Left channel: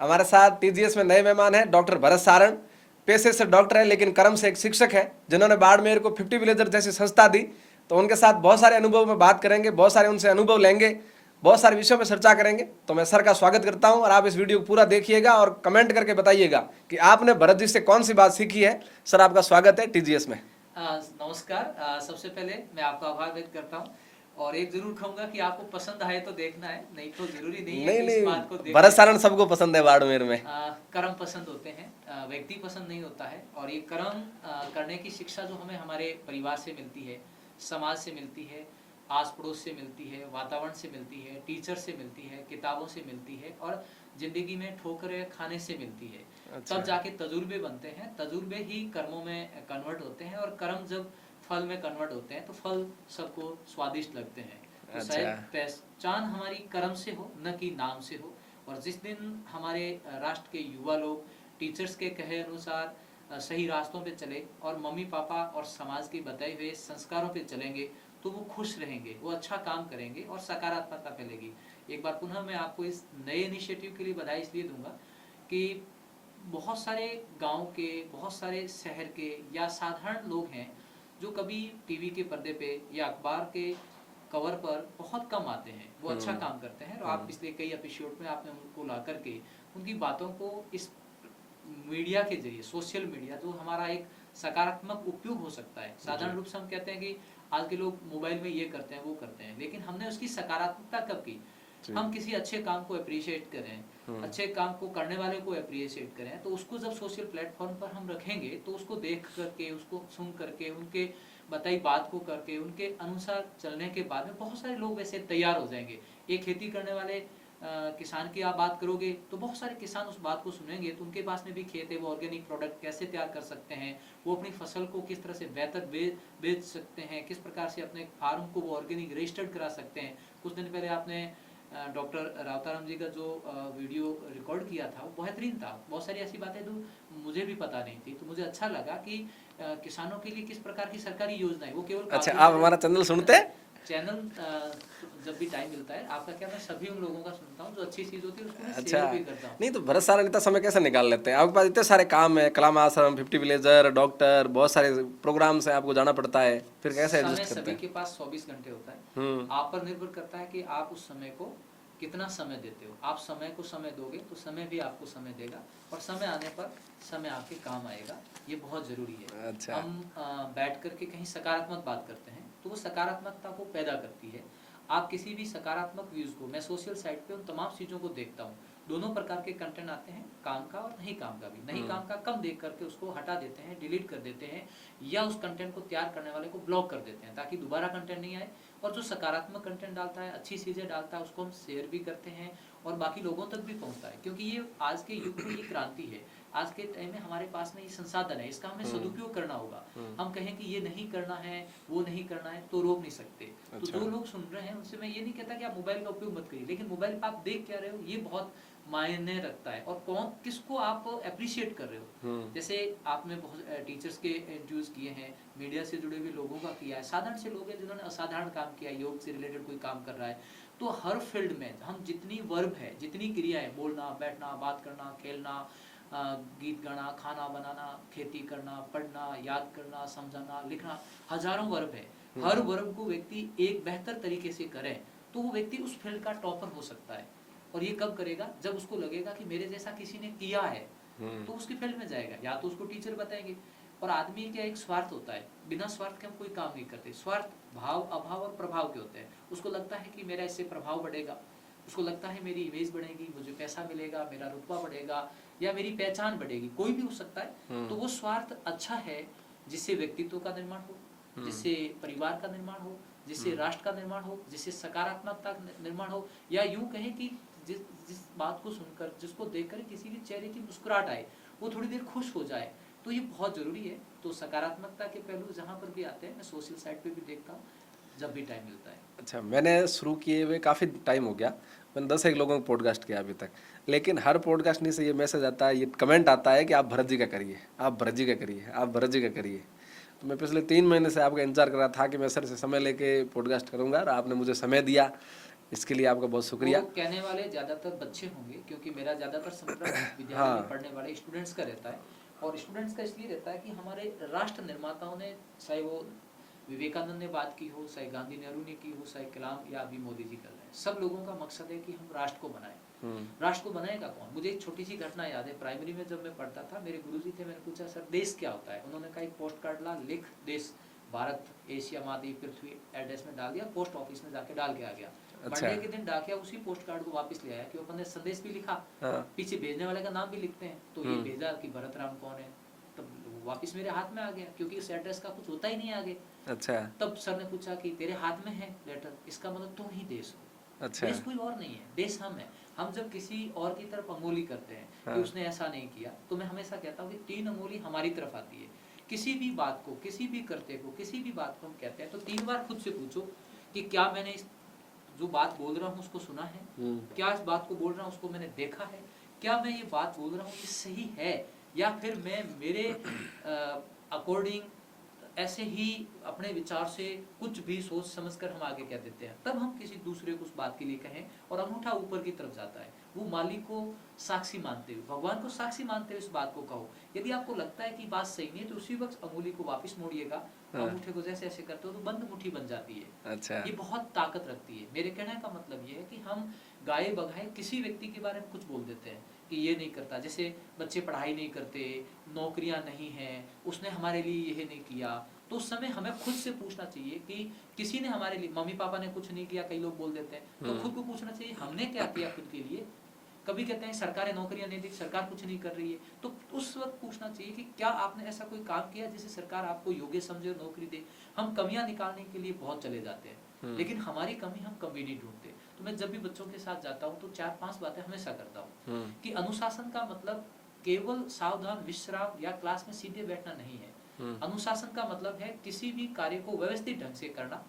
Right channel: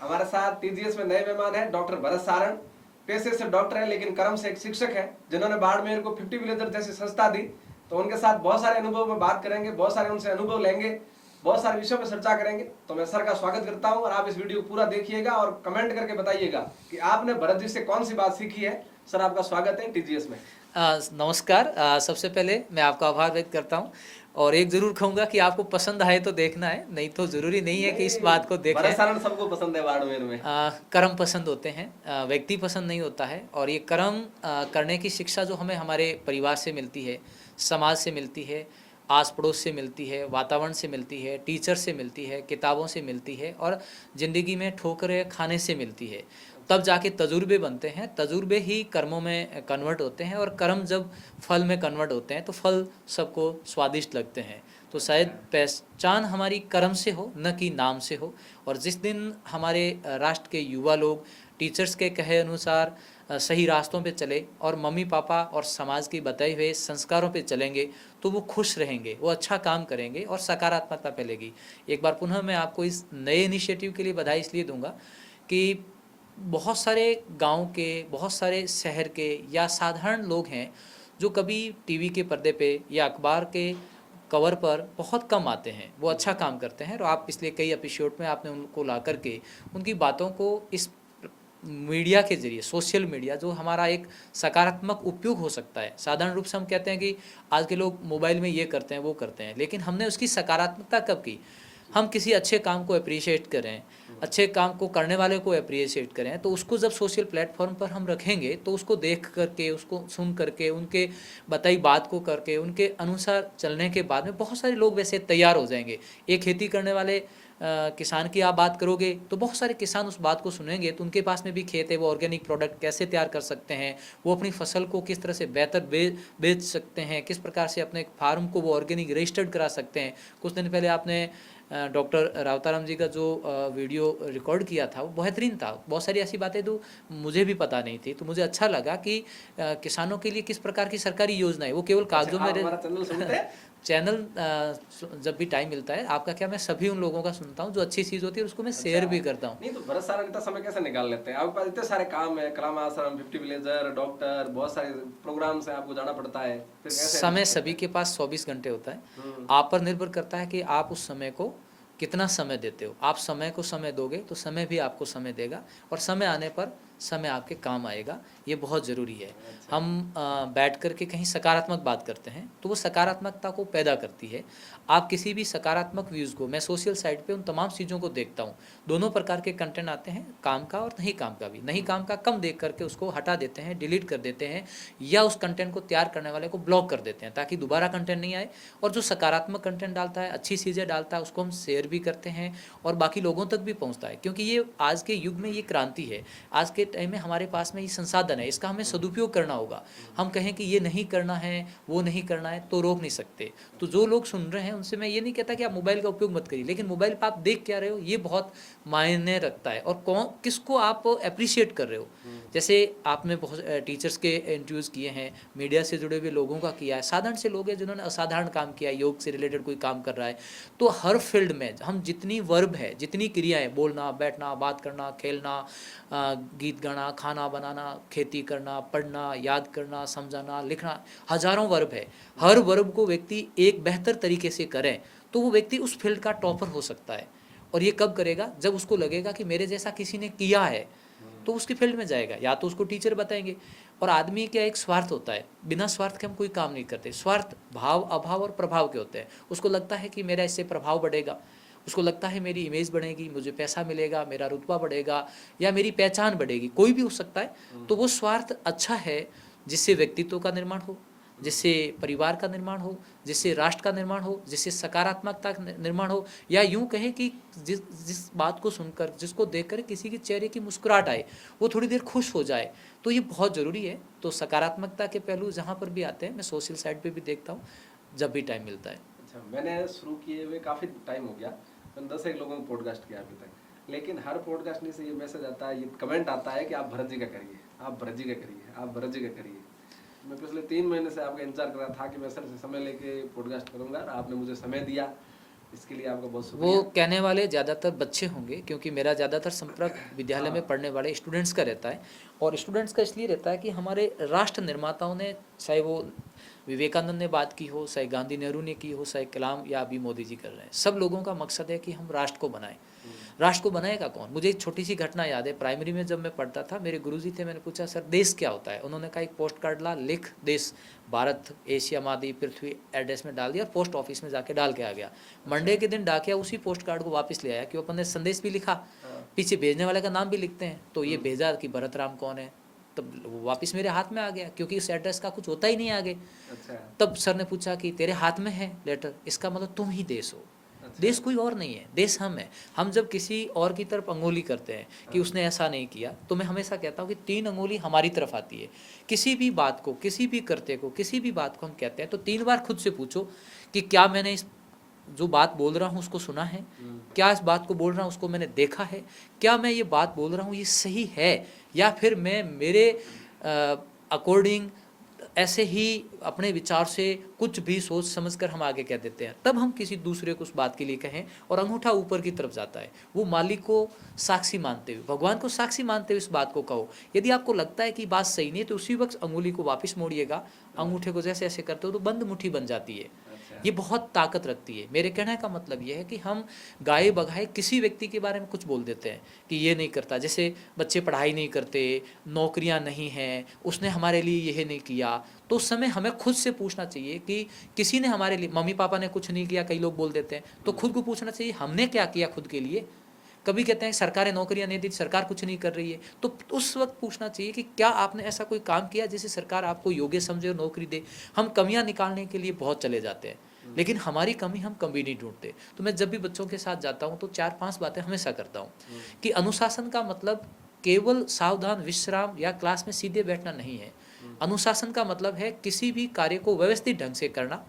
हमारे साथ टीजीएस में नए मेहमान हैं डॉक्टर भरत सारण। पेशे से डॉक्टर है लेकिन कर्म से एक शिक्षक है, जिन्होंने बाड़मेर को 50 विलेजर जैसी संस्था दी। तो उनके साथ बहुत सारे अनुभव में बात करेंगे, बहुत सारे उनसे अनुभव लेंगे, बहुत सारे विषयों में चर्चा करेंगे। तो मैं सर का स्वागत करता हूं और आप इस वीडियो को पूरा देखिएगा और कमेंट करके बताइएगा कि आपने भरत जी से कौन सी बात सीखी है। सर आपका स्वागत है टीजीएस में। नमस्कार। सबसे पहले मैं आपका आभार व्यक्त करता हूं और एक जरूर कहूंगा कि आपको पसंद आए तो देखना है, नहीं तो जरूरी नहीं है नहीं कि इस नहीं, बात को देखें। भरत सारण सबको पसंद है बाड़मेर में। कर्म पसंद होते हैं, व्यक्ति पसंद नहीं होता है। और ये कर्म करने की शिक्षा जो हमें हमारे परिवार से मिलती है, समाज से मिलती है, आस पड़ोस से मिलती है, वातावरण से मिलती है, टीचर से मिलती है, किताबों से मिलती है और ज़िंदगी में ठोकरें खाने से मिलती है। तब जाके तजुर्बे बनते हैं, तजुर्बे ही कर्मों में कन्वर्ट होते हैं और कर्म जब फल में कन्वर्ट होते हैं तो फल सबको स्वादिष्ट लगते हैं। तो शायद पहचान हमारी कर्म से हो, न कि नाम से हो। और जिस दिन हमारे राष्ट्र के युवा लोग टीचर्स के कहे अनुसार सही रास्तों पे चले और मम्मी पापा और समाज की बताए हुए संस्कारों पे चलेंगे तो वो खुश रहेंगे, वो अच्छा काम करेंगे और सकारात्मकता फैलेगी। एक बार पुनः मैं आपको इस नए इनिशिएटिव के लिए बधाई इसलिए दूंगा कि बहुत सारे गांव के, बहुत सारे शहर के या साधारण लोग हैं जो कभी टीवी के पर्दे पे या अखबार के कवर पर बहुत कम आते हैं। वो अच्छा काम करते हैं और आप पिछले कई एपिसोड में आपने उनको ला करके उनकी बातों को इस मीडिया के जरिए, सोशल मीडिया जो हमारा एक सकारात्मक उपयोग हो सकता है। साधारण रूप से हम कहते हैं कि आज के लोग मोबाइल में ये करते हैं वो करते हैं, लेकिन हमने उसकी सकारात्मकता कब की? हम किसी अच्छे काम को अप्रिशिएट करें, अच्छे काम को करने वाले को अप्रिशिएट करें, तो उसको जब सोशल प्लेटफॉर्म पर हम रखेंगे तो उसको देख करके, उसको सुन करके, उनके बताई बात को करके, उनके अनुसार चलने के बाद में बहुत सारे लोग वैसे तैयार हो जाएंगे। एक खेती करने वाले किसान की आप बात करोगे तो बहुत सारे किसान उस बात को सुनेंगे, तो उनके पास में भी खेत है, वो ऑर्गेनिक प्रोडक्ट कैसे तैयार कर सकते हैं, वो अपनी फसल को किस तरह से बेहतर बेच सकते हैं, किस प्रकार से अपने फार्म को वो ऑर्गेनिक रजिस्टर्ड करा सकते हैं। कुछ दिन पहले आपने डॉक्टर रावताराम जी का जो वीडियो रिकॉर्ड किया था वो बेहतरीन था। बहुत सारी ऐसी बातें तो मुझे भी पता नहीं थी, तो मुझे अच्छा लगा कि किसानों के लिए किस प्रकार की सरकारी योजना है, वो केवल कागजों आप में हमारा चैनल सुनते हैं? चैनल जब भी टाइम मिलता है, आपका क्या, मैं सभी उन लोगों का सुनता हूँ जो अच्छी चीज़ होती है उसको मैं शेयर भी करता हूँ। नहीं तो भरत सारण इतना समय कैसे निकाल लेते हैं? आपके पास इतने सारे काम है, कलाम आश्रम, 50 विलेजर, डॉक्टर, बहुत सारे प्रोग्राम से आपको जाना पड़ता है, फिर कैसे समय एडजस्ट करते सभी हैं? के पास 24 घंटे होता है। आप पर निर्भर करता है कि आप उस समय को कितना समय देते हो। आप समय को समय दोगे तो समय भी आपको समय देगा और समय आने पर समय आपके काम आएगा। ये बहुत ज़रूरी है। हम बैठ कर के कहीं सकारात्मक बात करते हैं तो वो सकारात्मकता को पैदा करती है। आप किसी भी सकारात्मक व्यूज़ को, मैं सोशल साइट पे उन तमाम चीज़ों को देखता हूँ। दोनों प्रकार के कंटेंट आते हैं, काम का और नहीं काम का भी। नहीं काम का कम देख करके उसको हटा देते हैं, डिलीट कर देते हैं, या उस कंटेंट को तैयार करने वाले को ब्लॉक कर देते हैं ताकि दोबारा कंटेंट नहीं आए। और जो सकारात्मक कंटेंट डालता है, अच्छी चीज़ें डालता है, उसको हम शेयर भी करते हैं और बाकी लोगों तक भी पहुंचता है। क्योंकि ये आज के युग में ये क्रांति है। आज के टाइम में हमारे पास में ये संसाधन है, इसका हमें सदुपयोग करना होगा। हम कहें कि ये नहीं करना है, वो नहीं करना है, तो रोक नहीं सकते। तो जो लोग सुन रहे हैं उनसे मैं ये नहीं कहता कि आप मोबाइल का उपयोग मत करिए, लेकिन मोबाइल पर आप देख क्या रहे हो ये बहुत मायने रखता है, और कौन किसको आप अप्रिशिएट कर रहे हो। जैसे आपने बहुत टीचर्स के इंटरव्यूज़ किए हैं, मीडिया से जुड़े हुए लोगों का किया है, साधारण से लोग हैं जिन्होंने असाधारण काम किया है, योग से रिलेटेड कोई काम कर रहा है। तो हर फील्ड में हम जितनी वर्ब है, जितनी क्रियाएं, बोलना, बैठना, बात करना, खेलना, गीत गाना, खाना बनाना, खेती करना, पढ़ना, याद करना, समझाना, लिखना, हजारों वर्ब है। हर वर्ब को व्यक्ति एक बेहतर तरीके से करें तो वो व्यक्ति उस फील्ड का टॉपर हो सकता है। और ये कब करेगा? जब उसको लगेगा कि मेरे जैसा किसी ने किया है, तो उसके फील्ड में जाएगा। या तो उसको टीचर बताएंगे। और आदमी का एक स्वार्थ होता है, बिना स्वार्थ के हम कोई काम नहीं करते। स्वार्थ भाव, अभाव और प्रभाव के होते हैं। उसको लगता है कि मेरा इससे प्रभाव बढ़ेगा, उसको लगता है मेरी इमेज बढ़ेगी, मुझे पैसा मिलेगा, मेरा रुतबा बढ़ेगा या मेरी पहचान बढ़ेगी, कोई भी हो सकता है। तो वो स्वार्थ अच्छा है जिससे व्यक्तित्व का निर्माण हो, जिससे परिवार का निर्माण हो, जिससे राष्ट्र का निर्माण हो, जिससे सकारात्मकता का निर्माण हो। या यूं कहें कि जिस जिस बात को सुनकर, जिसको देखकर किसी के चेहरे की मुस्कुराहट आए, वो थोड़ी देर खुश हो जाए, तो ये बहुत ज़रूरी है। तो सकारात्मकता के पहलू जहाँ पर भी आते हैं, मैं सोशल साइट पे भी देखता हूँ जब भी टाइम मिलता है। अच्छा, मैंने शुरू किए हुए काफ़ी टाइम हो गया, मैंने 10 एक लोगों को पॉडकास्ट किया अभी तक, लेकिन हर पॉडकास्ट में से ये मैसेज आता है, ये कमेंट आता है कि आप भरत जी का करिए, आप भरत जी का करिए, आप भरत जी का करिए। तो मैं पिछले 3 महीने से आपका इंतजार कर रहा था कि मैं सर से समय लेके पॉडकास्ट करूंगा और आपने मुझे समय दिया। इसके लिए आपका बहुत शुक्रिया। वो कहने वाले ज़्यादातर बच्चे होंगे, क्योंकि मेरा ज़्यादातर संपर्क विद्यालय में पढ़ने वाले स्टूडेंट्स का रहता है। और स्टूडेंट्स का इसलिए रहता है कि हमारे राष्ट्र निर्माताओं ने, चाहे वो विवेकानंद ने बात की हो, चाहे गांधी नेहरू ने की हो, चाहे कलाम या अभी मोदी जी कर रहे हैं, सब लोगों का मकसद है कि हम राष्ट्र को बनाएं। राष्ट्र को बनाएगा कौन? मुझे एक छोटी सी घटना याद है। प्राइमरी में जब मैं पढ़ता था, मेरे गुरुजी थे, मैंने पूछा सर देश क्या होता है? उन्होंने कहा एक पोस्ट कार्ड ला, लिख देश भारत एशिया महाद्वीप पृथ्वी एड्रेस में डाल दिया, पोस्ट ऑफिस में जाके डाल के आ गया। मंडे के दिन डाकिया उसी पोस्ट कार्ड को वापस ले आया कि अपन ने संदेश भी लिखा, पीछे भेजने वाले का नाम भी लिखते हैं, तो ये भेजा कि भरत राम कौन है, तब वो वापस मेरे हाथ में आ गया, क्योंकि इस एड्रेस का कुछ होता ही नहीं आगे। अच्छा। तब सर ने पूछा कि तेरे हाथ में है लेटर, इसका मतलब तुम ही देश हो। अच्छा। देश कोई और नहीं है, देश हम है। हम जब किसी और की तरफ अंगुली करते हैं कि उसने ऐसा नहीं किया, तो मैं हमेशा कहता हूँ कि 3 अंगुली हमारी तरफ आती है। किसी भी बात को, किसी भी करते को, किसी भी बात को हम कहते हैं तो 3 बार खुद से पूछो कि क्या मैंने इस जो बात बोल रहा हूँ उसको सुना है, क्या इस बात को बोल रहा हूँ उसको मैंने देखा है, क्या मैं ये बात बोल रहा हूँ ये सही है, या फिर मैं मेरे अकॉर्डिंग ऐसे ही अपने विचार से कुछ भी सोच समझकर हम आगे कह देते हैं। तब हम किसी दूसरे को उस बात के लिए कहें और अंगूठा ऊपर की तरफ जाता है। वो मालिक को साक्षी मानते हुए, भगवान को साक्षी मानते हुए इस बात को कहो। यदि आपको लगता है कि बात सही नहीं है तो उसी वक्त अंगुली को वापस मोड़िएगा, अंगूठे को जैसे ऐसे करते हो तो बंद मुट्ठी बन जाती है। अच्छा। ये बहुत ताकत रखती है। मेरे कहने का मतलब ये है कि हम गाए बगाए किसी व्यक्ति के बारे में कुछ बोल देते हैं कि ये नहीं करता, जैसे बच्चे पढ़ाई नहीं करते, नौकरियां नहीं हैं, उसने हमारे लिए यह नहीं किया, तो उस समय हमें खुद से पूछना चाहिए कि किसी ने हमारे लिए, मम्मी पापा ने कुछ नहीं किया, कई लोग बोल देते हैं, तो खुद को पूछना चाहिए हमने क्या किया खुद के लिए। कभी कहते हैं सरकारें नौकरियां नहीं दी, सरकार कुछ नहीं कर रही है, तो उस वक्त पूछना चाहिए कि क्या आपने ऐसा कोई काम किया जिसे सरकार आपको योग्य समझे और नौकरी दे। हम कमियां निकालने के लिए बहुत चले जाते हैं, लेकिन हमारी कमी हम कभी नहीं ढूंढते। तो मैं जब भी बच्चों के साथ जाता हूँ तो 4-5 बातें हमेशा करता हूँ कि अनुशासन का मतलब केवल सावधान विश्राम या क्लास में सीधे बैठना नहीं है। अनुशासन का मतलब है किसी भी कार्य को व्यवस्थित ढंग से करना,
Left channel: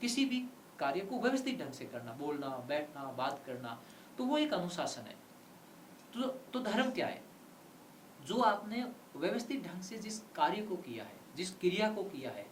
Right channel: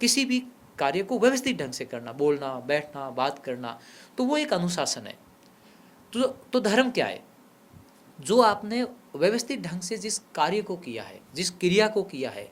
किसी भी कार्य को व्यवस्थित ढंग से करना, बोलना, बैठना, बात करना, तो वो एक अनुशासन है। तो धर्म क्या है? जो आपने व्यवस्थित ढंग से जिस कार्य को किया है, जिस क्रिया को किया है,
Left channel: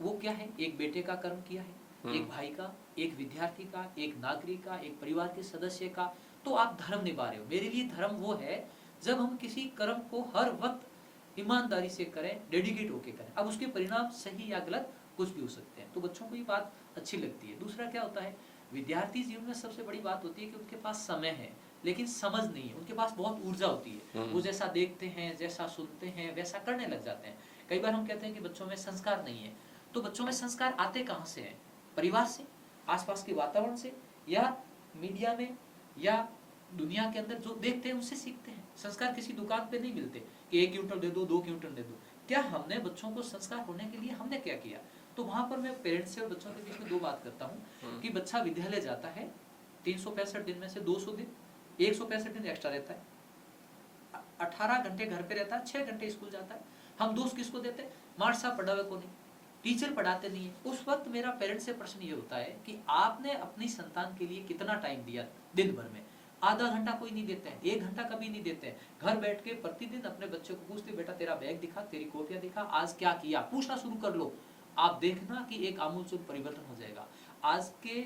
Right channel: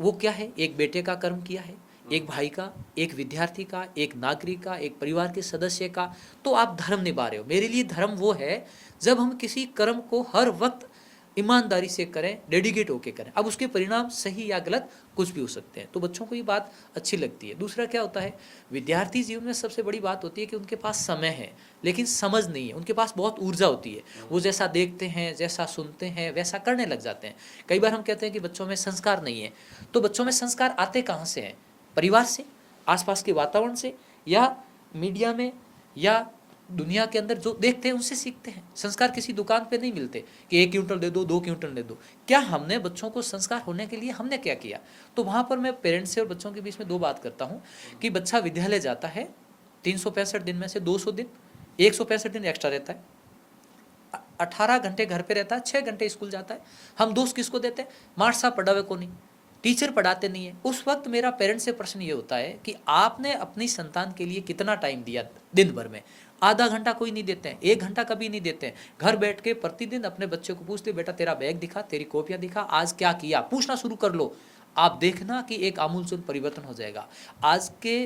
वो क्या है? एक बेटे का कर्म किया है, एक भाई का, एक विद्यार्थी का, एक नागरिक का, एक परिवार के सदस्य का, तो आप धर्म निभा रहे हो। मेरे लिए धर्म वो है जब हम किसी कर्म को हर वक्त ईमानदारी से करें, डेडिकेट होके करें। अब उसके परिणाम सही या गलत कुछ भी हो सकते हैं, तो बच्चों को ये बात अच्छी लगती है। दूसरा क्या होता है, विद्यार्थी जीवन में सबसे बड़ी बात होती है कि उनके पास समय है लेकिन समझ नहीं है। उनके पास बहुत ऊर्जा होती है, वो जैसा देखते हैं, जैसा सुनते हैं, वैसा करने लग जाते हैं। कई बार हम कहते हैं कि बच्चों में संस्कार नहीं है, तो बच्चों में संस्कार आते कहाँ से हैं? परिवार से, आसपास के वातावरण से, या मीडिया में, या दुनिया के अंदर जो देखते हैं उनसे सीखते हैं। संस्कार किसी दुकान पे नहीं मिलते कि 1 क्विंटल दे दो, 2 क्विंटल दे दो। क्या हमने बच्चों को संस्कार होने के लिए हमने क्या किया? तो वहाँ पर मैं पेरेंट्स से और बच्चों के बीच में 2 बात करता हूँ कि बच्चा विद्यालय जाता है, 365 दिन में से 200 दिन, 165 दिन एक्स्ट्रा रहता है, 18 घंटे घर पे रहता है, 6 घंटे स्कूल जाता है। हम दोष किसको देते हैं? मास्टर साहब पढ़ावे को नहीं, टीचर पढ़ाते नहीं है। उस वक्त मेरा पेरेंट्स से प्रश्न ये होता है कि आपने अपनी संतान के लिए कितना टाइम दिया दिन भर में? आधा घंटा कोई नहीं देते हैं, 1 घंटा कभी नहीं देते हैं। घर बैठ के प्रतिदिन अपने बच्चे को पूछते, बेटा तेरा बैग दिखा, तेरी कॉपियां दिखा, आज क्या किया, पूछना शुरू कर लो। आप देखना कि एक आमूलचूल परिवर्तन हो जाएगा। आज के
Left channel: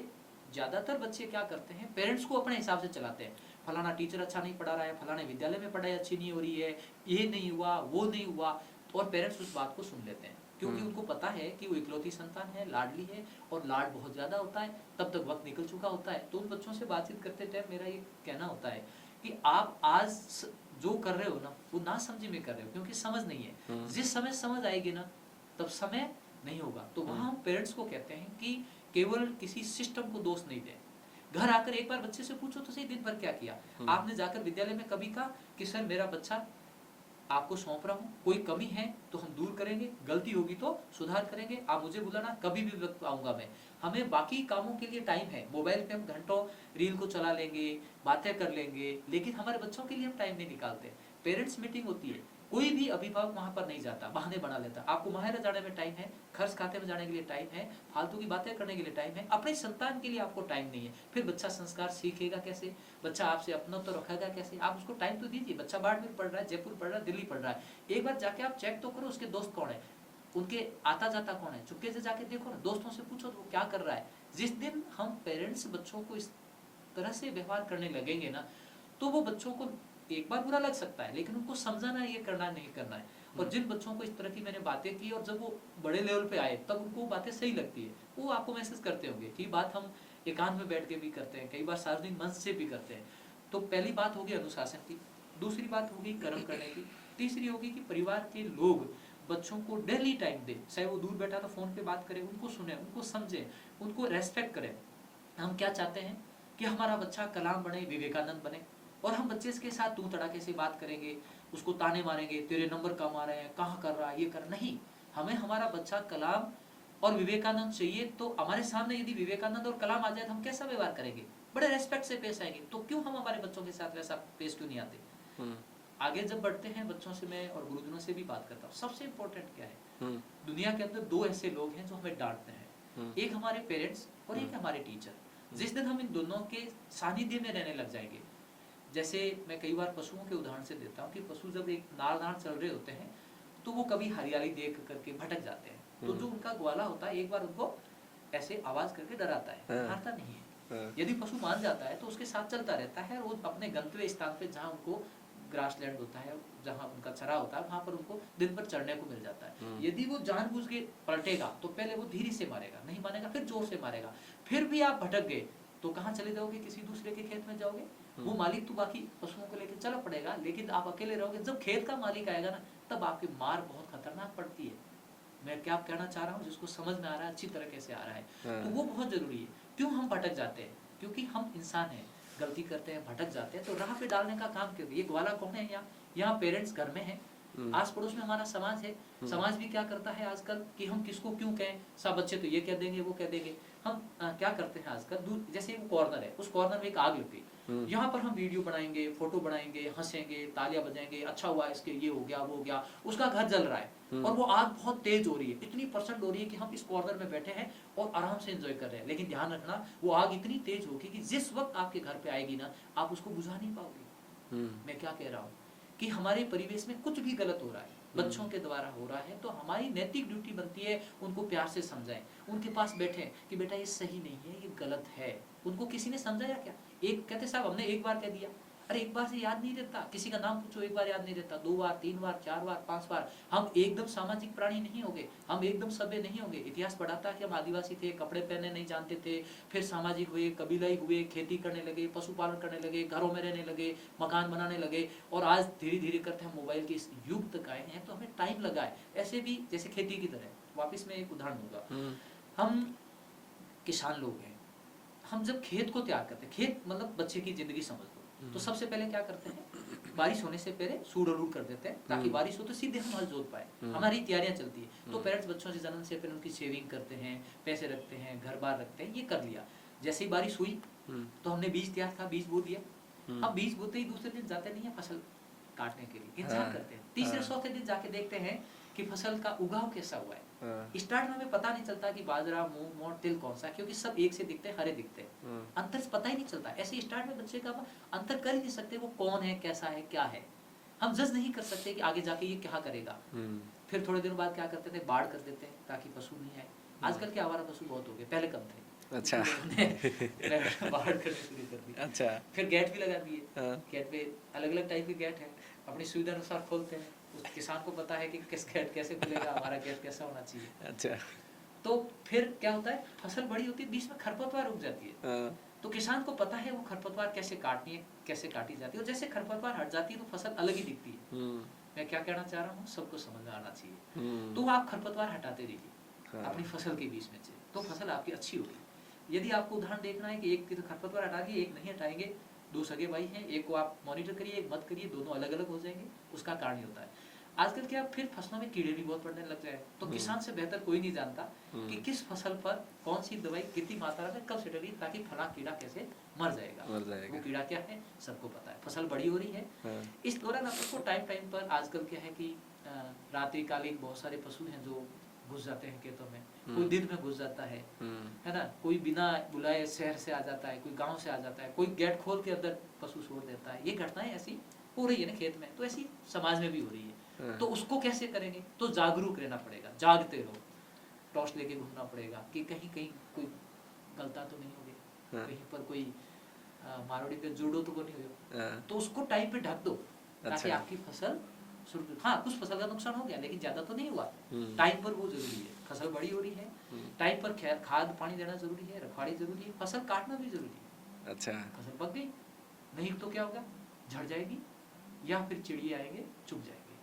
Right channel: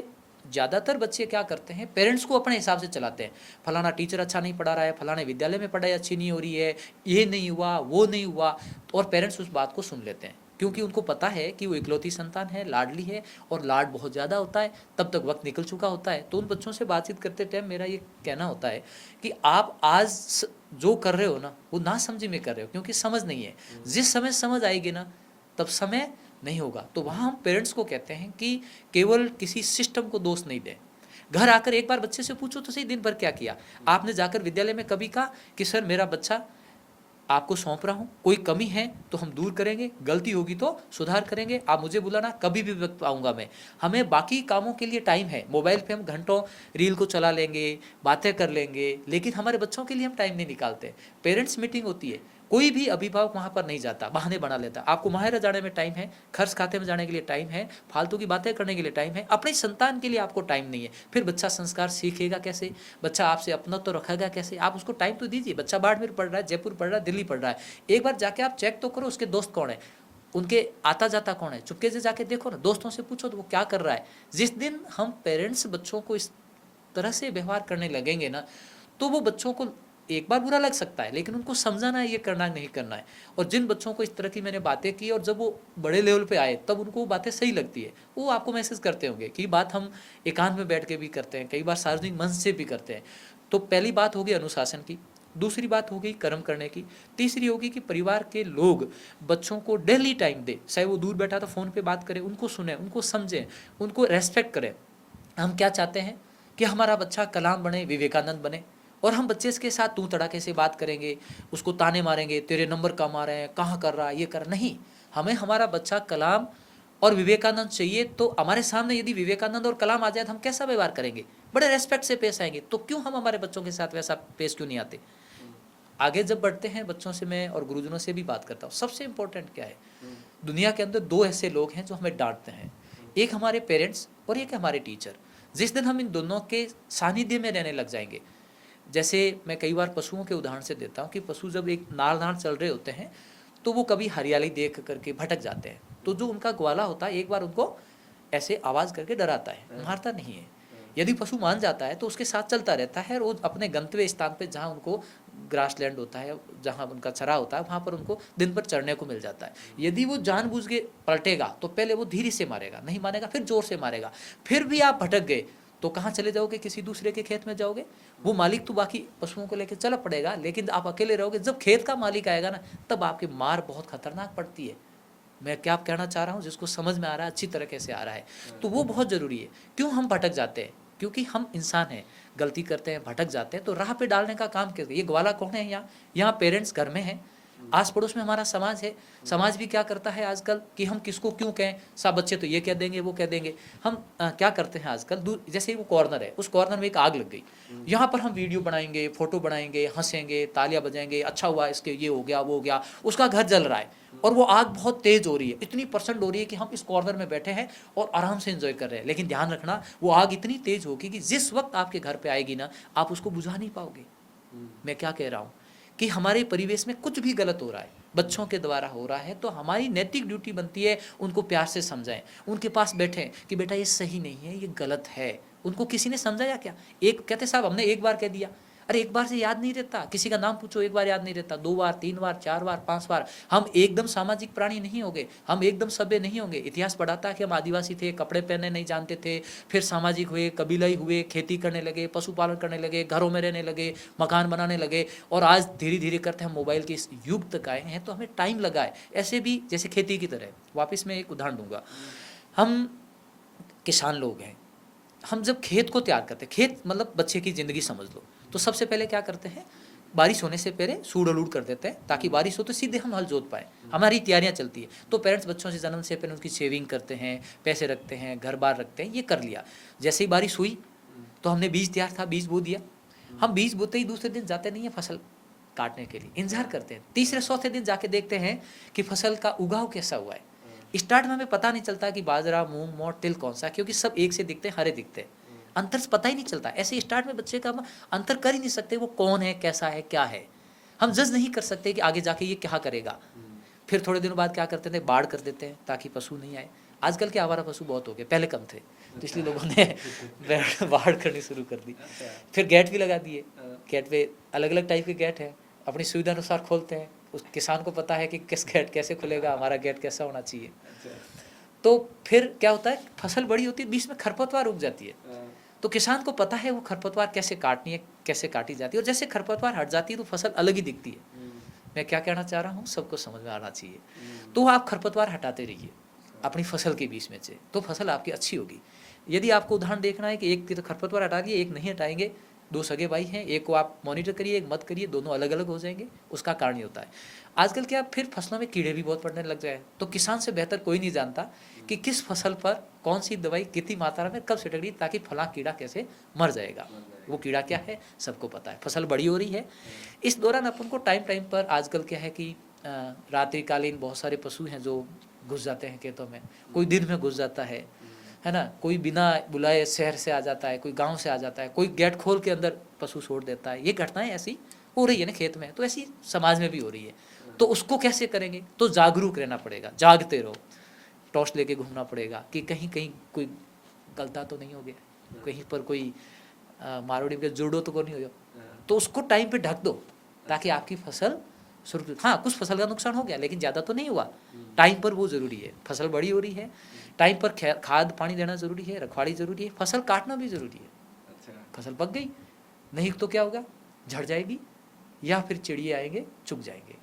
ज़्यादातर बच्चे क्या करते हैं, पेरेंट्स को अपने हिसाब से चलाते हैं। फलाना टीचर अच्छा नहीं पढ़ा रहा है, फलाने विद्यालय में पढ़ाई अच्छी नहीं हो रही है, ये नहीं हुआ, वो नहीं हुआ, और पेरेंट्स उस बात को सुन लेते हैं क्योंकि उनको पता है कि वो इकलौती संतान है, लाडली है, और लाड बहुत ज़्यादा होता है, तब तक वक्त निकल चुका होता है। तो उन बच्चों से बातचीत करते टाइम मेरा ये कहना होता है कि आप आज जो कर रहे हो ना, वो ना समझी में कर रहे हो, क्योंकि समझ नहीं है। जिस समय समझ आएगी ना, तब समय नहीं होगा। तो वहाँ हम पेरेंट्स को कहते हैं कि केवल किसी सिस्टम को दोष नहीं दें। घर आकर एक बार बच्चे से पूछो तो सही, दिन भर क्या किया आपने? जाकर विद्यालय में कभी कहा कि सर मेरा बच्चा आपको सौंप रहा हूँ, कोई कमी है तो हम दूर करेंगे, गलती होगी तो सुधार करेंगे, आप मुझे बुलाना, कभी भी वक्त आऊँगा मैं। हमें बाकी कामों के लिए टाइम है, मोबाइल पे हम घंटों रील को चला लेंगे, बातें कर लेंगे, लेकिन हमारे बच्चों के लिए हम टाइम नहीं निकालते। पेरेंट्स मीटिंग होती है, कोई भी अभिभावक वहाँ पर नहीं जाता, बहाने बना लेता। आपको माहिर जाने में टाइम है, खर्च खाते में जाने के लिए टाइम है, फालतू की बातें करने के लिए टाइम है, अपनी संतान के लिए आपको टाइम नहीं है। फिर बच्चा संस्कार सीखेगा कैसे? बच्चा आपसे अपना तो रखेगा कैसे? आप उसको टाइम तो दीजिए। बच्चा बाड़मेर पढ़ रहा है, जयपुर पढ़ रहा है, दिल्ली पढ़ रहा है, एक बार जाके आप चेक तो करो उसके दोस्त कौन है। उनके आता जाता कौन है, चुपके से जाके देखो ना, दोस्तों से पूछो तो वो क्या कर रहा है। जिस दिन हम पेरेंट्स बच्चों को इस तरह से व्यवहार करने लगेंगे ना, तो वो बच्चों को एक बार बुरा लग सकता है, लेकिन उनको समझाना है ये करना नहीं करना है। और जिन बच्चों को इस तरह की मैंने बातें की और जब वो बड़े लेवल पे आए तब उनको बातें सही लगती है, वो आपको मैसेज करते होंगे कि बात हम एकांत में बैठ के भी करते हैं, कई बार सार्वजनिक मंच से भी करते हैं। तो पहली बात होगी अनुशासन की, दूसरी बात होगी कर्म करने की, तीसरी होगी कि परिवार के लोग बच्चों को डेली टाइम दे, चाहे वो दूर बैठा तो फ़ोन पे बात करें, उनको सुने, उनको समझें, उनको रेस्पेक्ट करें। हम क्या चाहते हैं कि हमारा बच्चा कलाम बने, विवेकानंद बने, और हम बच्चे के साथ तू तड़ाके से बात करेंगे, उसको ताने मारेंगे, तेरे नंबर कम आ रहे हैं, कहाँ कर रहा है, ये कर, नहीं। हमें हमारा बच्चा कलाम और विवेकानंद चाहिए, तो हमारे सामने यदि विवेकानंद और कलाम आ जाए तो हम कैसा व्यवहार करेंगे, बड़े रेस्पेक्ट से पेश आएंगे। तो क्यों हम हमारे बच्चों के साथ वैसा पेश क्यों नहीं आते। आगे जब बढ़ते हैं, बच्चों से मैं और गुरुजनों से भी बात करता हूँ। सबसे इम्पोर्टेंट क्या है, दुनिया के अंदर दो ऐसे लोग हैं जो हमें डांटते हैं, एक हमारे पेरेंट्स और एक हमारे टीचर। जिस दिन हम इन दोनों के सानिध्य में रहने लग जाएंगे, जैसे मैं कई बार पशुओं के उदाहरण से देता हूँ कि पशु जब एक नाड़ चल रहे होते हैं तो वो कभी हरियाली देख करके भटक जाते हैं, तो जो उनका ग्वाला होता है एक बार उनको ऐसे आवाज़ करके डराता है, मारता नहीं है। यदि पशु मान जाता है तो उसके साथ चलता रहता है और वो अपने गंतव्य स्थान पे जहाँ उनको ग्रास लैंड होता है, जहाँ उनका चरा होता है, वहाँ पर उनको दिन भर चढ़ने को मिल जाता है। यदि वो जानबूझ के पलटेगा तो पहले वो धीरे से मारेगा, नहीं मानेगा फिर जोर से मारेगा, फिर भी आप भटक गए तो कहाँ चले जाओगे, किसी दूसरे के खेत में जाओगे। वो मालिक तो बाकी पशुओं को लेकर चला पड़ेगा, लेकिन आप अकेले रहोगे। जब खेत का मालिक आएगा ना, तब आपकी मार बहुत खतरनाक पड़ती है। मैं क्या कहना चाह रहा हूँ, जिसको समझ में आ रहा है, अच्छी तरीके से आ रहा है, तो वो बहुत ज़रूरी है। क्यों हम भटक जाते हैं, क्योंकि हम इंसान हैं, गलती करते हैं, भटक जाते हैं, तो राह पे डालने का काम करते हैं। ये ग्वाला कौन है, यहाँ पेरेंट्स घर में हैं, आस पड़ोस में हमारा समाज है। समाज भी क्या करता है आजकल कि हम किसको क्यों कहें, सब बच्चे तो ये कह देंगे, वो कह देंगे। हम क्या करते हैं आजकल, दूर जैसे वो कॉर्नर है, उस कॉर्नर में एक आग लग गई, यहाँ पर हम वीडियो बनाएंगे, फोटो बनाएंगे, हंसेंगे, तालियां बजाएंगे, अच्छा हुआ इसके ये हो गया वो हो गया, उसका घर जल रहा है और वो आग बहुत तेज हो रही है, इतनी परसेंट हो रही है कि हम इस कॉर्नर में बैठे हैं और आराम से एंजॉय कर रहे हैं। लेकिन ध्यान रखना, वो आग इतनी तेज होगी कि जिस वक्त आपके घर पे आएगी ना, आप उसको बुझा नहीं पाओगे। मैं क्या कह रहा हूँ कि हमारे परिवेश में कुछ भी गलत हो रहा है, बच्चों के द्वारा हो रहा है, तो हमारी नैतिक ड्यूटी बनती है उनको प्यार से समझाएं, उनके पास बैठें कि बेटा ये सही नहीं है, ये गलत है। उनको किसी ने समझाया क्या, एक कहते साहब हमने एक बार कह दिया, अरे एक बार से याद नहीं रहता, किसी का नाम पूछो एक बार याद नहीं रहता, 2 बार 3 बार 4 बार 5 बार। हम एकदम सामाजिक प्राणी नहीं होंगे, हम एकदम सभ्य नहीं होंगे। इतिहास पढ़ाता है कि हम आदिवासी थे, कपड़े पहनने नहीं जानते थे, फिर सामाजिक हुए, कबीलाई हुए, खेती करने लगे, पशुपालन करने लगे, घरों में रहने लगे, मकान बनाने लगे, और आज धीरे धीरे करते हम मोबाइल के इस युग तक आए हैं। तो हमें टाइम लगा है। ऐसे भी जैसे खेती की तरह, वापस मैं एक उदाहरण दूंगा, हम किसान लोग हैं, हम जब खेत को तैयार करते हैं, खेत मतलब बच्चे की ज़िंदगी समझ लो, तो सबसे पहले क्या करते हैं, बारिश होने से पहले सूड़ अलूड़ कर देते हैं ताकि बारिश हो तो सीधे हम हल जोत पाए, हमारी तैयारियां चलती है। तो पेरेंट्स बच्चों से जन्म से पहले उनकी सेविंग करते हैं, पैसे रखते हैं, घर बार रखते हैं, ये कर लिया। जैसे ही बारिश हुई तो हमने बीज तैयार था, बीज बो दिया। हम बीज बोते ही दूसरे दिन जाते नहीं है फसल काटने के लिए, इंतजार करते हैं, तीसरे चौथे दिन जाके देखते हैं कि फसल का उगाव कैसा हुआ है। स्टार्ट में हमें पता नहीं चलता कि बाजरा, मूंग, मोठ, तिल कौन सा, क्योंकि सब एक से दिखते हैं, हरे दिखते हैं, अंतर पता ही नहीं चलता। ऐसे स्टार्ट में बच्चे का हम अंतर कर ही नहीं सकते, वो कौन है, कैसा है, क्या है, हम जज नहीं कर सकते कि आगे जाके ये क्या करेगा। फिर थोड़े दिनों बाद क्या करते थे, बाढ़ कर देते हैं ताकि पशु नहीं आए। आजकल के आवारा पशु बहुत हो गए, पहले कम थे, इसलिए लोगों ने बाढ़ करनी शुरू कर दी। फिर गेट भी लगा दिए, गेट पे अलग अलग टाइप के गेट हैं, अपनी सुविधा अनुसार खोलते हैं। उस किसान को पता है कि किस गेट कैसे खुलेगा, हमारा गेट कैसा होना चाहिए। तो फिर क्या होता है, फसल बड़ी होती है, बीच में खरपतवार उग जाती है, तो किसान को पता है वो खरपतवार कैसे काटनी है, कैसे काटी जाती है, और जैसे खरपतवार हट जाती है तो फसल अलग ही दिखती है। मैं क्या कहना चाह रहा हूँ, सबको समझ में आना चाहिए। तो आप खरपतवार हटाते रहिए अपनी फसल के बीच में से, तो फसल आपकी अच्छी होगी। यदि आपको उदाहरण देखना है कि एक की तो खरपतवार हटा दिए, एक नहीं हटाएंगे, 2 सगे भाई हैं, एक को आप मॉनिटर करिए, एक मत करिए, दोनों अलग अलग हो जाएंगे, उसका कारण ये होता है। आजकल क्या, फिर फसलों में कीड़े भी बहुत पड़ने लग जाए, तो किसान से बेहतर कोई नहीं जानता कि किस फसल पर कौन सी दवाई कितनी मात्रा में कब छिड़कनी, ताकि फला कीड़ा कैसे मर जाएगा। वो कीड़ा क्या है सबको पता है। फसल बड़ी हो रही है, इस दौरान अपन को टाइम पर, आजकल क्या है कि रात्रिकालीन बहुत सारे पशु हैं जो घुस जाते हैं खेतों में, कोई दिन में घुस जाता है ना, कोई बिना बुलाए शहर से आ जाता है, कोई गांव से आ जाता है, कोई गेट खोल के अंदर पशु छोड़ देता है। ये घटनाएं ऐसी हो रही है ना खेत में, तो ऐसी समाज में भी हो रही है। तो उसको कैसे करेंगे? तो जागरूक रहना पड़ेगा, जागते रहो, टॉर्च लेके घूमना पड़ेगा कि कहीं कहीं कोई गलता तो नहीं हो गया, कहीं पर कोई मारोड़ी के जुड़ो तो नहीं हो जाओ, तो उसको टाइम पे ढक दो ताकि आपकी फसल सुरक्षित। हाँ, कुछ फसल का नुकसान हो गया लेकिन ज़्यादा तो नहीं हुआ। टाइम पर वो ज़रूरी है, फसल बड़ी हो रही है, टाइम पर खाद पानी देना ज़रूरी है, रखवाली ज़रूरी है, फसल काटना भी ज़रूरी है। अच्छा, फसल पक गई, नहीं तो क्या होगा, झड़ जाएगी या फिर चिड़िए आएंगे चुग जाएंगे,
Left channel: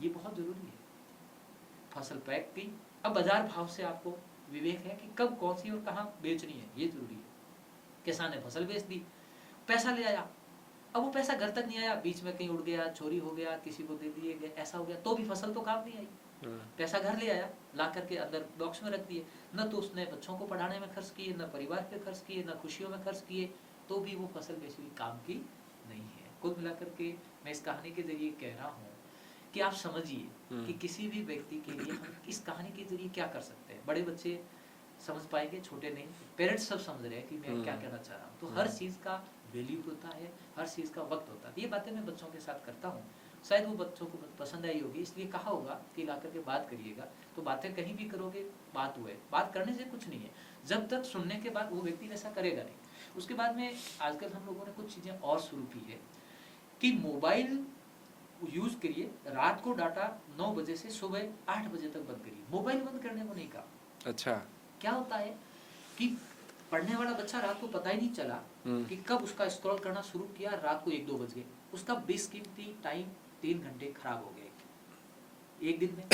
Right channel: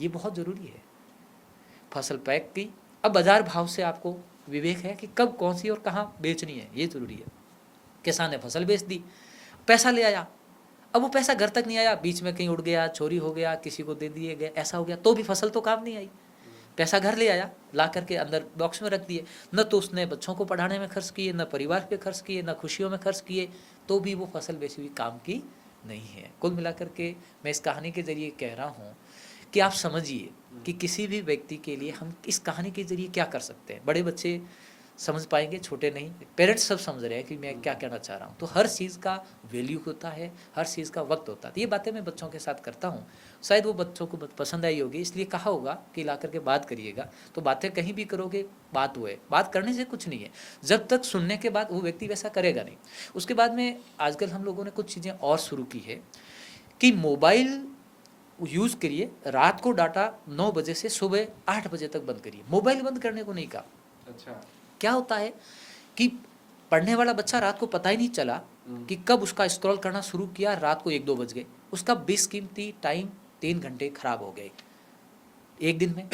ये बहुत ज़रूरी है। फसल पैक की, अब बाज़ार भाव से आपको विवेक है कि कब कौन सी और कहाँ बेचनी है, ये ज़रूरी है। किसान ने फसल बेच दी, पैसा ले आया, अब वो पैसा घर तक नहीं आया, बीच में कहीं उड़ गया, चोरी हो गया, किसी को दे दिए गए, ऐसा हो गया, तो भी फसल तो काम नहीं आई। पैसा घर ले आया, ला करके अंदर बॉक्स में रख दिए, न तो उसने बच्चों को पढ़ाने में खर्च किए, न परिवार पे खर्च किए, न खुशियों में खर्च किए, तो भी वो फसल बेची हुई काम की नहीं है। कुल मिलाकर के मैं इस कहानी के जरिए कह रहा हूँ कि आप समझिए कि किसी भी व्यक्ति के लिए हम इस कहानी के जरिए क्या कर सकते हैं। बड़े बच्चे समझ पाएंगे, छोटे नहीं, पेरेंट्स सब समझ रहे हैं कि मैं क्या कहना चाह रहा हूँ। तो हर चीज़ का वैल्यू होता है, हर चीज़ का वक्त होता है। ये बातें मैं बच्चों के साथ करता हूँ, शायद वो बच्चों को पसंद आई होगी, इसलिए कहा होगा कि ला करके बात करिएगा। तो बातें कहीं भी करोगे, बात हुए, बात करने से कुछ नहीं है, जब तक सुनने के बाद वो व्यक्ति वैसा करेगा नहीं। उसके बाद में आजकल हम लोगों ने कुछ चीज़ें और शुरू की है कि मोबाइल यूज़ करिए, रात को डाटा 9 बजे से सुबह 8 बजे तक बंद करिए। मोबाइल बंद करने को नहीं कहा। अच्छा, क्या होता है कि पढ़ने वाला बच्चा रात को पता ही नहीं चला कि कब उसका स्क्रॉल करना शुरू किया, रात को 1-2 बज गए, उसका बेशकीमती टाइम 3 घंटे खराब हो गए एक दिन में।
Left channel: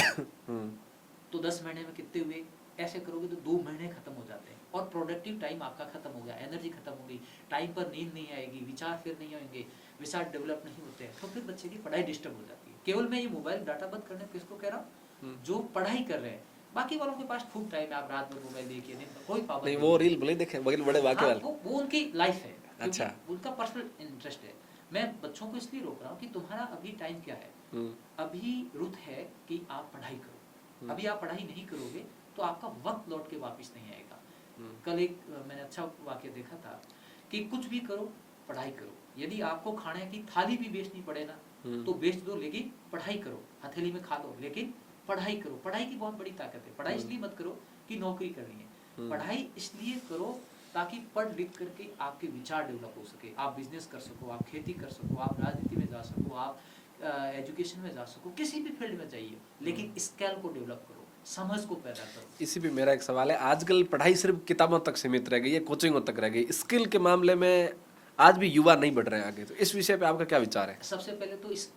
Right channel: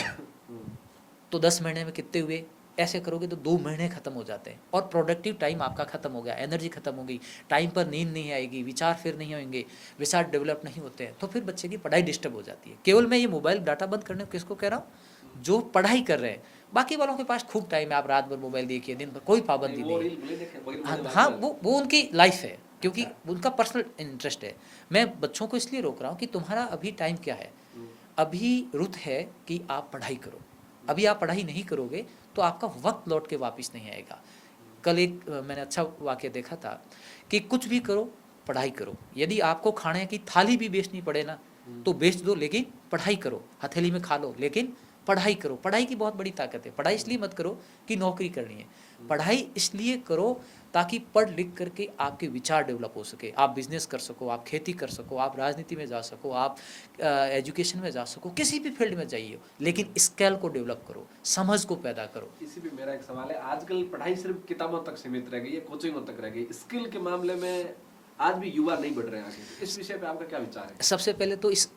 तो 10 महीने में कितने हुए? ऐसे करोगे तो 2 महीने खत्म हो जाते हैं और प्रोडक्टिव टाइम आपका खत्म हो गया, एनर्जी खत्म हो गई, टाइम पर नींद नहीं आएगी, विचार फिर नहीं होंगे, विचार डेवलप नहीं होते हैं, तो फिर बच्चे की पढ़ाई डिस्टर्ब हो जाती है। केवल मैं ये मोबाइल डाटा बंद करने को किसको कह रहा हूँ? जो पढ़ाई कर रहे हैं। बाकी वालों के पास खूब टाइम है, आप रात भर मोबाइल देखिए, दिन भर कोई पाबंदी नहीं, वो रील भले देखें, बड़े बड़े हाँ, वाले। वो उनकी लाइफ है, क्योंकि अच्छा। उनका पर्सनल इंटरेस्ट है। मैं बच्चों को इसलिए रोक रहा हूँ कि तुम्हारा अभी टाइम क्या है, अभी रुत है कि आप पढ़ाई करो। अभी आप पढ़ाई नहीं करोगे तो आपका वक्त लौट के वापस नहीं आएगा। कल एक मैंने अच्छा वाक्य देखा था कि कुछ भी करो, पढ़ाई करो। यदि आपको खाने की थाली भी बेचनी पड़े ना तो बेच दो, लेकिन पढ़ाई करो। हथेली में खा लो लेकिन पढ़ाई करो। पढ़ाई की बहुत बड़ी ताकत है। पढ़ाई इसलिए मत करो कि नौकरी करनी है, पढ़ाई इसलिए करो ताकि पढ़ लिख करके आपके विचार डेवलप हो सके, आप बिजनेस कर सको, आप खेती कर सको, आप राजनीति में जा सको, आप एजुकेशन में जा सको, किसी भी फील्ड में जाइए, लेकिन स्किल को डेवलप करो, समझ को पैदा करो। इसी भी मेरा एक सवाल है, आजकल पढ़ाई सिर्फ किताबों तक सीमित रह गई है, कोचिंगों तक रह गई, स्किल के मामले में आज भी युवा नहीं बढ़ रहे हैं आगे। तो इस विषय पे आपका क्या विचार है? सबसे पहले तो इस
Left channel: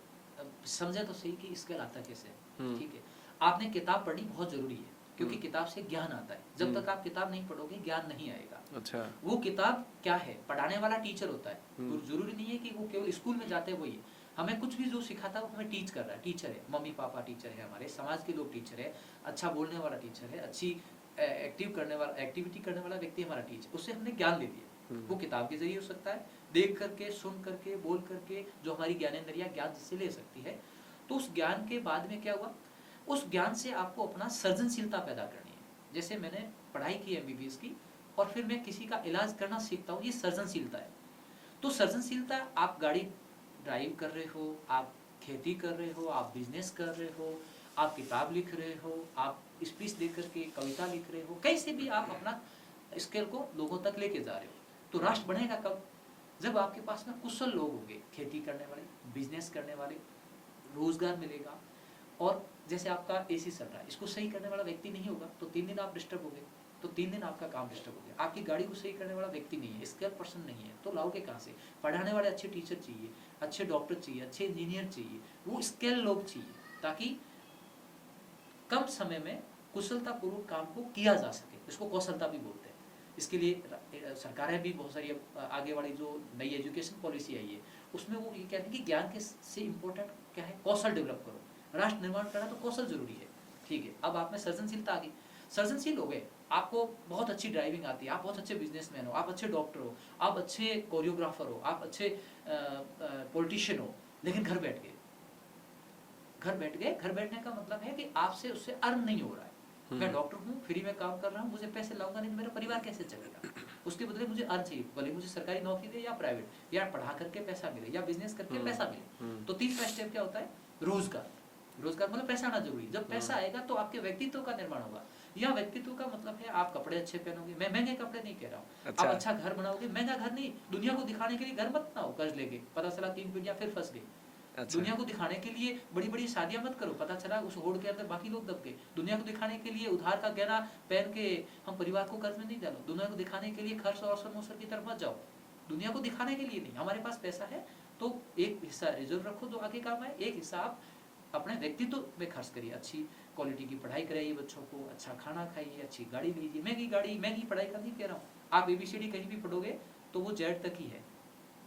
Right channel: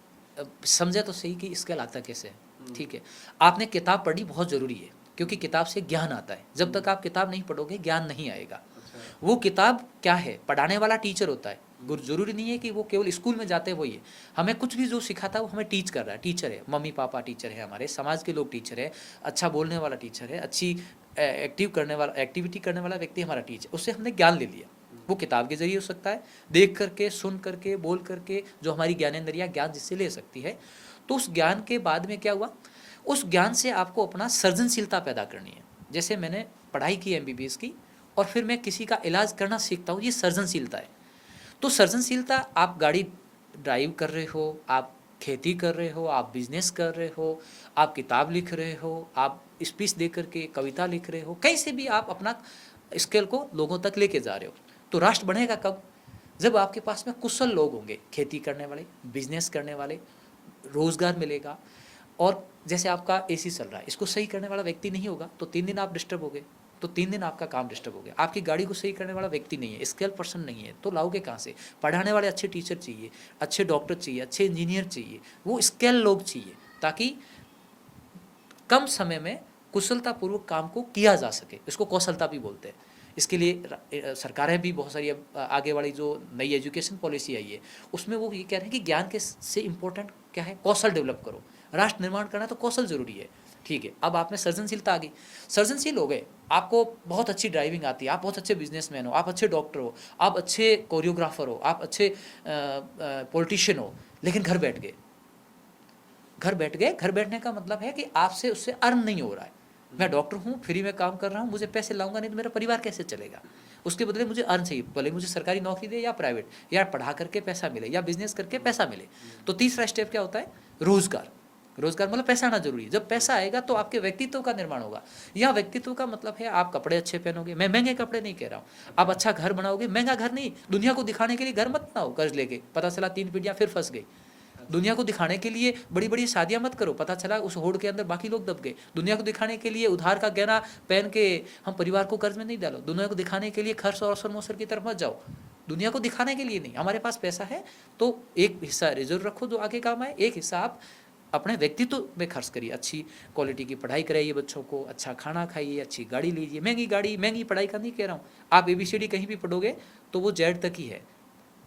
समझे तो सही कि स्किल आता कैसे है। ठीक है, आपने किताब पढ़नी बहुत ज़रूरी है, क्योंकि किताब से ज्ञान आता है। जब तक आप किताब नहीं पढ़ोगे ज्ञान नहीं आएगा। अच्छा। वो किताब क्या है, पढ़ाने वाला टीचर होता है। जरूरी नहीं है कि वो केवल स्कूल में जाते हैं वही है, हमें कुछ भी जो सिखाता है वो हमें टीच कर रहा है। टीचर है, मम्मी पापा टीचर है, हमारे समाज के लोग टीचर है, अच्छा बोलने वाला टीचर है, अच्छी एक्टिविटी करने वाला व्यक्ति हमारा टीचर, उससे हमने ज्ञान ले लिया। वो किताब के जरिए हो सकता है, देख करके, सुन करके, बोल करके, जो हमारी ज्ञानेंद्रियाँ ज्ञान जिससे ले सकती है। तो उस ज्ञान के बाद में क्या हुआ, उस ज्ञान से आपको अपना सृजनशीलता पैदा करनी है। जैसे मैंने पढ़ाई की MBBS की और फिर मैं किसी का इलाज करना सीखता हूँ, ये सृजनशीलता है। तो सृजनशीलता, आप गाड़ी ड्राइव कर रहे हो, आप खेती कर रहे हो, आप बिजनेस कर रहे हो, आप किताब लिख रहे हो, आप स्पीच दे करके कविता लिख रहे हो, कहीं से भी आप अपना स्किल को लोगों तक लेके जा रहे हो। तो राष्ट्र बढ़ेगा कब? जब आपके पास में कुशल लोग होंगे, खेती करने वाले, बिजनेस करने वाले, रोजगार मिलेगा। और जैसे आपका AC चल रहा है, इसको सही करने वाला व्यक्ति नहीं होगा तो 3 दिन आप डिस्टर्ब हो गए, तो 3 दिन आपका काम डिस्टर्ब हो गया। आपकी गाड़ी को सही करने वाला व्यक्ति नहीं है, स्किल पर्सन नहीं है, तो लाओगे कहाँ से? पढ़ाने वाले अच्छे टीचर चाहिए, अच्छे डॉक्टर चाहिए, अच्छे इंजीनियर चाहिए, वो स्किल लोग चाहिए, ताकि कम समय में कुशलतापूर्वक काम को किया जा सके। इसको कौशलता भी बोलते हैं। इसके लिए सरकारें भी बहुत सारी आगे वाली जो नई एजुकेशन पॉलिसी आई है उसमें वो ये कह रहे हैं कि ज्ञान के से इम्पोर्टेंट क्या है, कौशल डेवलप करो। राष्ट्र निर्माण करना तो कौशल जरूरी है। ठीक है, अब आप में सृजनशीलता आ गई, सृजनशील हो गए, आपको बहुत अच्छी ड्राइविंग आती है, आप बहुत अच्छे बिजनेसमैन हो, आप अच्छे डॉक्टर हो, आप अच्छे कोरियोग्राफर हो, आप अच्छे पॉलिटिशियन हो, लेकिन घर बैठ गए। घर बैठने का मतलब है कि आपसे उससे अर्न नहीं हो रहा है। मैं डॉक्टर हूँ, फ्री में काम कर रहा हूँ, मुझे पैसे लाऊंगा नहीं तो मेरा परिवार कैसे चलेगा। उसके बदले मुझे अर्न चाहिए, भले मुझे सरकारी नौकरी दे या प्राइवेट, या पढ़ा करके पैसा मिले या बिजनेस करके पैसा मिले। तो तीसरा स्टेप क्या होता है, रोजगार। रोजगार मतलब पैसा आना जरूरी है। जब पैसा आएगा तो आपके व्यक्तित्व का निर्माण होगा। यह व्यक्तित्व का मतलब है आप कपड़े अच्छे पहनोगे, मैं महंगे कपड़े नहीं कह रहा हूँ, आप अच्छा घर बनाओगे, महंगा घर नहीं, दुनिया को दिखाने के लिए घर मत बनाओ कर्ज लेके, पता चला 3 पीढ़ियां फिर फंस गई। दुनिया को दिखाने के लिए बड़ी बड़ी शादियां मत करो, पता चला उस होड़ के अंदर बाकी लोग दब गए। दुनिया को दिखाने के लिए उधार का गहना पहन के हम परिवार को कर्ज में नहीं डालो। दुनिया को दिखाने के लिए खर्च और मोसर की तरफ मत जाओ। दुनिया को दिखाने के लिए नहीं, हमारे पास पैसा है तो एक हिस्सा रिजर्व रखो जो आगे काम आए, एक हिस्सा आप अपने व्यक्तित्व में खर्च करिए। अच्छी क्वालिटी की पढ़ाई कराइए बच्चों को, अच्छा खाना खाइए, अच्छी गाड़ी लीजिए। महंगी गाड़ी महंगी पढ़ाई का नहीं कह रहा हूँ, आप ABCD कहीं भी पढ़ोगे तो वो Z तक ही है।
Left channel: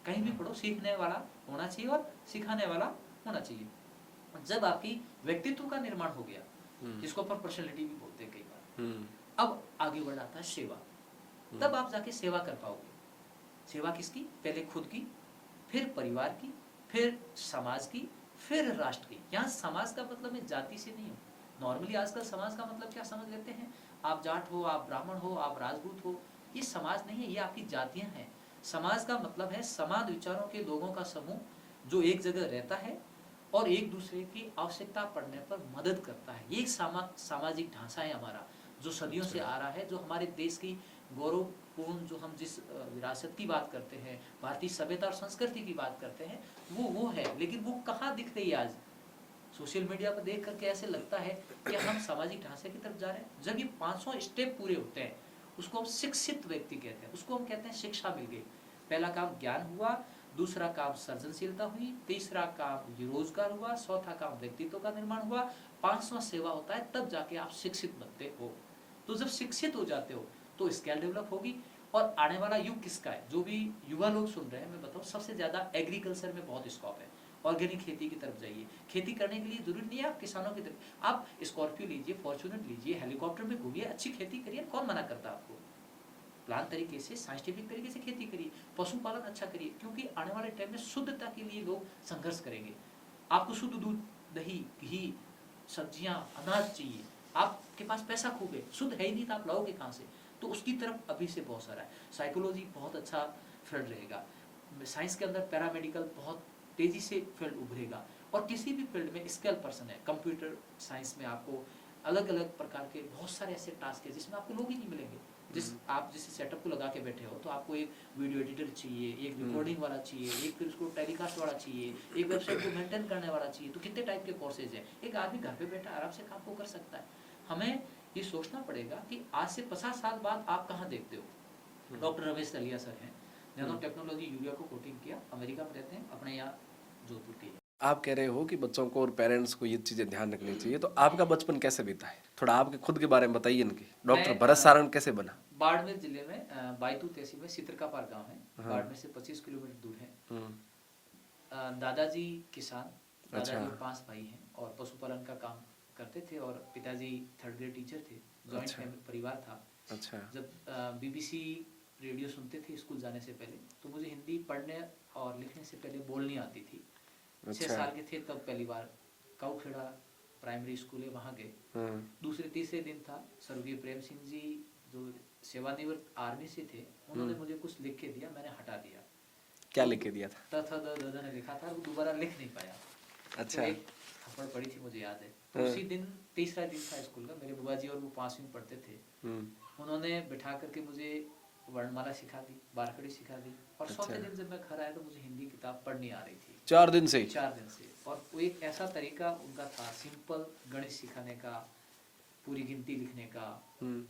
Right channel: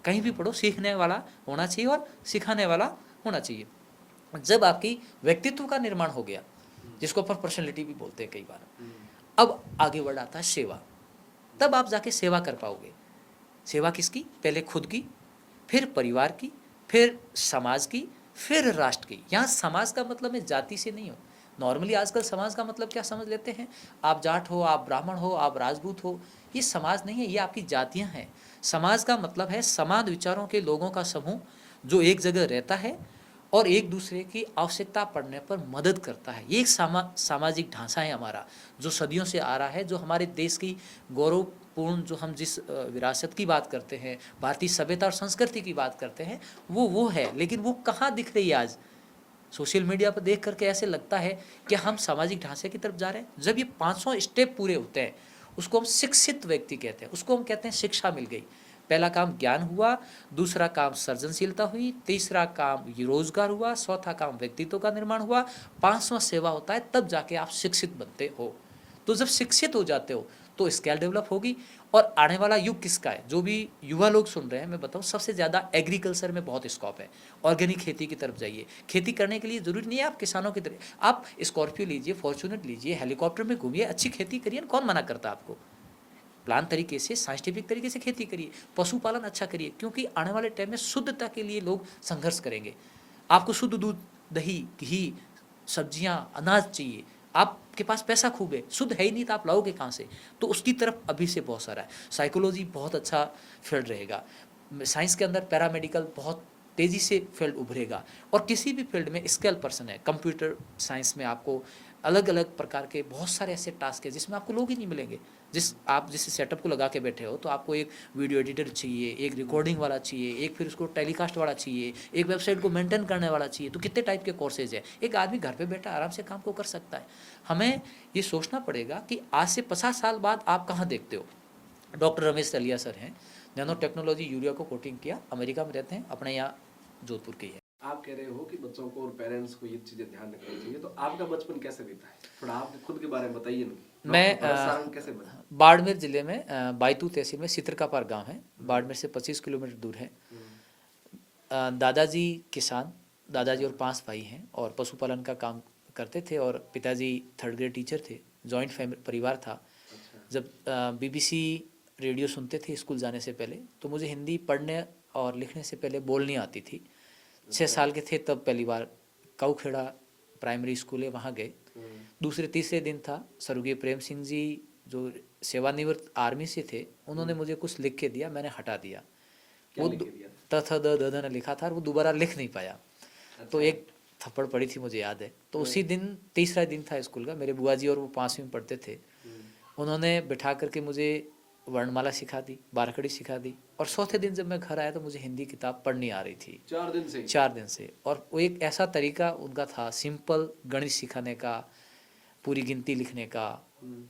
कहीं भी पढ़ो, सीखने वाला होना चाहिए और सिखाने वाला होना चाहिए। जब आपकी व्यक्तित्व का निर्माण हो गया, जिसको अपन पर्सनैलिटी भी बोलते हैं कई बार, अब आगे बढ़ आता है सेवा। तब आप जाके सेवा कर पाओगे। सेवा किसकी, पहले खुद की, फिर परिवार की, फिर समाज की, फिर राष्ट्र की। यहाँ समाज का मतलब मैं जाति से नहीं हूँ। नॉर्मली आजकल समाज का मतलब क्या समझ लेते हैं, आप जाट हो, आप ब्राह्मण हो, आप राजपूत हो, ये समाज नहीं है, ये आपकी जातियाँ हैं। समाज का मतलब है समान विचारों के लोगों का समूह जो एक जगह रहता है और एक दूसरे की आवश्यकता पड़ने पर मदद करता है। ये एक सामाजिक ढांचा है हमारा, जो सदियों से आ रहा है, जो हमारे देश की गौरवपूर्ण, जो हम जिस विरासत की बात करते हैं, भारतीय सभ्यता और संस्कृति की बात करते हैं, वो है। लेकिन वो कहाँ दिख रही है आज? सोशल मीडिया पर देख करके ऐसे लगता है कि हम सामाजिक ढांचे की तरफ जा रहे हैं। जब ये 500 स्टेप पूरे होते हैं, उसको हम शिक्षित व्यक्ति कहते हैं, उसको हम कहते हैं शिक्षा मिल गई। पहला काम ज्ञान हुआ, दूसरा काम सृजनशीलता हुई, तीसरा काम रोजगार हुआ, चौथा काम व्यक्तित्व का निर्माण हुआ, 5वां सेवा होता है। तब जाके आप शिक्षित बनते हो। तो जब शिक्षित हो जाते हो तो स्किल डेवलप होगी। और आने वाला युग किसका है, जो भी युवा लोग सुन रहे हैं, मैं बताऊं सबसे ज़्यादा एग्रीकल्चर में बहुत स्कोप है। ऑर्गेनिक खेती की तरफ जाइए। खेती करने के लिए जरूरी नहीं है आप किसानों की तरह, आप स्कॉर्पियो लीजिए, फॉर्चूनर लीजिए, हेलीकॉप्टर में घूमिए, अच्छी खेती करिए, कौन मना करता आपको। प्लान तरीके से, साइंटिफिक तरीके से खेती करिए, पशुपालन अच्छा करिए, क्योंकि आने वाले टाइम में शुद्धता के लिए लोग संघर्ष करेंगे। आपको शुद्ध दूध, दही, घी, सब्जियां, अनाज चाहिए, आपके पास पैसा खूब है, शुद्ध है ही नहीं तो आप लाओगे कहाँ से? तो उसकी तरफ अभी से बहुत सारा है। साइकोलॉजी बहुत अच्छा फील्ड रहेगा। साइंस के अंदर पैरामेडिकल बहुत तेज़ी से फील्ड उभरेगा। और किसी भी फील्ड में स्किल पर्सन है, कंप्यूटर साइंस में आपको अलग अलग प्रकार के बहुत सारे ऐसे टास्क है जिसमें आपको लोग ही नहीं मिलेंगे। जिस सेटअप को लगा के बैठे हो, तो आपको एक वीडियो एडिटर चाहिए, एक रिकॉर्डिंग वाला चाहिए, एक फिर उसको टेलीकास्ट वाला चाहिए, एक वेबसाइट को मेंटेन करने वाला चाहिए। तो कितने टाइप के कोर्सेज है। एक आदमी घर पे बैठा आराम से काम को कर सकता है। हमें ये सोचना पड़ेगा कि आज से 50 साल बाद आप कहाँ देखते हो। डॉक्टर रमेश तलिया सर हैं, नैनो टेक्नोलॉजी यूरिया को कोटिंग किया, अमेरिका में रहते हैं, अपने यहाँ जोधपुर के ही है। आप कह रहे हो कि बच्चों को और पेरेंट्स को ये चीजें ध्यान रखनी चाहिए, तो आपका बचपन कैसे बीता है, थोड़ा आपके खुद के बारे में बताइए इनकी। डॉक्टर भरत सारण कैसे बना? बाड़मेर जिले में बायतू तहसील में सित्रकापार गांव है, बाड़मेर से 25 किलोमीटर दूर है। दादाजी किसान, दादाजी और 5 भाई हैं और पशुपालन का काम करते थे, और पिताजी 3rd ग्रेड टीचर थे। जॉइंट फैमिली परिवार था। जब BBC रेडियो सुनते थे स्कूल जाने से पहले, तो मुझे हिंदी पढ़ने और लिखने से पहले बोलनी आती थी। 6 साल के थे तब पहली बार काऊखेड़ा प्राइमरी स्कूल है वहाँ गए। दूसरे तीसरे दिन था, स्वर्गीय प्रेम सिंह जी जो सेवानिवृत्त आर्मी से थे, उन्होंने मुझे कुछ लिख के दिया, मैंने हटा दिया। क्या लिख के दिया था? त थ द द लिखा था और वो दोबारा लिख नहीं पाया। तो एक थप्पड़ पड़ी थी, मुझे याद है। तो उसी दिन, तीसरा दिन था स्कूल का, मेरे बुआ जी और वो 5वीं में पढ़ते थे, उन्होंने बिठा करके मुझे वर्णमाला सिखा दी, बारकड़ी सिखा दी। और चौथे दिन जब मैं घर आया तो मुझे हिंदी किताब पढ़नी आ रही थी। 4 दिन से। और वो एक ऐसा तरीका उनका था सिंपल गणित सिखाने का, पूरी गिनती लिखने का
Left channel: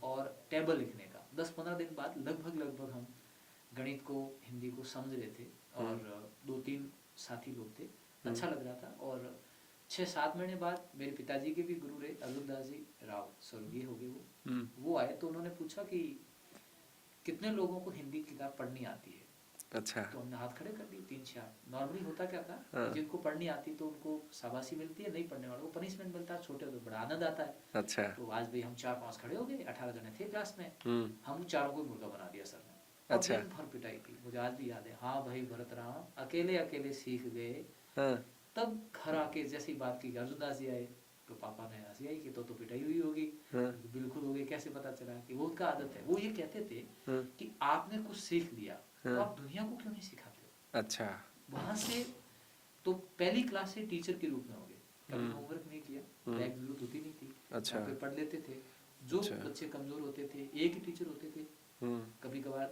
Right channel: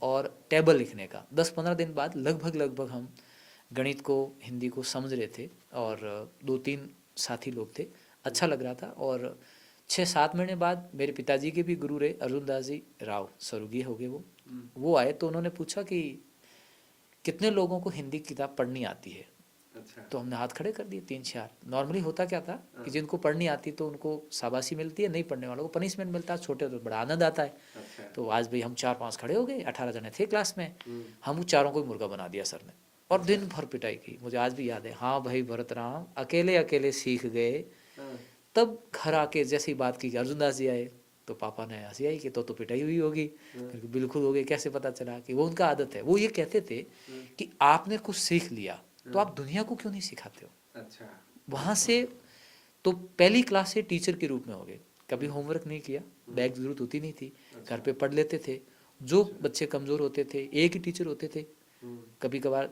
और टेबल लिखने का। 10-15 दिन बाद लगभग हम गणित को, हिंदी को समझ रहे थे। और 2-3 साथी लोग थे, अच्छा लग रहा था। और 6-7 महीने बाद मेरे पिताजी के भी गुरु रहे अर्जुन दास जी राव, स्वर्गीय हो गए वो आए। तो उन्होंने पूछा कि कितने लोगों को हिंदी किताब पढ़नी आती है। अच्छा। तो हमने हाथ खड़े कर दिए 3-4। नॉर्मली होता क्या था कि जिनको पढ़नी आती तो उनको शाबाशी मिलती है, नहीं पढ़ने वालों को पनिशमेंट मिलता है, छोटे तो बड़ा आनंद आता है। अच्छा। तो आज भाई हम 4-5 खड़े हो गए, 18 जने थे क्लास में, हम चारों को मुर्गा बना दिया सर ने। और दिन भर पिटाई की, मुझे आज भी याद है। हाँ भाई भरत राम अकेले सीख गए। तब घर आके जैसी बात की, अर्जुन दास जी आए, तो पापा ने हंसी आई कि तो पिटाई हुई होगी। बिल्कुल हो गई, कैसे पता चला? कि वो उनका आदत है। वो ये कहते थे कि आपने कुछ सीख लिया तो आप दुनिया को क्यों नहीं सिखाते हो? अच्छा। वहाँ से तो पहली क्लास से टीचर के रूप में हो गए। कभी होमवर्क नहीं किया, बैग की जरूरत होती नहीं थी, घर पे पढ़ लेते थे। जो बच्चे कमजोर होते थे, एक ही टीचर होते थे। कभी कभार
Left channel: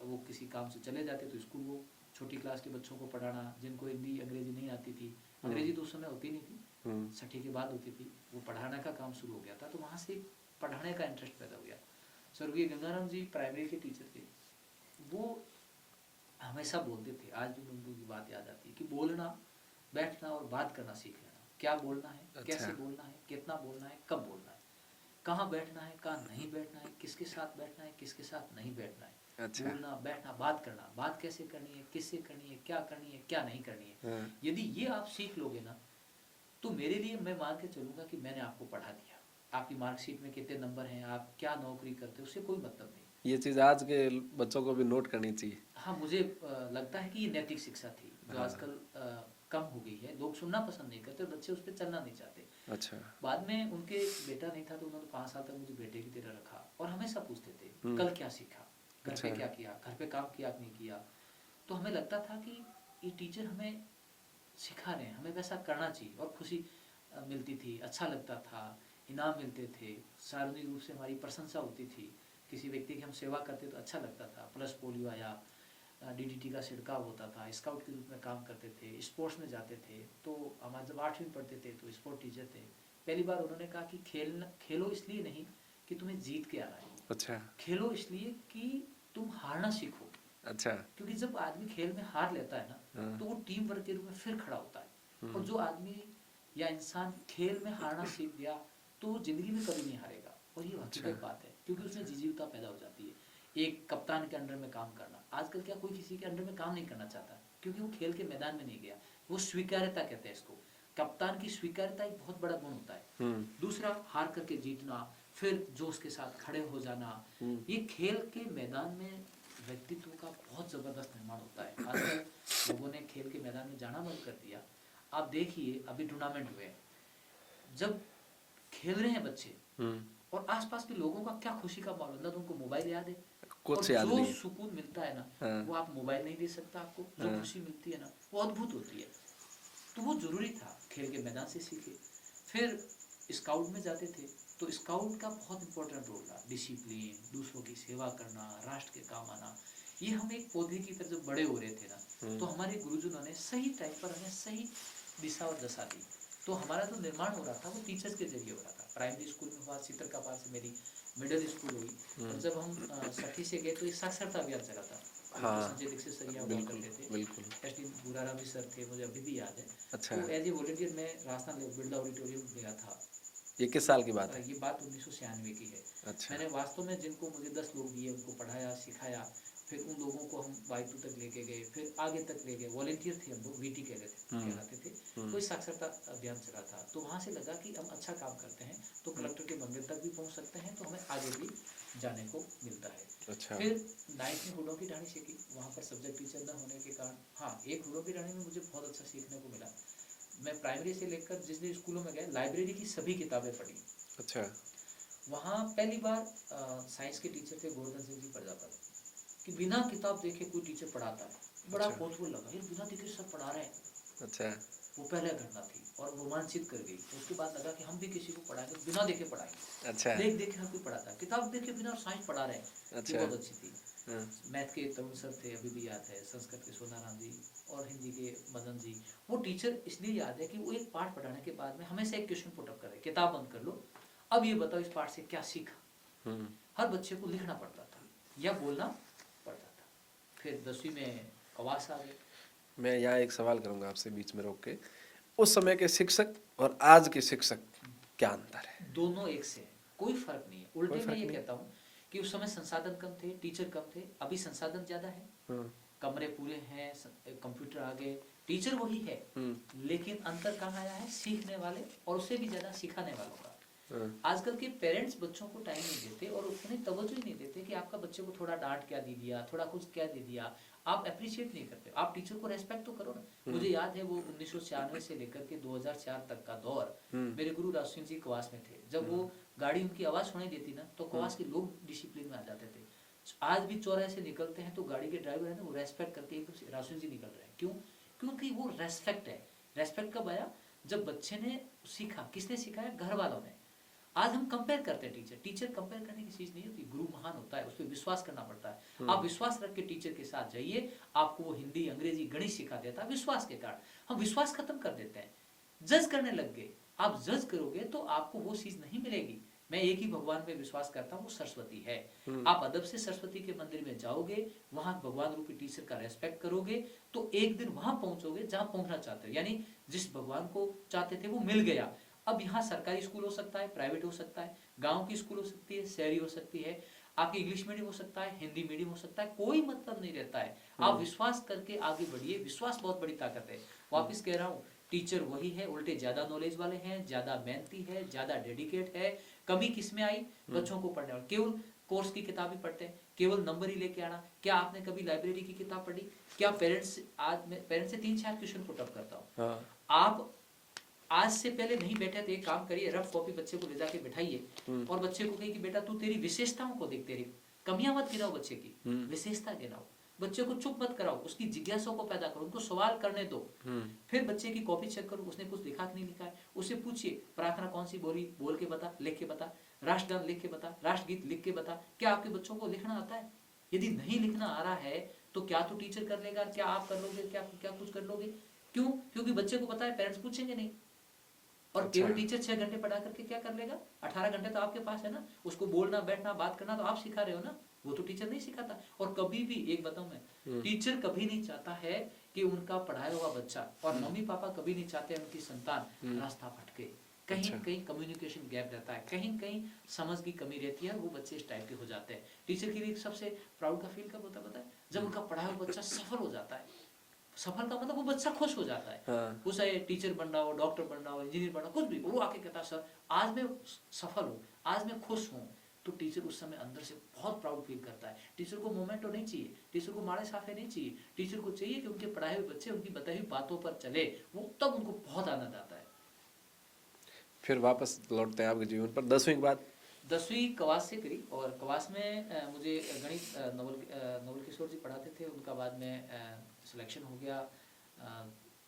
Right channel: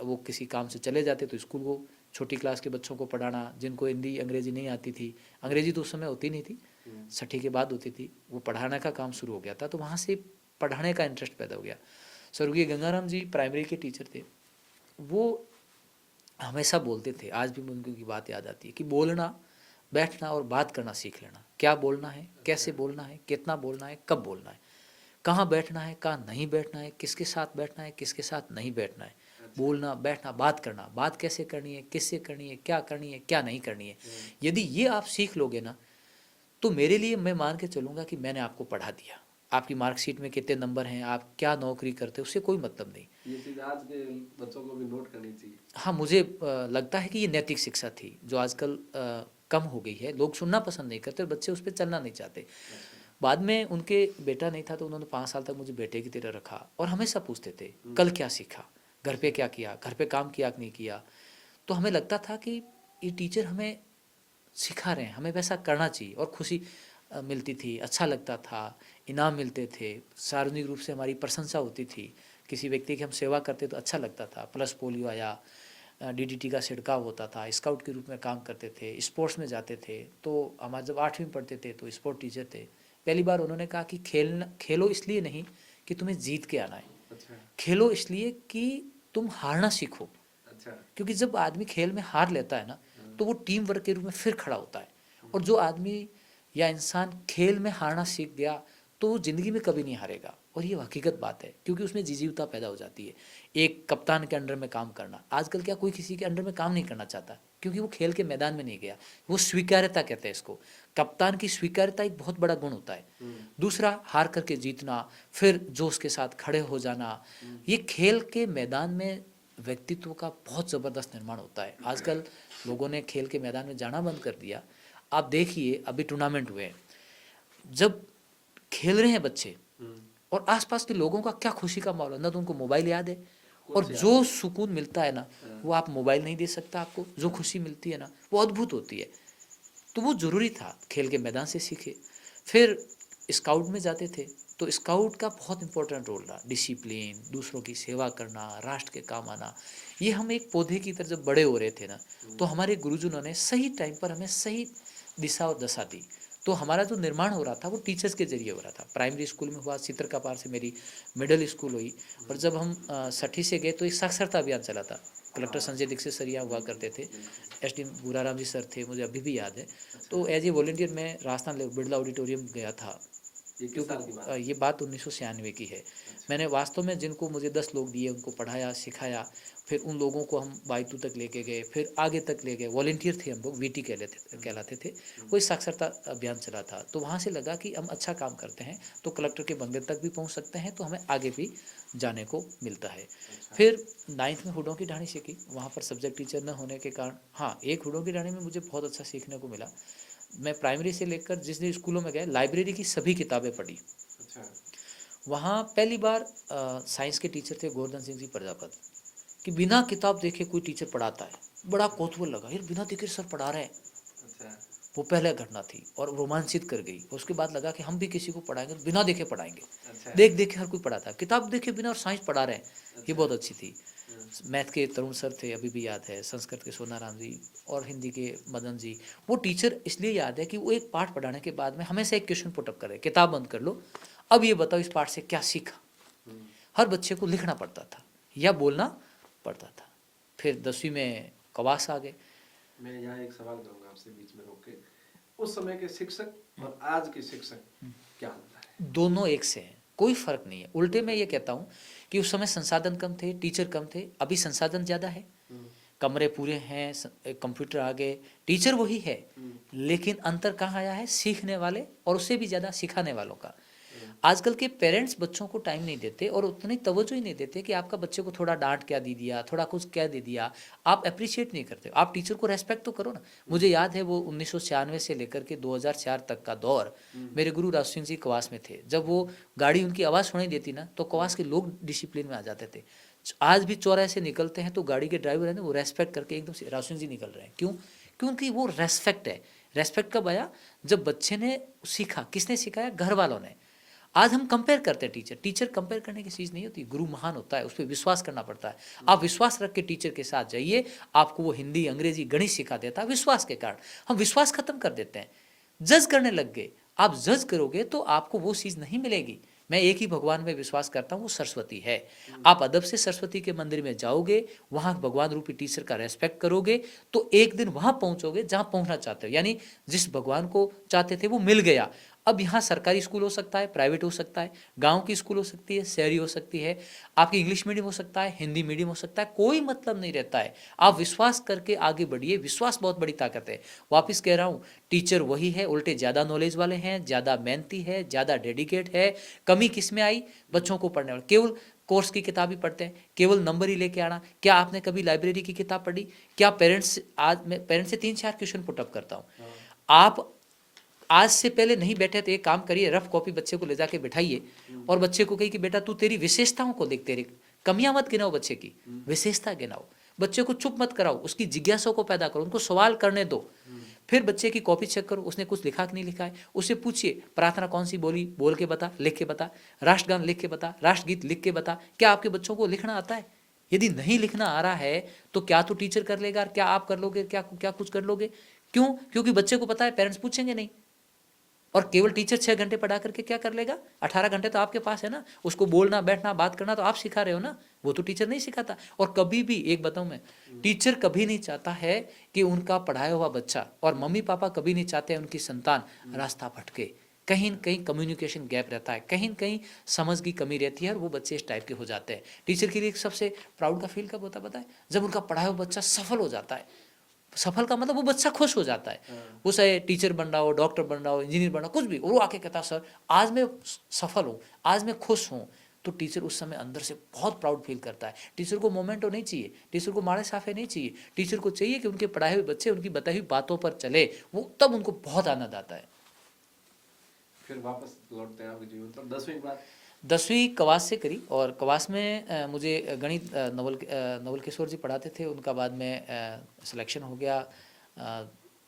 वो किसी काम से चले जाते तो स्कूल को छोटी क्लास के बच्चों को पढ़ाना, जिनको हिंदी अंग्रेजी नहीं आती थी, अंग्रेजी तो उस समय होती नहीं थी, छठी के बाद होती थी, वो पढ़ाने का काम शुरू हो गया था। तो वहाँ से पढ़ाने का इंटरेस्ट पैदा हो गया। स्वर्गीय गंगाराम जी प्राइमरी के टीचर थे। वो हमेशा बोलते थे, आज भी मुझे उनकी बात याद आती है, कि बोलना, बैठना और बात करना सीख लेना। क्या बोलना है, कैसे बोलना है, कितना बोलना है, कब बोलना है, कहाँ बैठना है, कहाँ नहीं बैठना है, किसके साथ बैठना है, किसके साथ नहीं बैठना है। बोलना, बैठना, बात करना, बात कैसे करनी है, किससे करनी है, क्या नहीं करनी है। यदि ये आप सीख लोगे ना, तो मेरे लिए, मैं मान के चलूँगा कि मैंने आपको पढ़ा दिया। आपकी मार्कशीट में कितने नंबर हैं, आप क्या नौकरी करते हो, उससे कोई मतलब नहीं। ये चीज़ आज के बच्चों को भी नोट करनी चाहिए। हाँ, मुझे लगता है कि ये नैतिक शिक्षा थी, जो आजकल कम हो गई है। लोग सुनना पसंद नहीं करते, बच्चे उस पर चलना नहीं चाहते। अच्छा। बाद में उनके बेटा नहीं था तो उन्होंने 5 साल तक मुझे बेटे की तरह रखा, और हमेशा पूछते थे कल क्या सीखा, घर पे क्या किया, घर पे काम किया कि नहीं किया। तो हमें लगता था कि ये टीचर हमें सिखा रहे हैं, हमें वैसा करना चाहिए। और खुशी मिलती थी, अच्छा लगता था, इनाम मिलते थे, सार्वजनिक रूप से हमारी प्रशंसा होती थी। किसी व्यक्ति की हम सेवा करते तो अच्छा लगता था। प्लस पोलियो आया, डीडीटी का छिड़काव होता था, स्काउट के रूप में काम करते थे, स्पोर्ट्स में जाते थे। तो हमारे जब 8वीं में पढ़ते थे तो स्पोर्ट टीचर थे। पहली बार उन्होंने कहा कि खेलो इसलिए नहीं कि तुम्हें जीत के आना है, अच्छा। खेलो इसलिए कि तुम हारना सीखो। अच्छा। क्योंकि जब आदमी खेल में हार लेता है ना, तो वो टीम वर्क के रूप में फिर खड़ा होता है। और जो आदमी या इंसान खेल में हारना सीख गया तो वो जिंदगी में कभी नहीं हारेगा। और ये हकीकत बात है, क्योंकि उसमें जिजीवता पैदा हो जाती है। एक कप्तान के अंडर में काम करना, आजकल क्या कोई किसी के अंडर में काम नहीं करना चाहता, क्योंकि वो खेल के मैदान में नहीं गया। वो स्वीकार्यता कहते हैं इसको। कप्तान की स्वीकार्यता एक बहुत बड़ा गुण होता है। दूसरा, हार करके जीतना, फिर जोश के साथ खड़े हो जाना। ये खेल के मैदान में व्यक्तित्व का बहुत ज़बरदस्त निर्माण होता है। आजकल लोगों ने खेल के मैदान में जाना बंद कर दिया। आप देखिए, अभी टूर्नामेंट हुए, जब खेल रहे हैं बच्चे और आसपास के लोगों का क्या खुशी का माहौल है। ना तो उनको मोबाइल याद है, और जो सुकून मिलता है ना, वो आप मोबाइल नहीं दे सकता। आपको जो खुशी मिलती है ना, वो अद्भुत होती है। तो वो ज़रूरी था, खेल के मैदान से सीखे। फिर स्काउट में जाते थे तो स्काउट का बहुत इंपॉर्टेंट रोल रहा। डिसिप्लिन, दूसरों की सेवा करना, राष्ट्र के काम आना। ये हम एक पौधे की तरह जब बड़े हो रहे थे ना, तो हमारे गुरुजनों ने सही टाइम पर हमें सही दिशा और दशा दी। तो हमारा जो निर्माण हो रहा था वो टीचर्स के जरिए हो रहा था। प्राइमरी स्कूल में हुआ, चित्रकापार से मेरी मिडिल स्कूल हुई, और जब हम 6ठी से गए तो एक साक्षरता अभियान चला था। कलेक्टर संजय दीक्षित सरिया हुआ करते थे, एसडी गुराराम जी सर थे, मुझे अभी भी याद है। तो एज ए वॉलंटियर मैं राजस्थान बिरला ऑडिटोरियम गया था। ये किस साल की बात है? ये बात 1996 की है। मैंने वास्तव में जिनको मुझे 10 लोग दिए, उनको पढ़ाया, सिखाया। फिर उन लोगों को हम बायतू तक लेके गए, फिर आगे तक ले गए। वॉलंटियर थे हम लोग, वीटी कहलाते थे। कोई साक्षरता अभियान चला था। तो वहाँ से लगा कि हम अच्छा काम करते हैं तो कलेक्टर के बंगले तक भी पहुँच सकते हैं, तो हमें आगे भी जाने को मिलता है। फिर 9th में हुडों की ढाणी सीखी। वहाँ पर सब्जेक्ट टीचर न होने के कारण, हाँ, एक हुडों की ढाणी में मुझे बहुत अच्छा सीखने को मिला। मैं प्राइमरी से लेकर जिस जिस स्कूलों में गए, लाइब्रेरी की सभी किताबें पढ़ी। अच्छा। वहाँ पहली बार साइंस के टीचर थे गोवर्धन सिंह जी प्रजापत, कि बिना किताब देखे कोई टीचर पढ़ाता है। बड़ा कौतूहल लगा, यार बिना देखे सर पढ़ा रहे हैं। अच्छा। वो पहले घटना थी और रोमांचित कर गई। उसके बाद लगा कि हम भी किसी को पढ़ाएंगे, बिना देखे पढ़ाएंगे। अच्छा। देख देखे हर कोई पढ़ाता है, किताब देखे बिना और साइंस पढ़ा रहे हैं। ये बहुत अच्छी थी। मैथ के तरुण सर थे, अभी भी याद है। संस्कृत के सोनाराम जी, और हिंदी के मदन जी। वो टीचर इसलिए याद है कि वो एक पाठ पढ़ाने के बाद में हमेशा एक क्वेश्चन पुटअप करे, किताब बंद कर लो, अब ये बताओ इस पाठ से क्या सीखा। हर बच्चे को लिखना पड़ता था या बोलना पड़ता था। फिर 10वीं में कवास आ गए। मैं यहाँ एक सवाल करूँगा आपसे बीच में रोक के। उस समय के शिक्षक और आज के शिक्षक क्या अंतर है? दोनों एक से हैं, कोई फर्क नहीं है। उल्टे मैं ये कहता हूँ कि उस समय संसाधन कम थे, टीचर कम थे। अभी संसाधन ज़्यादा है, कमरे पूरे हैं, कंप्यूटर आ गए, टीचर वही है। लेकिन अंतर कहाँ आया है? सीखने वाले और उससे भी ज़्यादा सिखाने वालों का। आजकल के पेरेंट्स बच्चों को टाइम नहीं देते और उतनी तवज्जो ही नहीं देते कि आपका बच्चे को थोड़ा डांट क्या दे दिया, थोड़ा कुछ क्या दे दिया, आप अप्रिशिएट नहीं करते। आप टीचर को रेस्पेक्ट तो करो ना। मुझे याद है वो 1996 से लेकर के 2004 तक का दौर, मेरे गुरु राज सिंह जी कवास में थे। जब वो गाड़ी उनकी आवाज़ सुनाई देती ना तो कवास के लोग डिसिप्लिन में आ जाते थे। आज भी चौराहे से निकलते हैं तो गाड़ी के ड्राइवर है ना वो रेस्पेक्ट करके एकदम से राज सिंह जी निकल रहे हैं। क्यों? क्योंकि वो रेस्पेक्ट है। रेस्पेक्ट कब आया? जब बच्चे ने सीखा। किसने सिखाया? घर वालों ने। आज हम कंपेयर करते हैं टीचर कंपेयर करने की चीज़ नहीं होती। गुरु महान होता है, उस पर विश्वास करना पड़ता है। आप विश्वास रख के टीचर के साथ जाइए, आपको वो हिंदी अंग्रेजी गणित सिखा देता है विश्वास के कारण। हम विश्वास खत्म कर देते हैं, जज करने लग गए। आप जज करोगे तो आपको वो चीज़ नहीं मिलेगी। मैं एक ही भगवान में विश्वास करता हूँ, वो सरस्वती है। आप अदब से सरस्वती के मंदिर में जाओगे, वहाँ भगवान रूपी टीचर का रेस्पेक्ट करोगे तो एक दिन वहाँ पहुँचोगे जहाँ पहुँचना चाहते हो। यानी जिस भगवान को चाहते थे वो मिल गया। अब यहाँ सरकारी स्कूल हो सकता है, प्राइवेट हो सकता है, गांव की स्कूल हो सकती है, शहरी हो सकती है, आपकी इंग्लिश मीडियम हो सकता है, हिंदी मीडियम हो सकता है, कोई मतलब नहीं रहता है। आप विश्वास करके आगे बढ़िए। विश्वास बहुत बड़ी ताकत है। वापस कह रहा हूँ, टीचर वही है, उल्टे ज़्यादा नॉलेज वाले हैं, ज़्यादा मेहनती है, ज़्यादा डेडिकेट है। कमी किस में आई? बच्चों को पढ़ने वाले केवल कोर्स की किताब ही पढ़ते हैं, केवल नंबर ही लेके आना। क्या आपने कभी लाइब्रेरी की किताब पढ़ी? क्या पेरेंट्स, आज मैं पेरेंट्स से 3-4 क्वेश्चन पुटअप करता हूँ। आप आज से पहले नहीं बैठे तो एक काम करिए, रफ कॉपी बच्चे को ले जाके बिठाइए और बच्चे को कहिए कि बेटा तू तेरी विशेषताओं को देख, तेरी कमियां मत गिनाओ, बच्चे की विशेषता गिनाओ। बच्चे को चुप मत कराओ, उसकी जिज्ञासा को पैदा करो, उनको सवाल करने दो। फिर बच्चे की कॉपी चेक करो, उसने कुछ लिखा कि नहीं लिखा है। उससे पूछिए प्रार्थना कौन सी बोली, बोल के बता, लिख के बता। राष्ट्रगान लिख के बता, राष्ट्रगीत लिख के बता। क्या आपके बच्चों को लिखना आता है? यदि नहीं लिखना आ रहा है तो क्या तो टीचर कर लेगा, क्या आप कर लोगे, क्या क्या कुछ कर लोगे? क्यों? क्योंकि बच्चे को पता है पेरेंट्स पूछेंगे नहीं। और केवल टीचर 6 घंटे पढ़ा करके क्या कर लेगा? 18 घंटे तो आपके पास है ना। उसको बोलना, बैठना, बात करना तो आप सिखा रहे हो ना, वो तो टीचर नहीं सिखाता। और कभी भी एक बताऊं मैं, टीचर कभी नहीं चाहता है कि उनका पढ़ाया हुआ बच्चा, और मम्मी पापा कभी नहीं चाहते उनकी संतान रास्ता भटके। कहीं न कहीं कम्युनिकेशन गैप रहता है, कहीं न कहीं समझ की कमी रहती है और वो बच्चे इस टाइप के हो जाते हैं। टीचर के लिए एक सबसे प्राउड का फील कब होता है पता है? जब उनका पढ़ाया हुआ बच्चा सफल हो जाता है। सफल का मतलब वो बच्चा खुश हो जाता है। वो चाहे टीचर बन रहा हो, डॉक्टर बन रहा हो, इंजीनियर बन रहा हो, कुछ भी, और वो आके कहता है सर आज मैं सफल हूँ, आज मैं खुश हूँ। तो टीचर उस समय अंदर से बहुत प्राउड फील करता है। टीचर को मोमेंटो नहीं चाहिए, टीचर को मारे साफे नहीं चाहिए। टीचर को चाहिए कि उनके पढ़ाए हुए बच्चे उनकी बताई हुई बातों पर चले, वो तब उनको बहुत आनंद आता है। फिर वापस लौटते हैं आपके जीवन पर 10वीं के बाद। 10वीं कवास से करी, और कवास में मुझे गणित नवल किशोर जी पढ़ाते थे। उनका बाद में सिलेक्शन हो गया,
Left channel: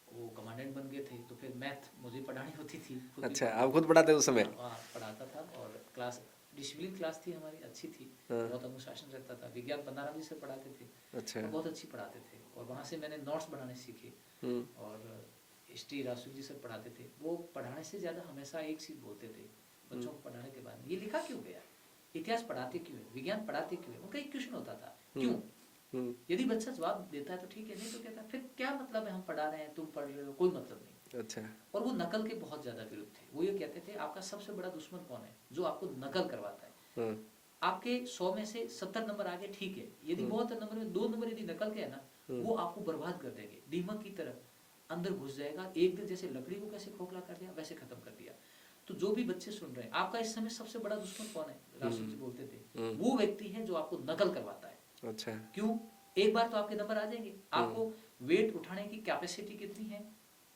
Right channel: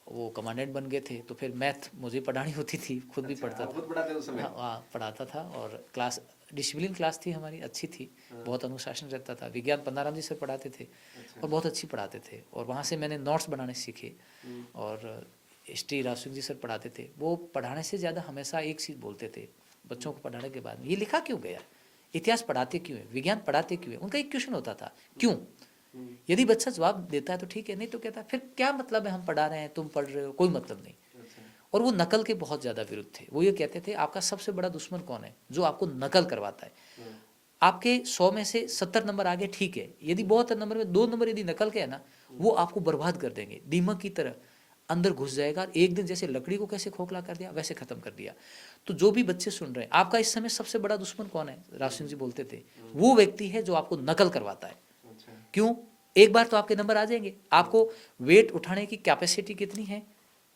वो कमांडेंट बन गए थे। तो फिर मैथ मुझे पढ़ानी होती थी, खुद भी अच्छा, पढ़ता आप खुद पढ़ाते उस समय? हाँ, पढ़ाता था। और क्लास डिसिप्लिन क्लास थी हमारी, अच्छी थी, बहुत अनुशासन रहता था। विज्ञान पन्नाराम जी सर पढ़ाते थे और बहुत अच्छी पढ़ाते थे। और वहाँ से मैंने नोट्स बनाने सीखे। और हिस्ट्री राज सिंह जी सर पढ़ाते थे। वो पढ़ाने से ज़्यादा हमेशा एक चीज़ बोलते थे बच्चों को पढ़ाने के बाद, ये लिखा क्यों गया, इतिहास पढ़ाते क्यों है, विज्ञान पढ़ाते क्यों है। उनका एक क्वेश्चन होता था, क्यों? यदि बच्चा जवाब देता है तो ठीक है, नहीं तो कहता फिर क्या मतलब है, हम पढ़ा रहे हैं, तुम पढ़ रहे हो, कोई मतलब नहीं। अच्छा। और वो नकल के बहुत ज़्यादा विरुद्ध थे। वो ये कहते थे आपका सबसे बड़ा दुश्मन कौन है? जो आपको नकल करवाता है। आपके 100 में से 70 नंबर आगे ठीक है, यदि बहुत नंबर में 2 नंबर यदि नकल के है ना, वो आपको बर्बाद कर देंगे। दीमक की तरह अंदर घुस जाएगा। एक दिन जैसे लकड़ी को कैसे खोखला कर दिया वैसे खत्म कर दिया। तो जो भी बच्चे सुन रहे हैं, आपका इस समय सबसे बड़ा दुश्मन कौन है? राज सिंह जी बोलते थे वो व्यक्ति है जो आपको नकल करवाता है। अच्छा। क्यों? एक बार तो आपके नंबर आ जाएंगे। आपको वेट उठाने की कैपेसिटी कितनी है?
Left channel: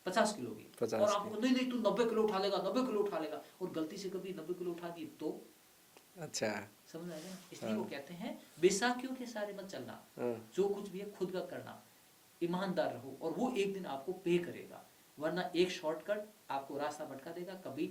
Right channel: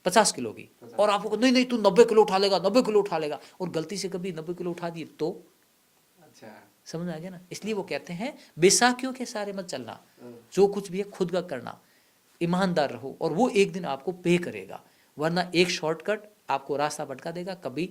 50 किलो की। और आपको नहीं नहीं तू 90 किलो उठा लेगा, 90 किलो उठा लेगा, और गलती से कभी 90 किलो उठा दिए तो? अच्छा, समझ आ गया ना? इसलिए वो कहते हैं बैसाखियों के सारे मत चलना, जो कुछ भी है खुद का करना, ईमानदार रहो, और वो एक दिन आपको पे करेगा। वरना एक शॉर्टकट आपको रास्ता भटका देगा, कभी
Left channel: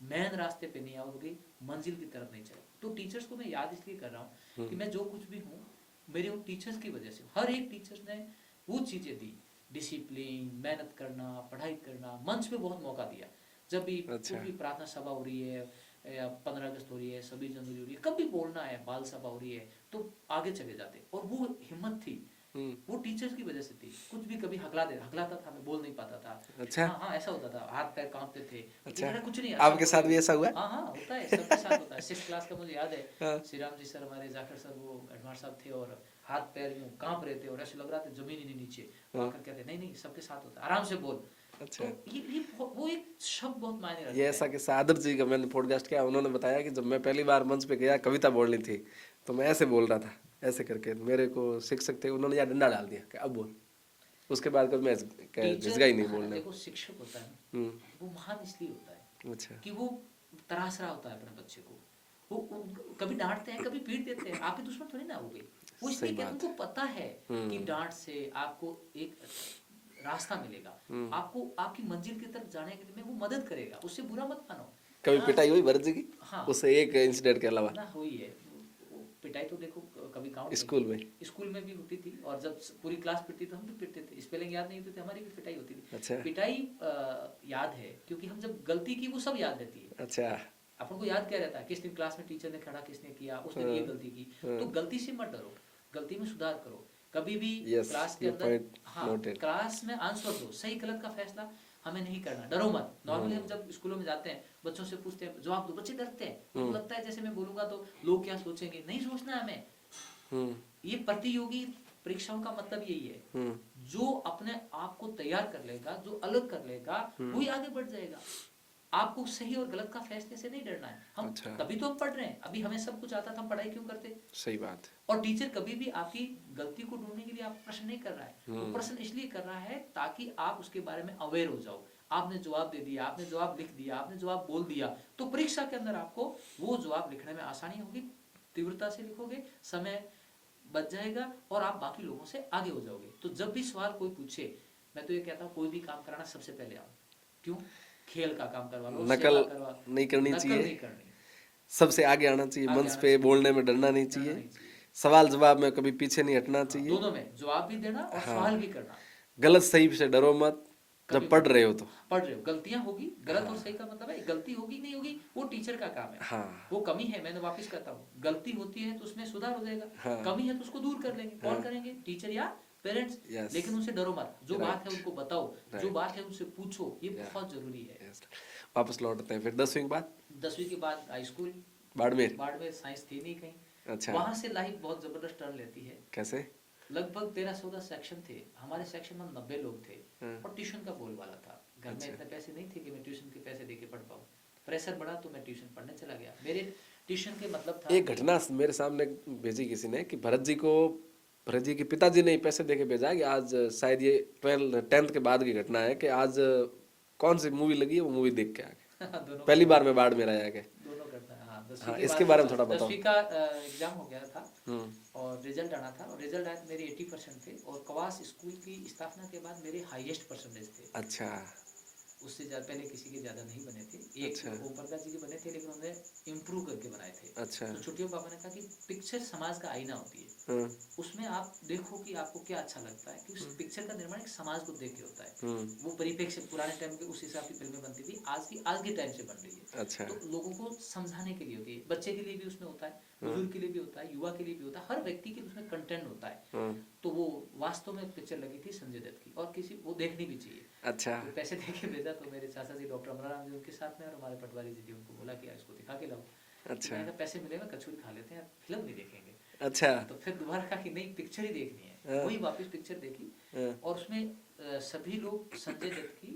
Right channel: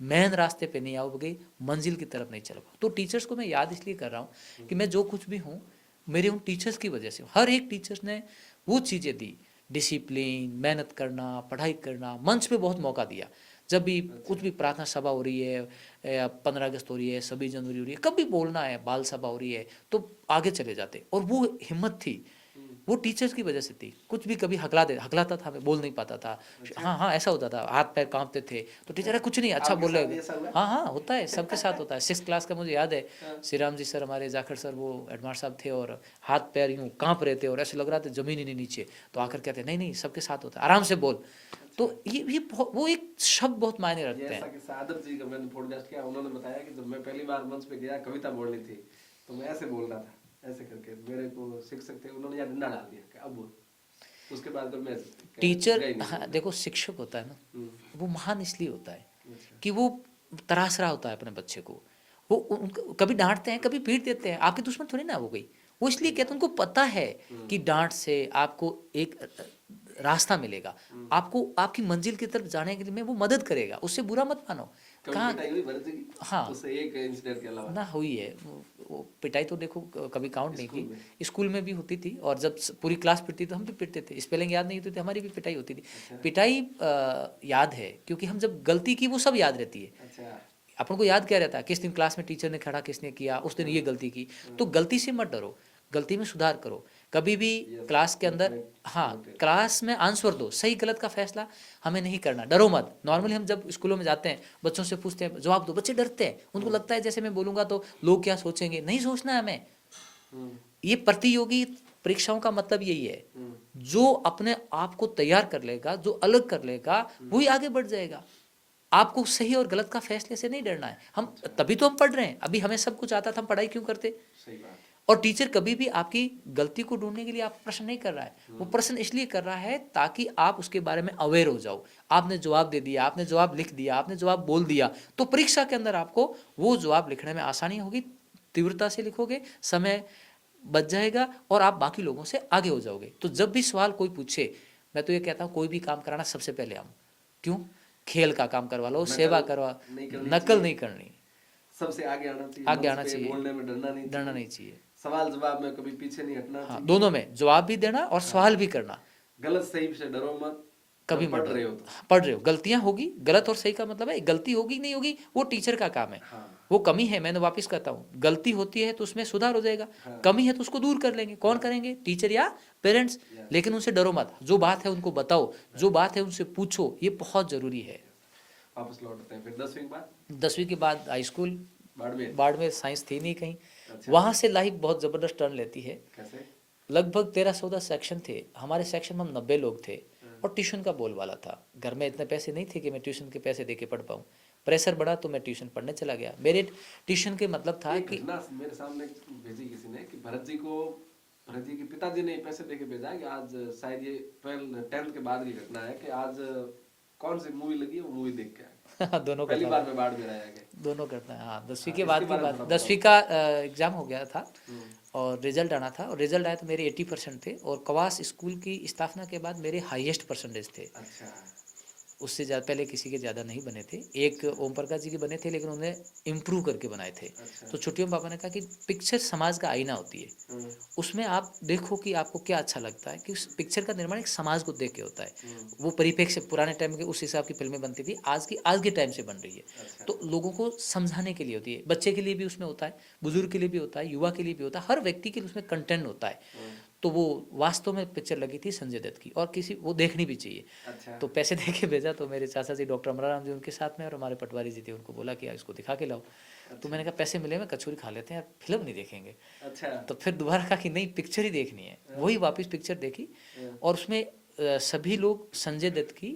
मेन रास्ते पे नहीं आओगे, मंजिल की तरफ नहीं चलोगे। तो टीचर्स को मैं याद इसलिए कर रहा हूँ कि मैं जो कुछ भी हूँ मेरे उन टीचर्स की वजह से। हर एक टीचर्स ने वो चीज़ें दी, डिसिप्लिन, मेहनत करना, पढ़ाई करना, मंच पे बहुत मौका दिया। जब भी कुछ भी प्रार्थना सभा हो रही है, 15 अगस्त हो रही है, 26 जनवरी हो रही है, कभी बोलना है, बाल सभा हो रही है, तो आगे चले जाते। और वो हिम्मत थी वो टीचर्स की वजह से थी। कुछ भी कभी हकलाता था, मैं बोल नहीं पाता था। अच्छा। हाँ हाँ, ऐसा होता था, हाथ पैर कांपते थे, तो टीचर कुछ नहीं, अच्छा आपके साथ भी बोले। ऐसा हुआ है? हाँ हाँ, होता है, सबके साथ होता है। 6th क्लास का मुझे याद है, हाँ। श्री राम जी सर, हमारे जाखड़ सर, वो एडमार साहब थे, और हाथ पैर यूं कांप रहे थे और ऐसे लग रहा था जमीन ही नहीं नीचे। तो आकर कहते नहीं नहीं, सबके साथ होता है, आराम से बोल। तो वो एक शब्द बहुत मायने ये रखते ऐसा हैं। कि आदर्श जी का मैंने पॉडकास्ट किया, उन्होंने बताया कि जब मैं पहली बार मंच पे गया कविता बोलनी थी, तो मैं ऐसे बोल रहा था, ऐसे करके मेरे को शिक्षक थे, उन्होंने यार डंडा डाल दिया कि अब बोल। उसके बाद कभी मैं टीचर, झिझका ही नहीं हाँ बोलने। देखो, शिक्षक होता है ना, वो महान इसलिए होता है अच्छा। कि वो तराश रहा होता है अपने बच्चे को। वो कभी डांटते हैं, कभी पीट देते हैं, आपके दुश्मन थोड़ी ना हो गई। वो इसलिए कहते हैं, उनको पता है कि डांट से आपको एक रास्ता मिलेगा, आपको आपकी मंजिल की तरफ जाने के लिए में वो मदद करेगा, उससे बुरा मत मानो। कभी कहाँ, पिटाई हुई भरत जी की? हाँ, उससे एक इंसिडेंट के अलावा? ना हुई है। वो पिटाई तो देखो कभी काउंट नहीं स्कूल की, में? स्कूल में भी होती थी, और जब पूरी क्लास पिटती तो हम भी पिटते थे। स्पेलिंग याद नहीं होती थी, हमारी भी पिटाई होती थी। अच्छा। पिटाई याद है, क्योंकि हम जब गलती की वो सब याद रहती है। अच्छा। अपन को याद क्या रहता है, किस दिन क्लास में टीचर ने खड़ा किसने किया, उस दिन ये गलती की। तो गलती से मत डरो, गलती में सुधार करो। कभी भी यस, क्लास के ये अंदर, पॉइंट हाँ, नोटेड। क्लास में आंसर दो, सही गलत का फैसला हमें नहीं करना, डरो मत। नॉर्मली हम जब स्कूलों में जाते हैं, बच्चों से पूछते हैं जवाब दो, बच्चे डरते हैं, उनको लगता है जैसे मैं बोलूंगा तो लोग क्या सोचेंगे। नहीं सोचना है हमें। ये प्रतियोगी परीक्षाओं का मतलब यही है, जो अपने आप को तैयार कर लेगा, जो अलग कर लेगा, वही आगे बढ़ जाएगा। आपको सही और गलत का फैसले से नहीं डरना है। हम तभी तो हम पढ़ रहे हैं, अभी हमें सब कुछ आता था, हम पढ़ाई क्यों करते? सही बात। और टीचर कभी भी आपकी गलती को ढूंढने के लिए आपको प्रश्न नहीं कर रहा है, वो प्रश्न इसलिए कर रहा है ताकि आप उसके बारे में अवेयर हो जाओ। आपने जवाब दे दिया, आपने जवाब लिख दिया, आपने जवाब बोल दिया, तो परीक्षा के अंदर आपको वो जवाब लिखने में आसानी होगी, तीव्रता से लिखोगे, समय बच जाएगा, और आप बाकी लोगों से आगे हो जाओगे। तो जब भी सवाल कोई पूछे, मैं तो ये कहता हूँ, कोई भी काम कराना सबसे पहले आओ। क्यों? खेल का काम करवा लो, सेवा करवा, नहीं करनी नकल चाहिए, नहीं करनी, सबसे आगे आना चाहिए, आगे मंच आना पे चाहिए, बोलने में डरना नहीं डरना चाहिए, नहीं चाहिए। सवाल जवाब में कभी पीछे नहीं हटना हाँ, चाहिए। दोनों में जवाब भी देना और सवाल भी करना। गलत सही से डरो मत, कभी जब पढ़ मत रहे हो तो। पढ़ रहे हो, गलतियां होगी, गलत और सही का मतलब है, गलती होगी नहीं होगी वो टीचर का काम है। हाँ। वो कमी है, मैंने वापस कहता हूँ, गलती होती है तो उसमें सुधार हो जाएगा, कमी है तो उसको दूर कर लेंगे। कौन करेंगे? टीचर या पेरेंट्स। Yes. लेकिन उनसे डरो मत, जो बात है उनको बताओ, जो बात है उनसे पूछो, ये बहुत जरूरी है। वापस लौटते हैं फिर 10वीं के बाद। 10वीं के बाद high school, Barmer. Barmer, science थी नहीं कहीं। अच्छा। वहां से लाइफ बहुत जबरदस्त टर्न लेती है। कैसे? लगभग 13-14 सेक्शन थे, हमारे सेक्शन में हम 90 लोग थे, और ट्यूशन का बोलबाला था। घर में इतने पैसे नहीं थे कि मैं ट्यूशन के पैसे दे के पढ़ पाऊँ। प्रेशर बढ़ा तो मैं ट्यूशन पढ़ने चला गया। मेरे ट्यूशन के मतलब था एक घटना मेरे सामने भेजी किसी ने कि भरत जी के पिताजी ने पैसे दे के भेजा कि आज शायद ये 10th के बाद की घटना है कि आज कौन सी मूवी लगी है वो मूवी देख के आ गए। दोनों पहली बार में बाढ़ में आया गया। दोनों करता है। हाँ, 10वीं हाँ, के इसके बाद बारे में थोड़ा बताओ। 10वीं का एग्जाम हो गया था, और रिजल्ट आना था, और रिजल्ट आया तो मेरे 80% थे, और कवास स्कूल की स्थापना के बाद मेरे हाईएस्ट परसेंटेज थे। अच्छा। उससे ज़्यादा पहले किसी के ज़्यादा नहीं बने थे। एक ओम प्रकाश जी के बने थे, लेकिन उन्होंने इम्प्रूव करके बनाए थे। अच्छा। तो छुट्टियों में पापा ने कहा कि पिक्चर समाज का आईना होती है, उसमें आप देखो कि आपको क्या अच्छा लगता है, कि उस पिक्चर का निर्माण एक समाज को देख के होता है। वो परिप्रेक्ष्य पुराने टाइम के उस हिसाब की फिल्में बनती थी, आज के टाइम से बन रही है। अच्छा। तो लोगों को समझाने के लिए होती है, बच्चे के लिए भी उसमें होता है, बुजुर्ग के लिए भी होता है, युवा के लिए भी होता है, हर व्यक्ति के लिए उसमें कंटेंट होता है। तो वो वास्तव में पिक्चर लगी थी संजय दत्त की, और किसी वो देखनी भी चाहिए। अच्छा। तो पैसे दे के भेजा, तो मेरे चाचा जी डॉक्टर अमराराम जी उनके साथ में, और हमारे पटवारी जी थे, उनको बोला कि इसको दिखा के लाओ। तो मैंने कहा पैसे मिले में कचौरी खा लेते हैं, फिल्म नहीं देखेंगे। अच्छा। तो फिर दोबारा कहा कि नहीं, पिक्चर ही देखनी है। वही वापस पिक्चर देखी, और उसमें सभी लोग संजय दत्त की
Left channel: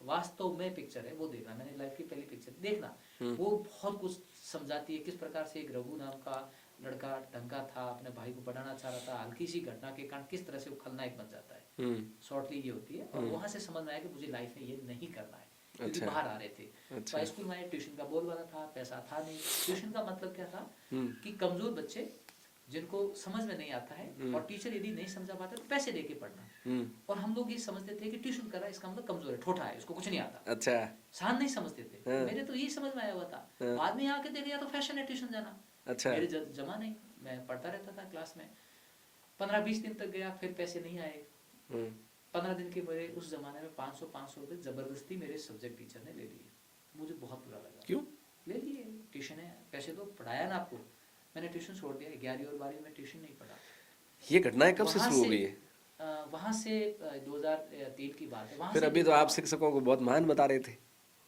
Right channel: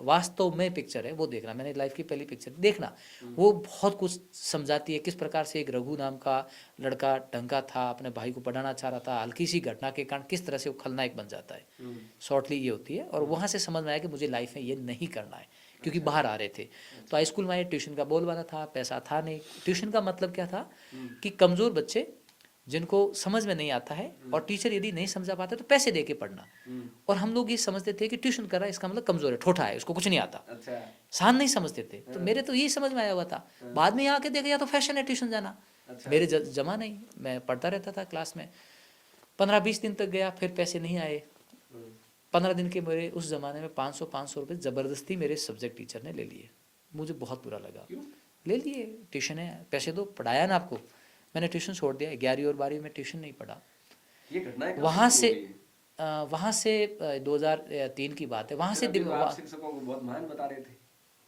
वास्तव में पिक्चर है वो देखना। मैंने लाइफ की पहली पिक्चर देखना, वो बहुत कुछ समझाती है, किस प्रकार से एक रघु नाम का लड़का ढंगा था, अपने भाई को पढ़ाना चाह रहा था, हल्की सी घटना के कारण किस तरह से वो खलनायक बन जाता है। शॉर्टली ये होती है, और वहां से समझ में आया कि मुझे लाइफ में ये नहीं करना है, क्योंकि बाहर आ रहे थे। तो हाई स्कूल में आए, ट्यूशन का बोलबाला था, पैसा था नहीं। ट्यूशन का मतलब क्या था कि कमजोर बच्चे जिनको समझ में नहीं आता है, और टीचर यदि नहीं समझा पाते तो पैसे दे के पढ़ना। और हम लोग ये समझते थे कि ट्यूशन कर रहा है इसका मतलब कमजोर है, ठोठा है, उसको कुछ नहीं आता। अच्छा। शान नहीं समझते थे। तो मेरे तो यही समझ में आया हुआ था। बाद में यहाँ आके देखा, या तो फैशन है ट्यूशन जाना। अच्छा। मेरे जमा नहीं, मैं पढ़ता रहता था क्लास में। 15-20 दिन तक गया, फिर पैसे नहीं आए। 15 दिन के मेरे उस जमाने में 500 रुपये जबरदस्ती मेरे सब्जेक्ट टीचर ने ले लिए। मुझे बहुत बुरा लगा। क्यों ले लिए? ट्यूशन है, पैसे दो, पढ़ाया ना आपको। मैंने ट्यूशन छोड़ दिया, 11वीं और 12वीं में ट्यूशन नहीं पढ़ा। ये घटनाएं कब वहाँ से शुरू से हो रही है? वहाँ से 2003 की बात है। वहाँ फिर से अभी तो आप शिक्षकों को बहुत महान बता रहे थे।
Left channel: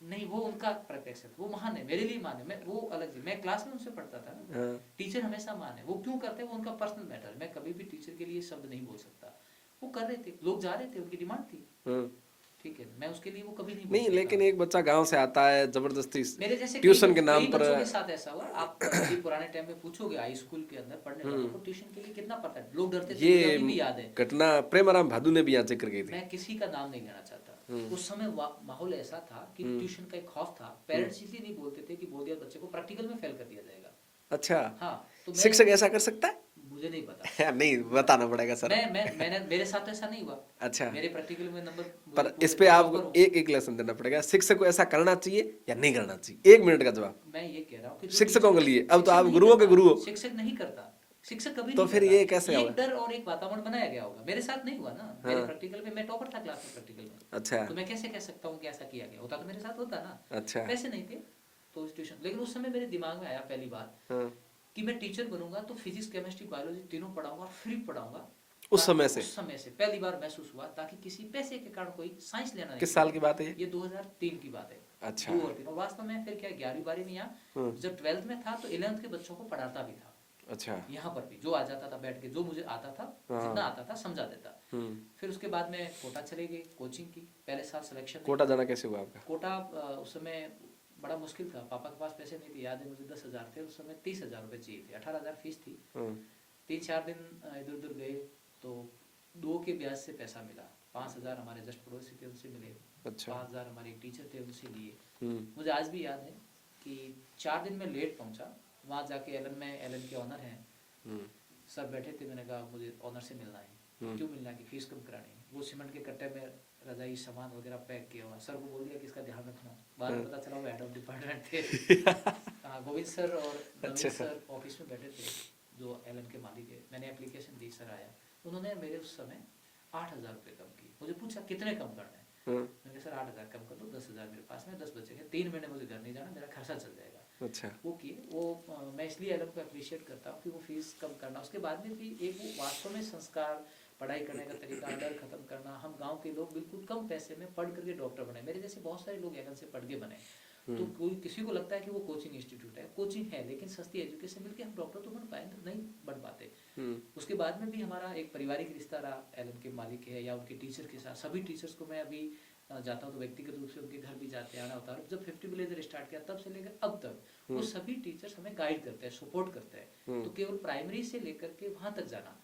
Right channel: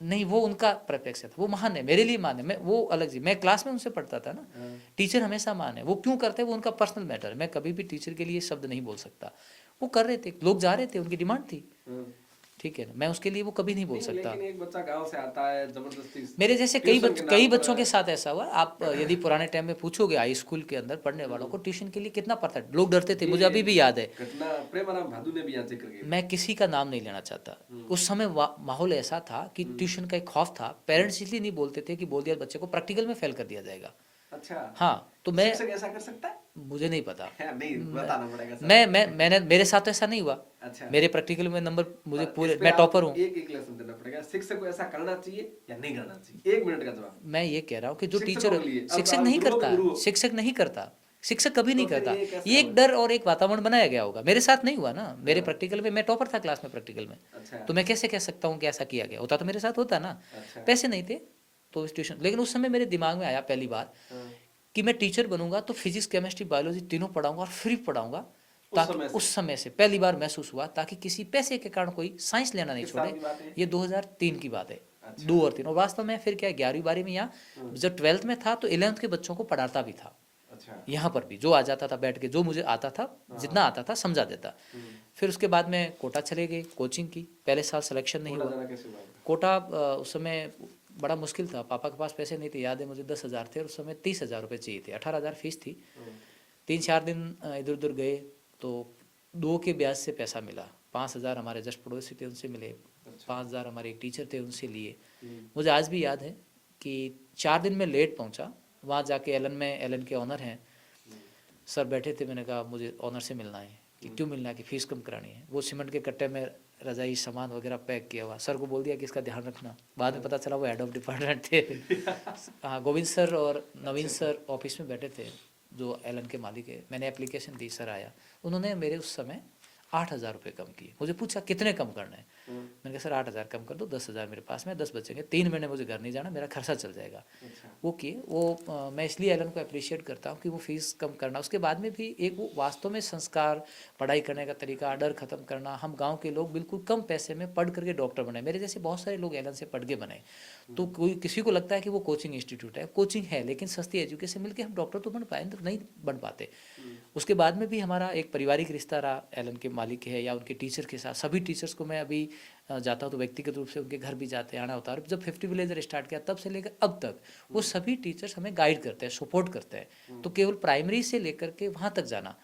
नहीं, वो उनका परिप्रेक्ष्य था, वो महान है मेरे लिए महान है, मैं वो अलग जी, मैं क्लास में उनसे पढ़ता था ना। हाँ। टीचर हमेशा महान है, वो क्यों करते हैं वो उनका पर्सनल मैटर है, मैं कभी भी टीचर के लिए शब्द नहीं बोल सकता। वो कर रहे थे, लोग जा रहे थे, उनकी डिमांड थी, हाँ। ठीक है ना, मैं उसके लिए वो कभी नहीं बोल नहीं, सकता। लेकिन एक बच्चा गांव से आता है जबरदस्ती मेरे जैसे ट्यूशन के कई नाम पर। बच्चों के साथ ऐसा हुआ। आप यदि पुराने टाइम में पूछोगे हाई स्कूल के अंदर पढ़ने वालों को ट्यूशन के लिए कितना पढ़ता है, लोग डरते थे, मुझे अभी भी याद है। घटना प्रेमाराम भादु ने भी यहाँ जिक्र की थी। मैं किसी का नाम नहीं लेना चाहता, उस समय माहौल ऐसा था कि ट्यूशन का एक खौफ था। पेरेंट्स इसलिए नहीं बोलते थे कि बोल दिया बच्चे को प्रैक्टिकल में फेल कर दिया जाएगा। अच्छा। हाँ, तो मैं, शिक्षक ऐसा कर सकता है? मुझे नहीं पता। नहीं, बताना पड़ेगा सर। मैंने मेरे साथ तो ऐसा नहीं हुआ। अच्छा। मेरे प्रैक्टिकल में नंबर मुझे पर पूरे, इस पे मैं आप टॉपर हूँ। एक लेसन देना पड़ेगा, शिक्षक को ऐसा करना चाहिए या नहीं करना चाहिए? 1 मिनट का जवाब। मैं ये कह रहा हूँ कि जो शिक्षकों टीचर, के लिए, अब तो शिक्षक आप नहीं गुरुओं के गुरु हो। करता, शिक्षक नहीं करता, शिक्षक कभी तो नहीं फिर करता। ये कैसे ये एक होगा? डर और एक वातावरण बनाया गया होगा, मेरे साथ नहीं हुआ ना। मेरे प्रैक्टिकल में मैं टॉपर था क्लास में प्रैक्टिकल में, अच्छा। तो मैं कैसे कह सकता हूँ कि ऐसा किया गया होता, तो मेरे साथ होता ना। अच्छा। पैसे नहीं थे तो ट्यूशन, लेकिन उस समय मेरे दिमाग में आया पहली बार हाँ। कि मैं टीचर बनूंगा तो फिजिक्स केमिस्ट्री बायोलॉजी तीनों पढ़ाऊंगा और फ्री पढ़ाऊंगा। उस समय से पहली बार महसूस हुआ, ताकि किसी पैसे के कारण कोई साइंस लेना नहीं किस साल की बात है? ये 2003 की बात है। अच्छा। 2 और 3, और वास्तव में फिर क्या 11वीं 12वीं में, यहाँ जब 12th में था तो 11th के बच्चों को पढ़ाता भी था। अच्छा। यहाँ पर भी जो आ जाता था बैठ के, जो मुझे आता था, जितना आता था समझा देता। फिर उसके बाद में कोटा चले गए कोचिंग की। पहले साल सिलेक्शन नहीं कोटा हुआ। जाना कैसे हुआ आपका? कोटा उस समय बड़ा मुश्किल था, पापा के पास पैसे नहीं थे, याद है मुझे 10,000 थे और उस समय 30,000 रुपये चाहिए थे, 18,000 फीस थी। 3-4 दिन इधर उधर गए तो 2 के ब्याज से पैसा मिला। 5,000 हमारे जस्ट पड़ोसी थे उनसे मिले। अच्छा। 5,000 हमारे एक टीचर थे उनसे लिए। मुझे आज भी याद है कि 4 दिन में लेट पहुंचा, वहाँ जाके एलन के ऑनर हैं सर बैठे थे। मैंने कहा मुझे ऑनर से मिलना है। कि क्यों मिलना है? कि फीस कम करानी है। वो सीमेंट के कट्टे में रजाई सामान वगैरह पैक किया हुआ, सर को बोल दिया कि इसका ध्यान रखना। बाद में पता चला वो हेड ऑफ डिपार्टमेंट थे। हाँ, गोविंद सर और नवीन सर ऑफिस में बैठे थे, जो एलन के मालिक है। मैंने एप्लीकेशन दी, सर आया, उन्होंने मेरे उस समय 8,000 रुपये कम किए। मुझे पूछा कितने कम करना है? मैंने कहा सर 8,000 कम कर दो, 10,000 मेरे पास में, 10 बचेंगे, 3 महीने मुझे घर नहीं जाना, मेरा खर्चा चल जाएगा। अच्छा। वो किए। वो मैं इसलिए एलन को अप्रिशिएट करता हूँ कि वो फीस कम करना, उसके बाद में भी एक वो वास्तव में संस्कार, पढ़ाई करने का तरीका, डर खत्म करना। हम गांव के लोग बिल्कुल कम पैसे में पढ़ करके डॉक्टर बने। मेरे जैसे बहुत सारे लोग एलन से पढ़ के बने। तो कोई किसी को लगता है कि वो कोचिंग इंस्टीट्यूट है, कोचिंग है, लेकिन सस्ती एजुकेशन मिलके हम डॉक्टर तो बन पाए, तो नहीं बन पाते। उसके बाद में भी हमारा एक पारिवारिक रिश्ता रहा एलन के मालिक है या उनके टीचर के साथ। सभी टीचर्स को मैं अभी जाता हूँ तो व्यक्तिगत रूप से उनके घर भी जाते आना होता है। और जब 50 विलेजर स्टार्ट किया तब से लेकर अब तक वो सभी टीचर्स हमें गाइड करते हैं, सपोर्ट करते हैं। तो केवल प्राइमरी से लेकर के वहाँ तक जाना,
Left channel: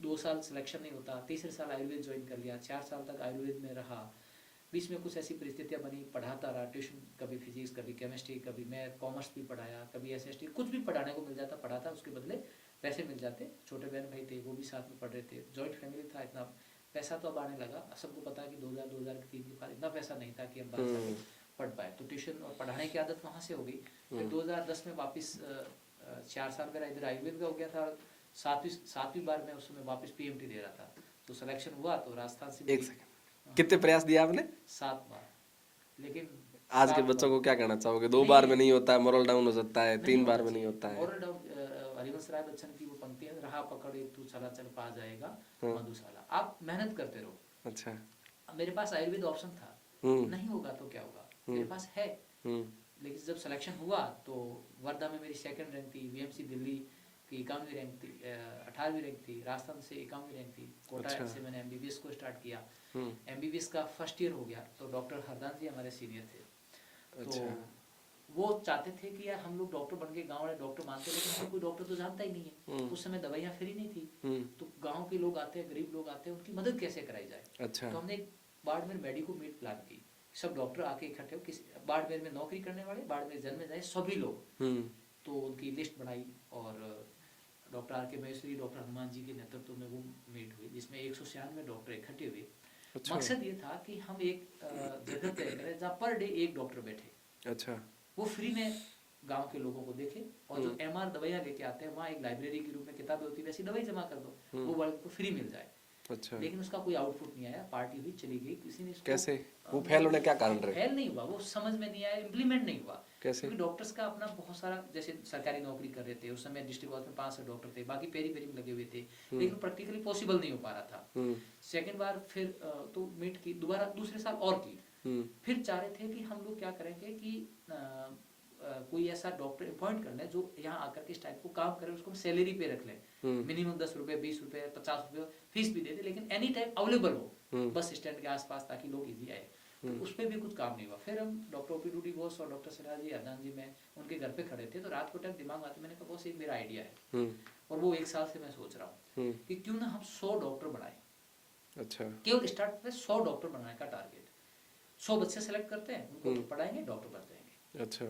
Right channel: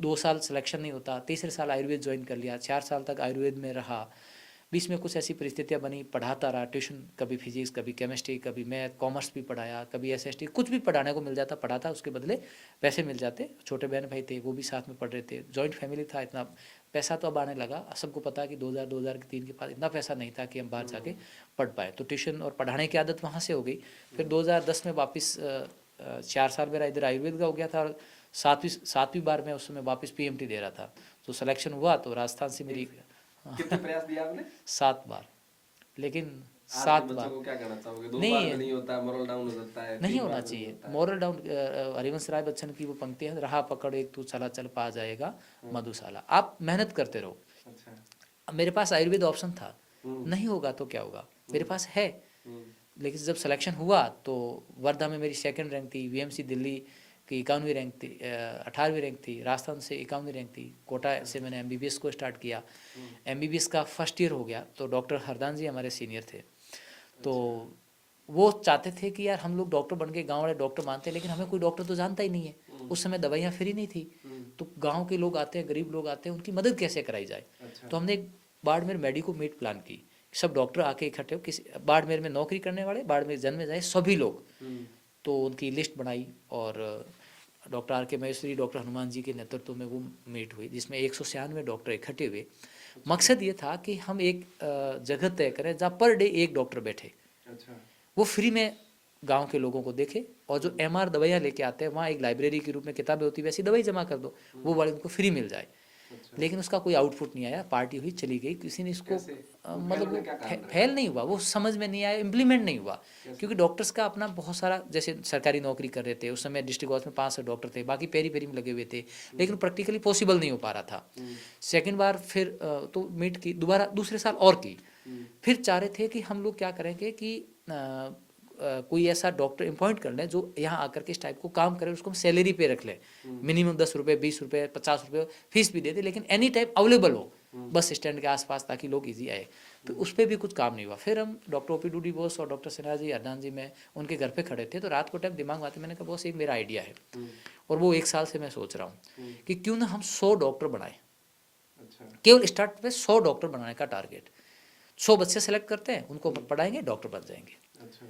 2 साल सिलेक्शन नहीं होता, तीसरे साल आयुर्वेद ज्वाइन कर लिया, 4 साल तक आयुर्वेद में रहा। बीच में कुछ ऐसी परिस्थितियाँ बनी, पढ़ाता रहा ट्यूशन, कभी फिजिक्स, कभी केमिस्ट्री, कभी मैथ, कॉमर्स भी पढ़ाया, कभी SST, कुछ भी पढ़ाने को मिल जाता पढ़ाता, उसके बदले पैसे मिल जाते। छोटे बहन भाई थे वो भी साथ में पढ़ रहे थे, जॉइंट फैमिली था। इतना पैसा तो अब आने लगा, सबको पता है कि 2003 के बाद इतना पैसा नहीं था कि हम बाहर जाके पढ़ पाए। तो ट्यूशन और पढ़ाने की आदत वहाँ से हो गई। फिर 2010 में वापस 4 साल मेरा इधर आयुर्वेद का हो गया था और 7वीं बार में उस समय वापस PMT दे रहा था। तो सिलेक्शन हुआ तो राजस्थान से मेरी कितने प्रयास दिया आपने? 7 बार। लेकिन आज के बच्चों को क्या कहना चाहोगे? 2 बार में नहीं होता है, मोरल डाउन हो जाता है, 3 बार में नहीं होता है। मोरल डाउन, हरिवंश राय बच्चन की वो पंक्ति है, रहा पकड़ एक तू चला चल पा जाएगा मधुशाला। आप मेहनत करते रहो। अच्छा। मेरे पास आयुर्वेद ऑप्शन था, नहीं होगा तो क्या होगा, मेरे पास है। लेकिन जब सिलेक्शन हुआ तो वर्धा में मेरी 2nd रैंक थी, VMC दिल्ली की 51वीं रैंक थी, 18वीं रैंक थी, राजस्थान से 51वीं रैंक थी। कोटा से मैंने MBBS को स्टार्ट किया। MBBS का फर्स्ट ईयर हो गया तो डॉक्टर हरदान जी हमारे सीनियर थे। तो वो चाहते थे कि यार हम लोग डॉक्टर बन के, गाँव वाले डॉक्टर मानते हैं, लेकिन हमें कोई डॉक्टर तो जानता ही नहीं है। उस समय दवाइयाँ फ्री नहीं थी, तो गाँव के लोग आते हैं, गरीब लोग आते हैं, उनकी मदद कैसे कराई जाए। अच्छा। तो हमने एक बाड़मेर मेडिको मीट प्लान की, सब डॉक्टर आके इकट्ठे हो, किसी बाड़मेर में नौकरी करने वाले, बाड़मेर जन्म में जाए सभी लोग। तो उनकी लिस्ट बनाई और doctor RK Maheshwari, doctor Hanuman ji के नेतृत्व में वो मीट हुई, जिसमें 196 डॉक्टर इकट्ठे हुए। मकसद ये था कि हम एक जगह तय करें जहाँ पर डे एक डॉक्टर बैठे। अच्छा। वो फ्री में गांव के लोगों को देखे, और जो MR दवाइयाँ लेके आते हैं वहाँ एक लाइब्रेरी के रूप में किताबें होती है, वैसी दवाई जमा कर दो, वो वाले उनको फ्री मिल जाए। अच्छा। लेकिन उसका कोई आउटपुट नहीं आया, पार्टी हुई चली गई, किसी ने इसको कैसे वो मतलब फेल होने क्या कारण रहे? फेल नहीं हुआ, वो समझ में नहीं आया, इम्प्लीमेंट नहीं हुआ। कैसे? क्योंकि डॉक्टर्स का अपना बहुत सारा, जैसे सरकारी नौकरी कर रहे थे उस समय, डिस्ट्रिक्ट हॉस्पिटल में 500 डॉक्टर थे, बाकी पेरी पेरी में लगे हुए थे, लेकिन प्रैक्टिकली पॉसिबल नहीं हो पा रहा था। सेकेंड बार फिर तो मीट की, दोबारा दूसरे साल और की, फिर चाह रहे थे कि हम लोग क्या करेंगे कि कोई ऐसा डॉक्टर अपॉइंट कर लें जो यहाँ आकर के इस टाइप को काम करे, उसको हम सैलरी पे रख लें, मिनिमम 10 रुपये, 20 रुपये, 50 रुपये फीस भी दे दे, लेकिन एनी टाइम अवेलेबल हो बस स्टैंड के आसपास, ताकि लोग इजी आए। तो उस पर भी कुछ काम नहीं हुआ। फिर हम डॉक्टर ओपी डूडी बोस और डॉक्टर सिन्हा जी, अरनान जी, मैं उनके घर पे खड़े थे, तो रात को टाइम दिमाग में आते, मैंने कहा बॉस एक मेरा आइडिया है, और वो 1 साल से मैं सोच रहा हूँ कि क्यों ना हम 100 डॉक्टर बनाए। अच्छा। केवल स्टार्ट पे 100 डॉक्टर बनाने का टारगेट, 100 बच्चे सेलेक्ट करते हैं, उनको पढ़ाएंगे, डॉक्टर बन जाएंगे। अच्छा।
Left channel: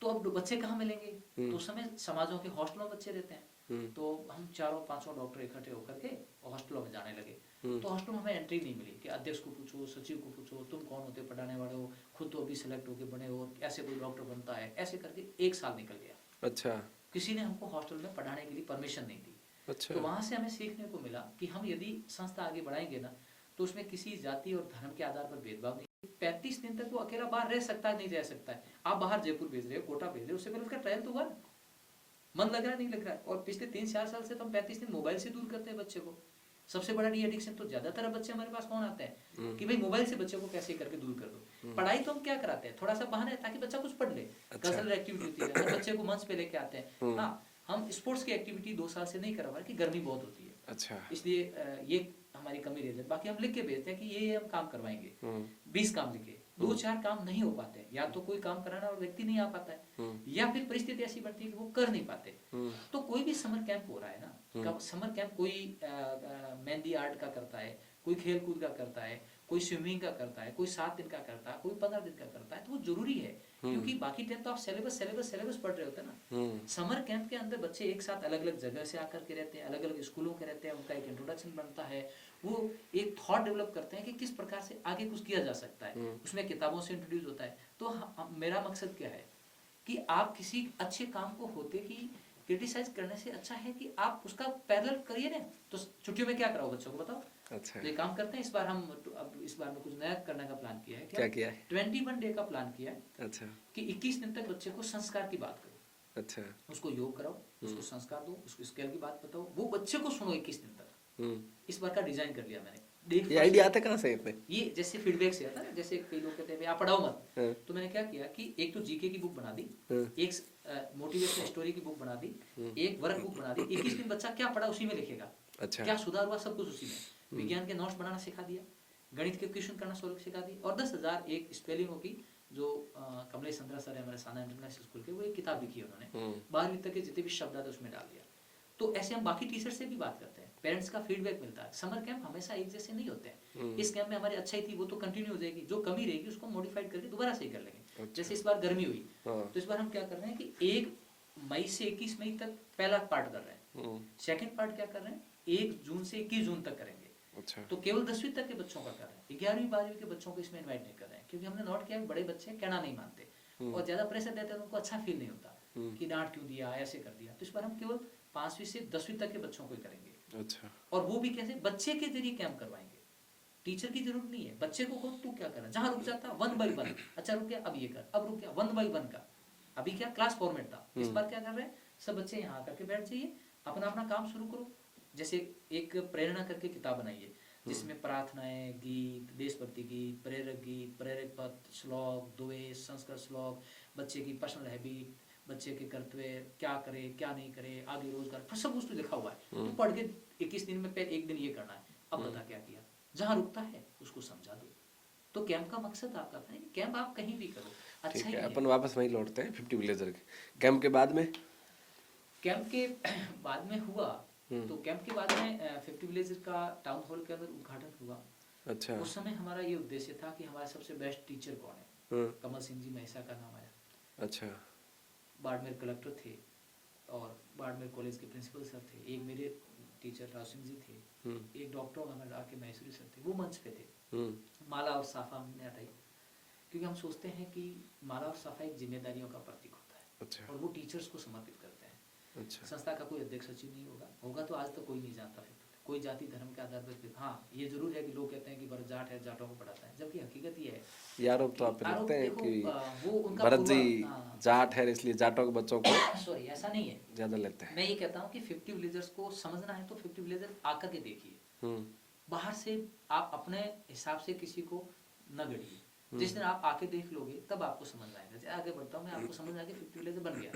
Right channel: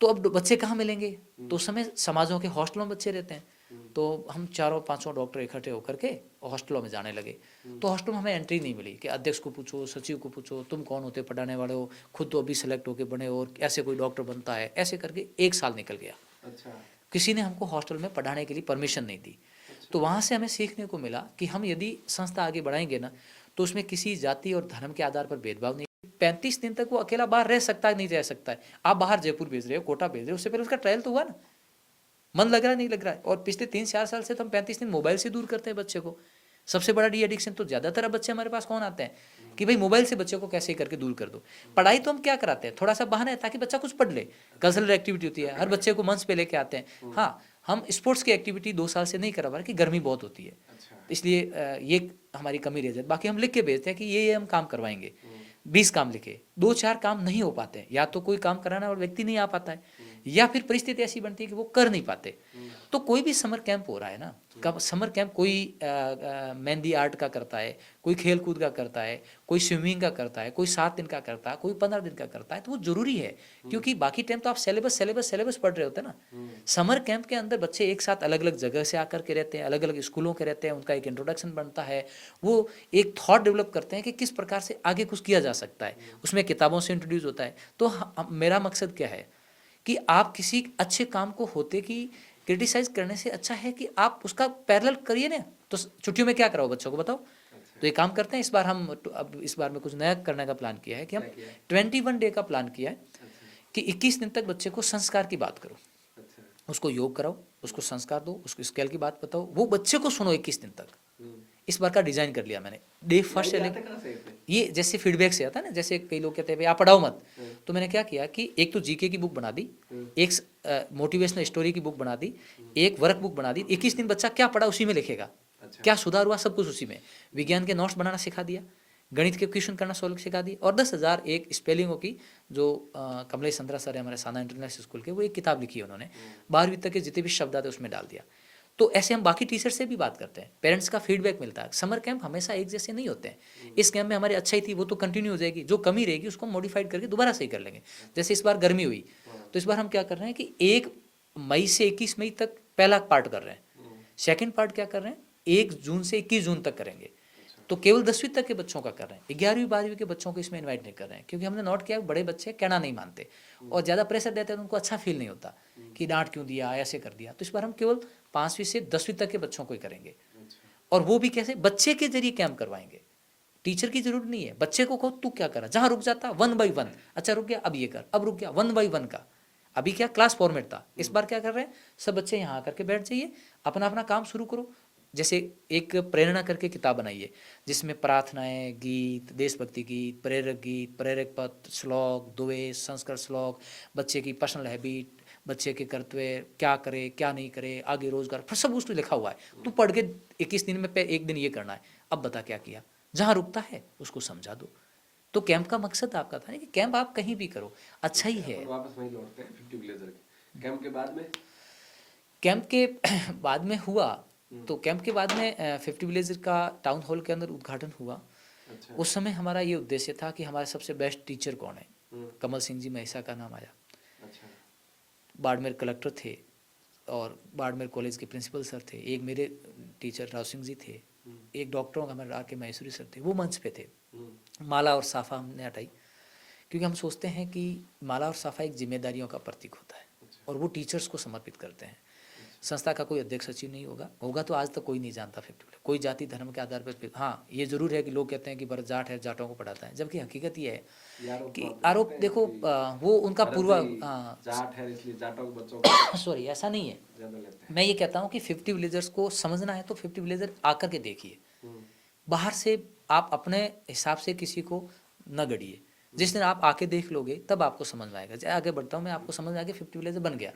तो अब बच्चे कहाँ मिलेंगे? तो उस समय समाजों के हॉस्टलों में बच्चे रहते हैं, तो हम 4-5 डॉक्टर इकट्ठे होकर के हॉस्टलों में जाने लगे। तो हॉस्टल में हमें एंट्री नहीं मिली कि अध्यक्ष को पूछो, सचिव को पूछो, तुम कौन होते पढ़ाने वाले हो, खुद तो अभी सेलेक्ट होके बने और ऐसे कोई डॉक्टर बनता है। ऐसे करके 1 साल निकल गया। अच्छा। किसी ने हमको हॉस्टल में पढ़ाने के लिए परमिशन नहीं दी। अच्छा। तो वहाँ से हमें सीखने को मिला कि हम यदि संस्था आगे बढ़ाएंगे ना, तो उसमें किसी जाति और धर्म के आधार पर भेदभाव नहीं। 35 दिन तक वो अकेला बाहर रह सकता है, नहीं रह सकता है। आप बाहर जयपुर भेज रहे हो, कोटा भेज रहे हो, उससे पहले उसका ट्रायल तो हुआ ना, मन लग रहा है नहीं लग रहा है। और पिछले 3-4 साल से तो हम 35 दिन मोबाइल से दूर करते हैं बच्चे को। सबसे बड़ा डी एडिक्शन तो ज़्यादातर अब बच्चे हमारे पास कौन आते हैं कि भाई मोबाइल से बच्चे को कैसे करके दूर कर दो। पढ़ाई तो हम क्या कराते हैं, थोड़ा सा बहाना है ताकि बच्चा कुछ पढ़ ले। कल्चरल एक्टिविटी होती है, हर बच्चे को मंच पे लेके आते हैं। हाँ, हम स्पोर्ट्स की एक्टिविटी 2 साल से नहीं करा पा रहे कि गर्मी बहुत होती है। अच्छा। इसलिए ये हमारी कमी रह जाती। बाकी हम लिख के भेजते हैं कि ये हम काम करवाएंगे, 20 काम लिखे, 2-4 काम नहीं हो पाते, या तो कोई काम कराना और व्यक्ति नहीं आ पाता है, या फिर परिस्थिति ऐसी बनती है कि वो कर नहीं पाते। तो कोई भी समर कैंप हो रहा है ना, समर कैंप कोई मेहंदी आर्ट का करता है, कोई खेल कूद का करता है, कोई स्विमिंग का करता है, कोई 7 दिन का करता है, कोई 15 दिन का करता है, तो वो जरूरी है। क्योंकि बाकी टाइम तो आप सिलेबस पढ़ रहे होते हैं ना। समर कैंप के अंदर बच्चे एक साथ अलग अलग जगह से आकर के रहते हैं, अलग अलग स्कूलों के रहते हैं, उनका एक इंट्रोडक्शन बनता है, वो एक थॉट डेवलप करते हैं कि किस प्रकार से आगे कुछ किया जा सकता है। उसमें किताबों से इंट्रोड्यूस होता है। तो मेरा मकसद क्या है कि आप किसी अच्छे काम को होते कि क्रिटिसाइज करने से अच्छा है कि आप उसका पैरेलल करिए ना। तो छुट्टियों में क्या कराओ बच्चों को, बताओ। अच्छा। तो ये काम करते हैं। इस बार हम अब इस बार में कुछ नया करने का प्लान किया है कि हम 21 डे का प्लान किया है। अच्छा। कि 21 दिन तक बच्चे को संस्कार की बात करो। अच्छा। उसको योग कराओ, उसको संस्कार दो, उसको स्केल की बात बताओ, वो बच्चे को सुनो 21 दिन तक। इस बार का डिजाइन कर लिया मैंने। डे फर्स्ट आता कहाँ से है? ये जैसे फीडबैक से आता है ना, जैसे कई लोग कहते हैं आप पढ़ाओ मत। तो मैंने क्या किया कि एक तो जीके की बुक बना दी, एक मोटिवेशनल स्टोरी की बुक बना दी, एक वर्क बुक बना दी। 21 दिन बच्चा क्या पढ़ा उसी में लिखेगा। अच्छा। क्या सुधार हुआ सब कुछ उसी में। विज्ञान के नोट्स बनाना सिखा दिया, गणित के क्वेश्चन करना सोल्व सिखा दिया, और 10,000 एक स्पेलिंगों की जो कमलेश चंद्रा सर है हमारे साना इंटरनेशनल स्कूल के, वो एक किताब लिखी है उन्होंने। 12वीं तक के जितने भी शब्द आते उसमें डाल दिया। तो ऐसे हम बाकी टीचर से भी बात करते हैं, पेरेंट्स का फीडबैक मिलता है। समर कैंप हमेशा एक जैसे नहीं होते हैं। इस कैंप में हमारी अच्छाई थी वो तो कंटिन्यू हो जाएगी, जो कमी रहेगी उसको मॉडिफाइड करके दोबारा सही कर लेंगे। जैसे इस बार गर्मी हुई, तो इस बार हम क्या कर रहे हैं कि 1 मई से 21 मई तक पहला पार्ट कर रहे हैं। सेकेंड पार्ट क्या कर रहे हैं, 1 जून से 21 जून तक करेंगे। तो केवल 10वीं तक के बच्चों का कर रहे हैं, 11वीं 12वीं के बच्चों को इसमें इनवाइट नहीं कर रहे हैं। क्योंकि हमने नोट किया बड़े बच्चे कहना नहीं मानते और ज़्यादा प्रेशर देते हैं तो उनको अच्छा फील नहीं होता कि डांट क्यों दिया, ऐसे कर दिया। तो इस बार हम केवल 5वीं से 10वीं तक के बच्चों को ही करेंगे। अच्छा। और वो भी कैसे, बच्चे के जरिए कैंप करवाएंगे। टीचर की जरूरत नहीं है, बच्चे को कहो तू क्या करा, जहाँ रुक जाता 1 by 1, अच्छा रुक गया अब ये कर, अब रुक गया 1 by 1 का। अभी क्या क्लास फॉर्मेट था, इस बार क्या कर रहे हैं, सब बच्चे यहाँ आकर के बैठ जाइए, अपना अपना काम शुरू करो। जैसे एक प्रेरणा करके किताब बनाइए जिसमें प्रार्थनाएं, गीत, देशभक्ति गीत, प्रेरक पत्र, श्लोक, दुए, संस्कृत श्लोक, बच्चे की पर्सनल हैबिट, बच्चे के कर्तव्य, क्या करे क्या नहीं करे, आगे रोजगार, फिर सब उसमें लिखा हुआ है। तू पढ़ के 21 दिन में एक दिन ये करना है, अब बता क्या किया। जहाँ रुकता है उसको समझा दो। तो कैंप का मकसद आपका था कि कैंप आप कहीं भी करो, अच्छा ही है। अपन वापस वहीं लौटते हैं 50 विलेजर के कैंप के बाद में। कैंप के बाद में हुआ, तो कैंप के बाद में 50 विलेजर का टाउन हॉल के अंदर उद्घाटन हुआ। अच्छा। उस समय हमारा ये उद्देश्य था कि हमारे सबसे बेस्ट टीचर कौन है, कमल सिंह जी महिसा का नाम आया। अच्छा। बाड़मेर कलेक्टर थे और बाड़मेर कॉलेज के प्रिंसिपल सर थे, एक मेरे टीचर राव सिंह जी थे, एक डॉक्टरों का हमारे आके महेश्वरी सर थे, वो मंच पे थे। माला और साफा हमने हटाई क्योंकि हम सोचते हैं कि माला और साफा एक जिम्मेदारियों का प्रतीक होता है। अच्छा। और वो टीचर्स को समर्पित करते हैं। संस्था का कोई अध्यक्ष सचिव नहीं होगा, होगा तो आज तक कोई नहीं जानता 50 कोई जाति धर्म के आधार पर। हाँ ये जरूर है कि लोग कहते हैं कि भरत जाट है, जाटों को पढ़ाता है, जबकि हकीकत ये है ये आरोप कि तो आप आरोप लगाते हैं देखो कि वो उनका भरत पूर्व जी जाट है इसलिए जाटों के बच्चों को सॉरी ऐसा नहीं है। ज्यादा लेते हैं। मैं ये कहता हूँ कि 50 विलेजर्स को समझना है तो 50 विलेजर आकर के देखिए, बाहर से आप अपने हिसाब से किसी को न गढ़िए। जिस दिन आप आके देख लोगे तब आपको समझ में आएगा। आगे बढ़ता हूँ मैं, आपको समझ में आ गया 50 विलेजर बन गया।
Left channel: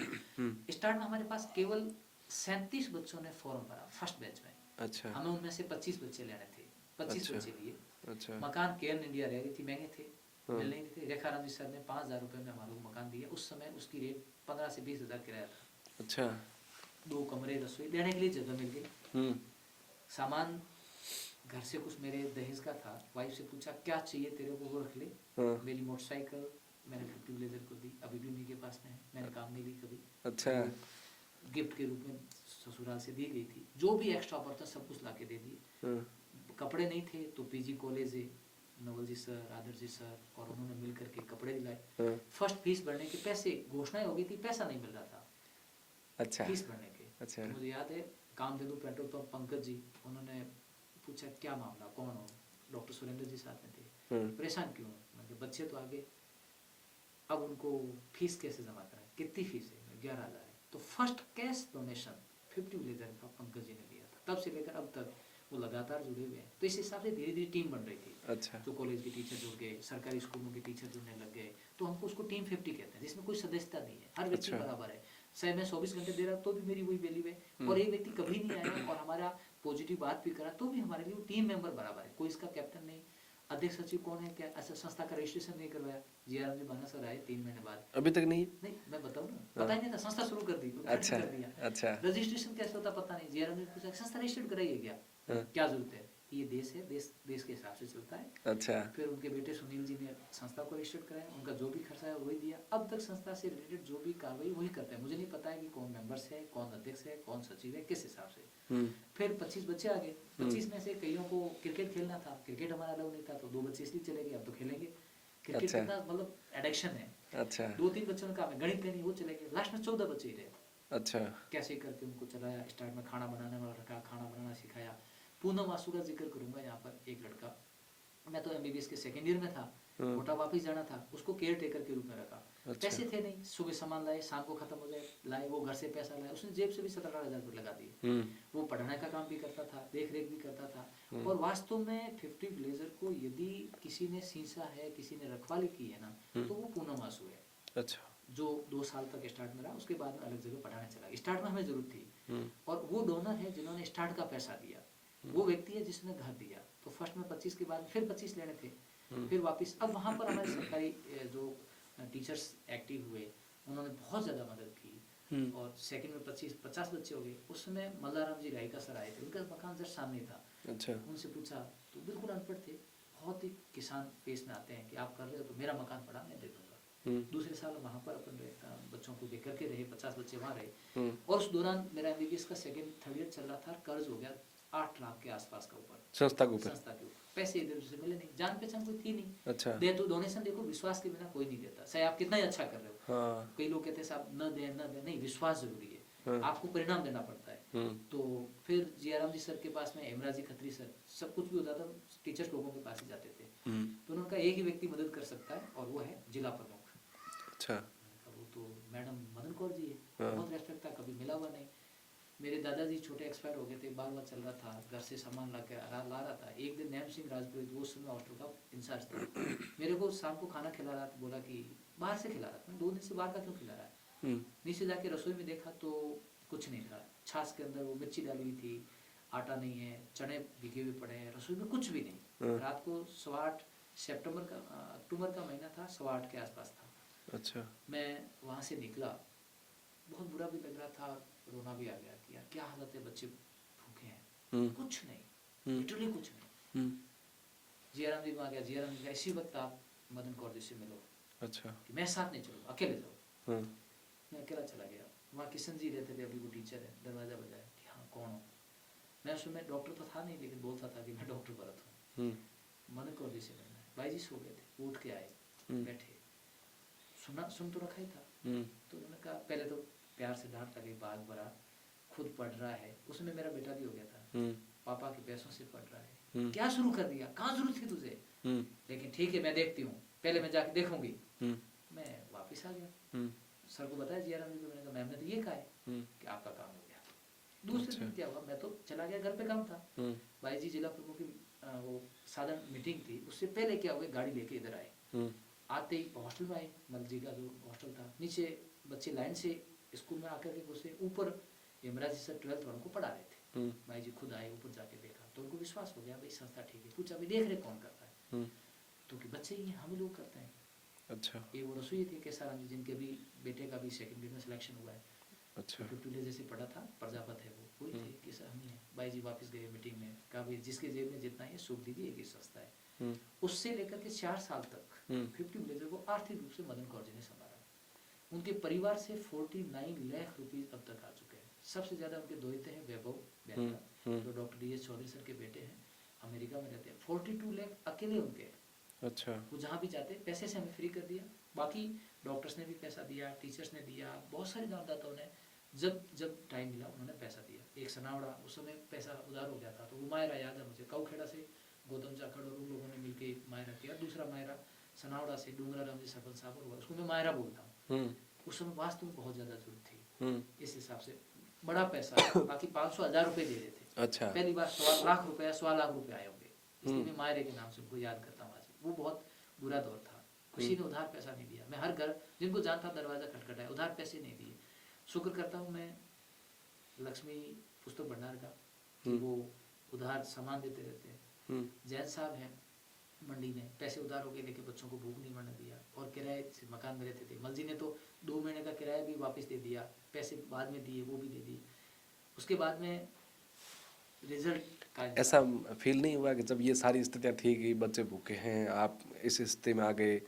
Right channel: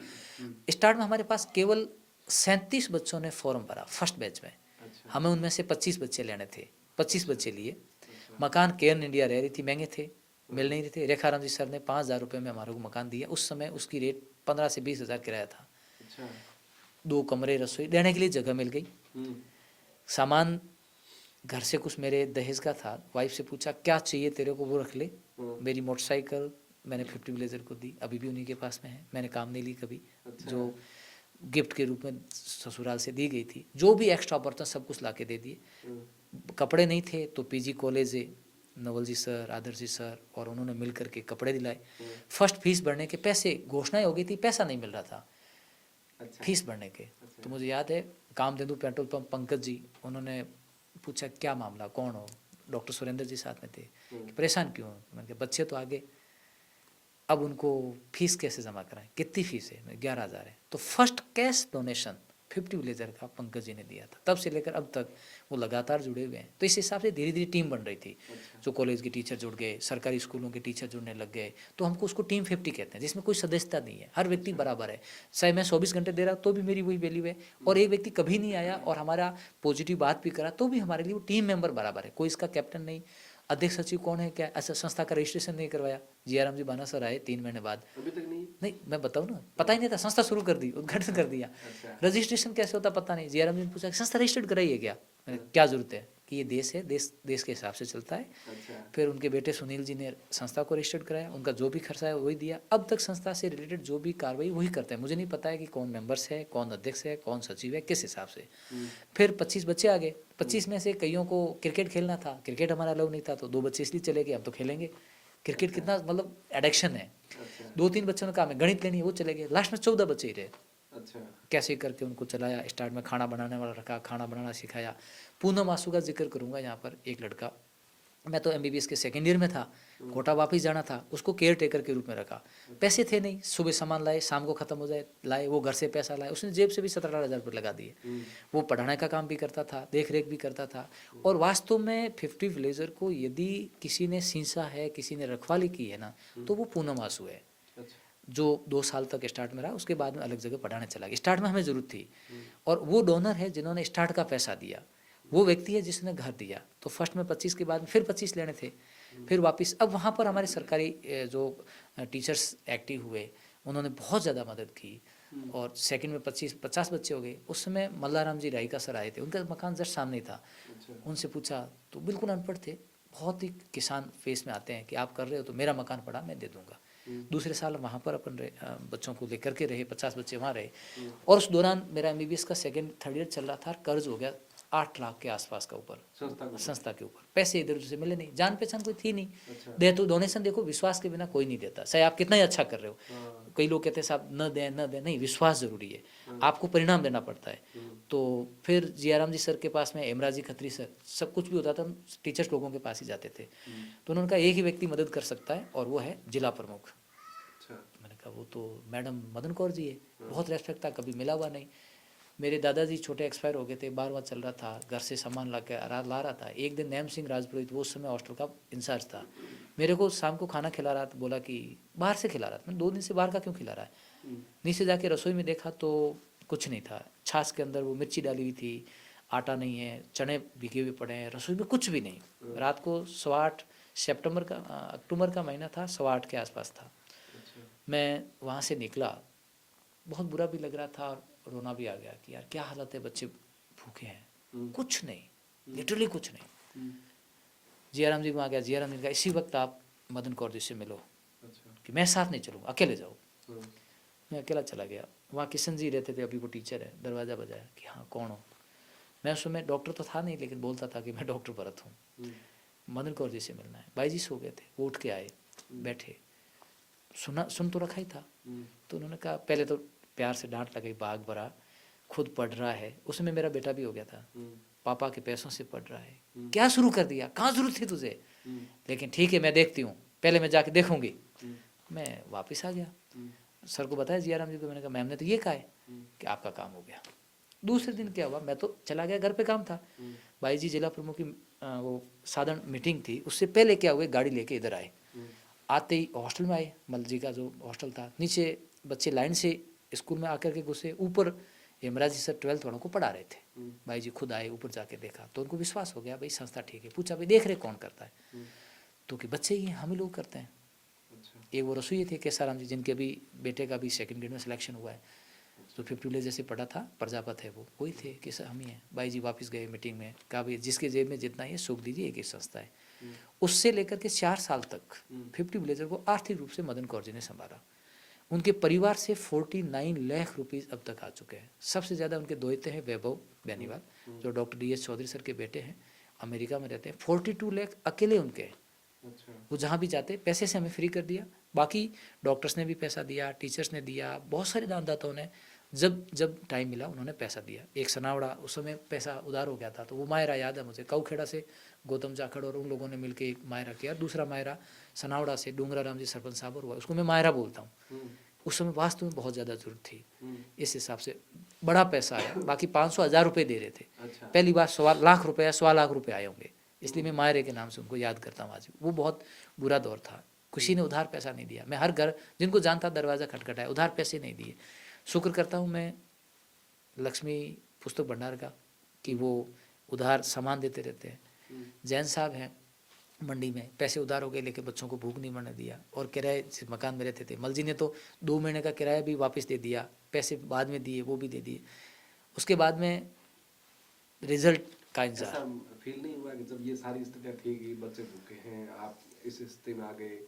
स्टार्ट में हमारे पास केवल 37 बच्चों ने फॉर्म भरा फर्स्ट बैच में। अच्छा। हमें उनमें से 25 बच्चे लेने थे, 25 अच्छा। बच्चे लिए। अच्छा। मकान केयर इंडिया रह रही थी, महंगे थे, मिल नहीं रहे थे। रेखाराम जी सर ने 5,000 रुपये में हमारे को मकान दिया। उस समय उसकी रेट 15 से 20 हज़ार किराया था। अच्छा। 2 कमरे, रसोई, रहने के लिए जगह मिल गई। सामान घर से कुछ मेरे दहेज का था। वाइफ से पूछा क्या चाहिए तेरे को, वो रख ले। मेरी मोटरसाइकिल मैंने 50 विलेजर को दी, अभी भी उन्हीं के पास में है, मैंने काम नहीं ली कभी। अच्छा। जो गिफ्ट के रूप में ससुराल से दी गई थी, जो भी एक्स्ट्रा बर्तन सब कुछ ला के दे दिए। कपड़े नहीं थे तो पीजी कॉलेज नवल जी सर, आदर्श जी सर और उन्होंने मिल करके कपड़े दिलाए। फर्स्ट फीस भरने के पैसे, घोषणाएं हो गई थी, पैसा नहीं मिल रहा था। अच्छा। फीस भरने के। अच्छा। तो मुझे याद है कामधेनु पेट्रोल पंप पंकज जी, उन्होंने पूछा क्या मामला, कौन हो। डॉक्टर सुरेंद्र जी साथ में थे। परेशान क्यों? मैंने कहा बच्चे तो आगे, अब उनको फीस कैसे जमा कराएं, कितनी फीस है? 11,000 है। तो फर्स्ट कैश डोनेशन 50 विलेजर का पंकज जी ने दिया था। तब से लेकर अब तक वो लगातार जुड़े हुए हैं। तो इस हिसाब से धीरे धीरे टीम बन रही थी। अच्छा। जो कॉलेज के टीचर जुड़ गए, सरकारी स्कूलों के टीचर जुड़ने लग गए, तो हमको उसको टीम 50 कहते हैं, जिसमें कोई सदस्यता नहीं है, हर व्यक्ति बराबर है। चाहे मैं 24 घंटे दे रहा तो भी मेरी वही वैल्यू है, और एक व्यक्ति कभी नहीं आया और हमारा पॉजिटिव बात भी करा तो भी हमारे लिए वो टीम मेंबर बराबर है। कोई इसका कैप्टन नहीं, अध्यक्ष सचिव कौन है क्या, ऐसा संस्था का रजिस्ट्रेशन नहीं करवाया। जीआरएम जी बाना सर आए 3 महीने बाद, अभी तक नहीं। नहीं मैं बताऊँ ना, पता ही नहीं था, संस्था शुरू कर दी, उद्घाटन कर दिया। अच्छा। रजिस्ट्रेशन कैसे होता पता नहीं। जीआरएम जी ने पूछा संस्था रजिस्टर्ड कराइए क्या, क्या जरूरत है कि ये देश है, देश के हिसाब से चलता है। अच्छा। फिर उनके बेटे सुनील जी ने संस्था को रजिस्टर्ड कराया, उनका जो भी खर्चा है वही दिया। अब तक संस्था से रिलेटेड जो भी कार्रवाई वही करते हैं। मुझे नहीं पता है कि कौन मेंबर्स है, कौन अध्यक्ष है, कौन सचिव है, किस हिसाब से। फिर 25 बच्चे आ गए। 25 में से कईयों को क्रिकेट खेलना था, क्रिकेट हमारा लोग नहीं था, तो 2 बच्चे इसलिए चले गए, अब तो खेलेंगे क्रिकेट। अच्छा। कितना मतलब एडिक्शन है। अच्छा। 2-3 बच्चों ने कहा मैं गणित लेनी है, वो चले गए। लास्ट में 14 बच्चे ही रहे। अच्छा। कैसे करके उनको चलाया। स्टार्ट में खाना बनाने वाला रखा, खाना बनाना सिखाया। पूनम आंसू का जिक्र करूंगा यहाँ पर। एक लड़का, मैं तो MBBS के 2nd ईयर में था, कोटा वापस जाना था, उसको केयर टेकर के रूप में रखा। पैसे थे नहीं, सुबह सामान लाए, शाम को खत्म हो जाए, लाए, वो घर से पैसा लाए, उसने जेब से भी 17-18 हज़ार रुपये लगा दिए। वो पढ़ाने का काम भी करता था, देख रेख भी करता था। और वास्तव में 50 विलेजर को यदि किसी ने सींचा है, किसी ने रखवाली की है ना, तो वो पूनम आंसू है। अच्छा। जो 2 साल तक स्टार्ट में रहा, उसके बाद में अलग जगह पढ़ाने चला गया। स्टार्ट में हमें ज़रूरत थी, और वो डोनर है जिन्होंने स्टार्ट का पैसा दिया, वो व्यक्ति है जिसने घर दिया। तो फर्स्ट में 25 के बाद में फिर 25 लेने थे, फिर वापस। अब वहाँ पर हमारे सरकारी जो टीचर्स एक्टिव हुए, उन्होंने बहुत ज़्यादा मदद की। और सेकंड में 50 बच्चे हो गए। उस समय मल्लाराम जी राई का सर आए थे, उनका मकान जस्ट सामने था। अच्छा। उनसे पूछा तो बिल्कुल अनपढ़ थे, बहुत ही किसान फेस में आते हैं कि आप कर रहे हो तो मेरा मकान पड़ा, मैं दे दूंगा। दूसरे साल वहाँ पर अपन बच्चों को लेकर के रहे, 50 बच्चे वहाँ रहे। और उस दौरान मेरा MBBS का 2nd-3rd ईयर चल रहा था, कर्ज हो गया 8 लाख के आसपास का ऊपर, संस्था के ऊपर। पैसे इधर उधर से मिले नहीं, जान पहचान कोई थी नहीं। अच्छा। दे तो डोनेशन देखो, विश्वास के बिना कोई नहीं देता, चाहे आप कितना ही अच्छा कर रहे हो। हाँ। कई लोग कहते हैं साहब न दें, नहीं, विश्वास जरूरी है। आपको परिणाम देना पड़ता है। तो फिर जीआरएम जी सर के पास में, हेमराज जी खत्री सर, सब कुछ भी होता था टीचर्स लोगों के पास ही जाते थे। तो उन्होंने कहा एक ही व्यक्ति मदद कर सकता है, और वो है जिला प्रमुख। अच्छा। मैंने कहा वो तो मैडम मदन कौर जी है। बहुत रेस्पेक्ट था, कभी मिला हुआ नहीं। मेरे दादाजी छोटे एक्सपायर हो गए थे, 12वां चल रहा था, घर से सामान ला रहा था। एक दिन नैम सिंह राजपुरोहित, वो उस समय हॉस्टल का इंचार्ज था, मेरे को शाम को खाना खिला रहा था। बोला कि बाहर से खिला रहा था। मैंने 2 दिन से बाहर का क्यों खिला रहा है? नीचे जाके रसोई में देखा तो कुछ नहीं था। छाछ के अंदर वो मिर्ची डाली हुई थी, आटा नहीं है, चने भिगे हुए पड़े हैं, रसोई में कुछ भी नहीं। रात को 8 अक्टूबर का महीना था, 8:15 के आसपास था। अच्छा। मैं वहाँ से निकला, बहुत बुरा भी लग रहा था और रोना भी आ गया कि यार क्या हालत है, बच्चे भूखे हैं, कुछ नहीं, लिटरली कुछ नहीं। जीआरएम जी वहाँ गया, जीआरएम जी का इसी वक्त आप मदन कौर जी से मिलो। अच्छा। कि मैं साथ नहीं चलूँगा, अकेले जाओ। मैं अकेला चला गया। वहाँ किशन जी रहते थे, अभी वो टीचर है। दरवाज़ा बजाया कि हाँ कौन हो। मैं उस समय डॉक्टर तो था नहीं, लेकिन बोलता था कि मैं डॉक्टर भरत हूँ, मदन कौर जी से मिलना है। भाई जी सो गए थे, वो उठ के आए, बैठे, सुन तो रखा ही था। तो उन्होंने कहा, पहले तो प्यार से डांट लगाई, भाग भरा, खुद पढ़ रहा है, उसमें मेरा बेटा भी हो गया था, हम्म, पापा के पैसों से पढ़ रहा है, क्या शुरू कर दिया, कहाँ जरूरत थी तुझे, हम्म, लेकिन ठीक है मैं देखती हूँ, पहले मैं जाके देखूंगी। हम्म, मैं वापस आ गया, हम्म, सर को बताया जियाराम जी को, मैंने कहा मैम ने तो ये कहा है कि आपका काम हो गया। दूसरे दिन क्या हुआ, मैं तो चला गया, घर पे काम था, हम्म, भाई जी जिला प्रमुख की वो साधारण मीटिंग थी, उससे पहले क्या हुए, गाड़ी लेके इधर आए, हम्म, आते ही हॉस्टल में आए, मल जी का जो हॉस्टल था, नीचे बच्चे लाइन से स्कूल में आकर के घुसे, ऊपर हेमराज जी सर 12th वालों को पढ़ा रहे थे, हम्म, भाई जी खुद आए, ऊपर जाके देखा तो उनको विश्वास हो गया भाई संस्था ठीक है, पूछा भाई देख रहे कौन करता है, हम्म, तो कि बच्चे ही हैं, हम ही लोग करते हैं। अच्छा, एक वो रसोई थे केसाराम जी, जिनके अभी बेटे का भी 2nd ग्रेड में सिलेक्शन हुआ है, अच्छा, तो 50 विलेज जैसे पढ़ा था, प्रजापत है वो, वही थे कि सर हम ही हैं। भाई जी वापस गए मीटिंग में, कहा भाई जिसके जेब में जितना है सूख दीजिए, एक ही संस्था है। हम्म, उससे लेकर के 4 साल तक हम्म, 50 विलेजर को आर्थिक रूप से मदन कौर जी ने संभाला। उनके परिवार से 49 लाख रुपीस अब तक आ चुके हैं। सबसे ज़्यादा उनके दोहते हैं वैभव बेनीवाल, जो डॉक्टर DS चौधरी सर के बेटे हैं, अमेरिका में रहते हैं, 42 लाख अकेले उनके हैं। अच्छा, वो जहाँ भी जाते पैसे से हमें फ्री कर दिया, बाकी डॉक्टर्स ने भी पैसा दिया, टीचर्स ने दिया, बहुत सारे दानदाताओं ने जब जब टाइम मिला उन्होंने पैसा दिया। एक सनावड़ा उस समय पैसा उधार हो गया था, तो वो मायरा याद है मुझे, काऊखेड़ा से गौतम जाखड़ और उन लोगों ने मिलकर एक मायरा किया, दूसरा मायरा सनावड़ा से डूंगरा राम जी सरपंच साहब और हुआ, उसको मैं मायरा बोलता हूँ। हम्म, उस समय वास्तव में बहुत ज़्यादा जरूरत थी, हम्म, इस हिसाब से बड़ा पैसा आया, बाकी 500-1000 रुपये दे रहे थे, अच्छा, पहली बार 1,00,000 रुपये आए होंगे, इसलिए मैं मायरे के नाम से उनको याद करता हूँ आज भी। वो बहुत बुरा दौर था, किसी ने उधार पैसा नहीं दिया, मैं हर घर जिनको जानता दरवाज़ा खटखटाया, उधार पैसे नहीं दिए। शुक्र करता हूँ मैं लक्ष्मी पुस्तक भंडार का कि वो उधार सामान देते रहते हैं। जैन साहब हैं मंडी में, पैसे उधार हो गए लेके बच्चों को भूख नहीं मरने दिया, और किराए से मकान में रहते थे, मल जी ने तो 2 महीने का किराया भी वापस दे दिया, पैसे बाद में दिए वो भी दे दिए। उसके बाद में रिजल्ट का ऐसा इंतजार, फील नहीं हुआ कि जब ये सारी स्थितियां थी कि बच्चे भूखे हैं, आप इस स्थिति में आ गए,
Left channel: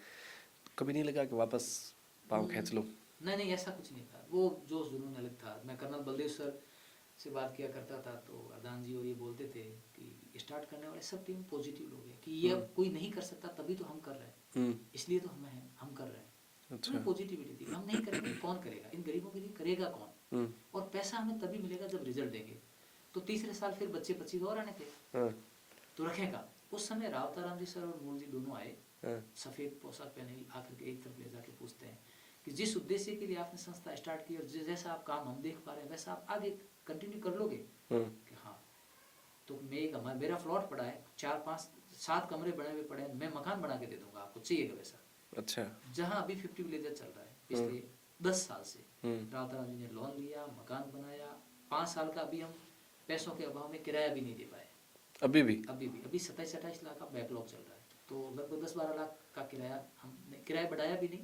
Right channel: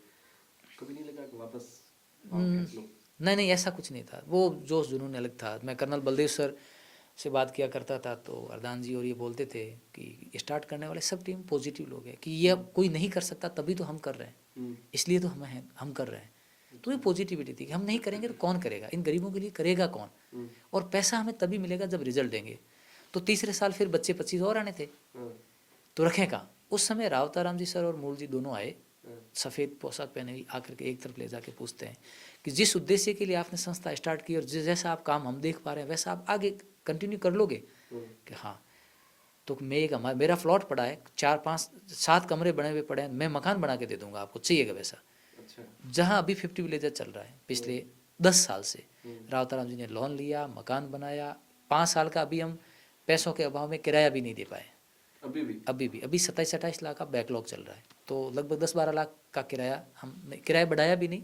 कभी नहीं लगा कि वापस पाँव खींच लो? नहीं नहीं ऐसा कुछ नहीं था, वो जोश जुनून अलग था। मैं कर्नल बलदेव सर से बात किया करता था, तो अर्दान जी और ये बोलते थे कि स्टार्ट करने वाले सब टीम पॉजिटिव लोग हैं, कि ये अब कोई नहीं कर सकता तभी तो हम कर रहे हैं, इसलिए तो हम कर रहे हैं। तो ये पॉजिटिविटी थी कि हम नहीं करेंगे तो कौन करेगा, इन गरीबों के लिए करेगा कौन, और पैसा हमें तभी मिलेगा जब रिजल्ट देंगे। तो तीसरे साल फिर बच्चे 25 और आने थे, तो रखें कहाँ। उस समय रावताराम जी सर और मूल जी दोनों आए, सफ़ेद पोशाक पहने हुई, आकर के एक तरफ ले जाके पूछते हैं कि जिस उद्देश्य के लिए आपने संस्था स्टार्ट की और जैसा आप काम हम देख पा रहे हैं वैसा आप आगे कंटिन्यू कर लोगे? कि हाँ। तो मैं एक मेरा प्लॉट पड़ा है, 4-5-7 कमरे बने हुए पड़े हैं, मैं मकान बना के दे दूंगा आपको, चाहिएगा वैसा। अच्छा, जहाँ अभी 50 विलेजर चल रहा है पिछले 10 साल से, रावताराम जी ने लोन लिया, मकान बनाया, 5 साल का अभी हम पैसों के अभाव में किराया भी नहीं दे पाए। अभी 27-28 लाख का बैकलॉग चल रहा है, तो लगभग 10-12 लाख का किराया, हमने किराया बढ़ाया भी नहीं,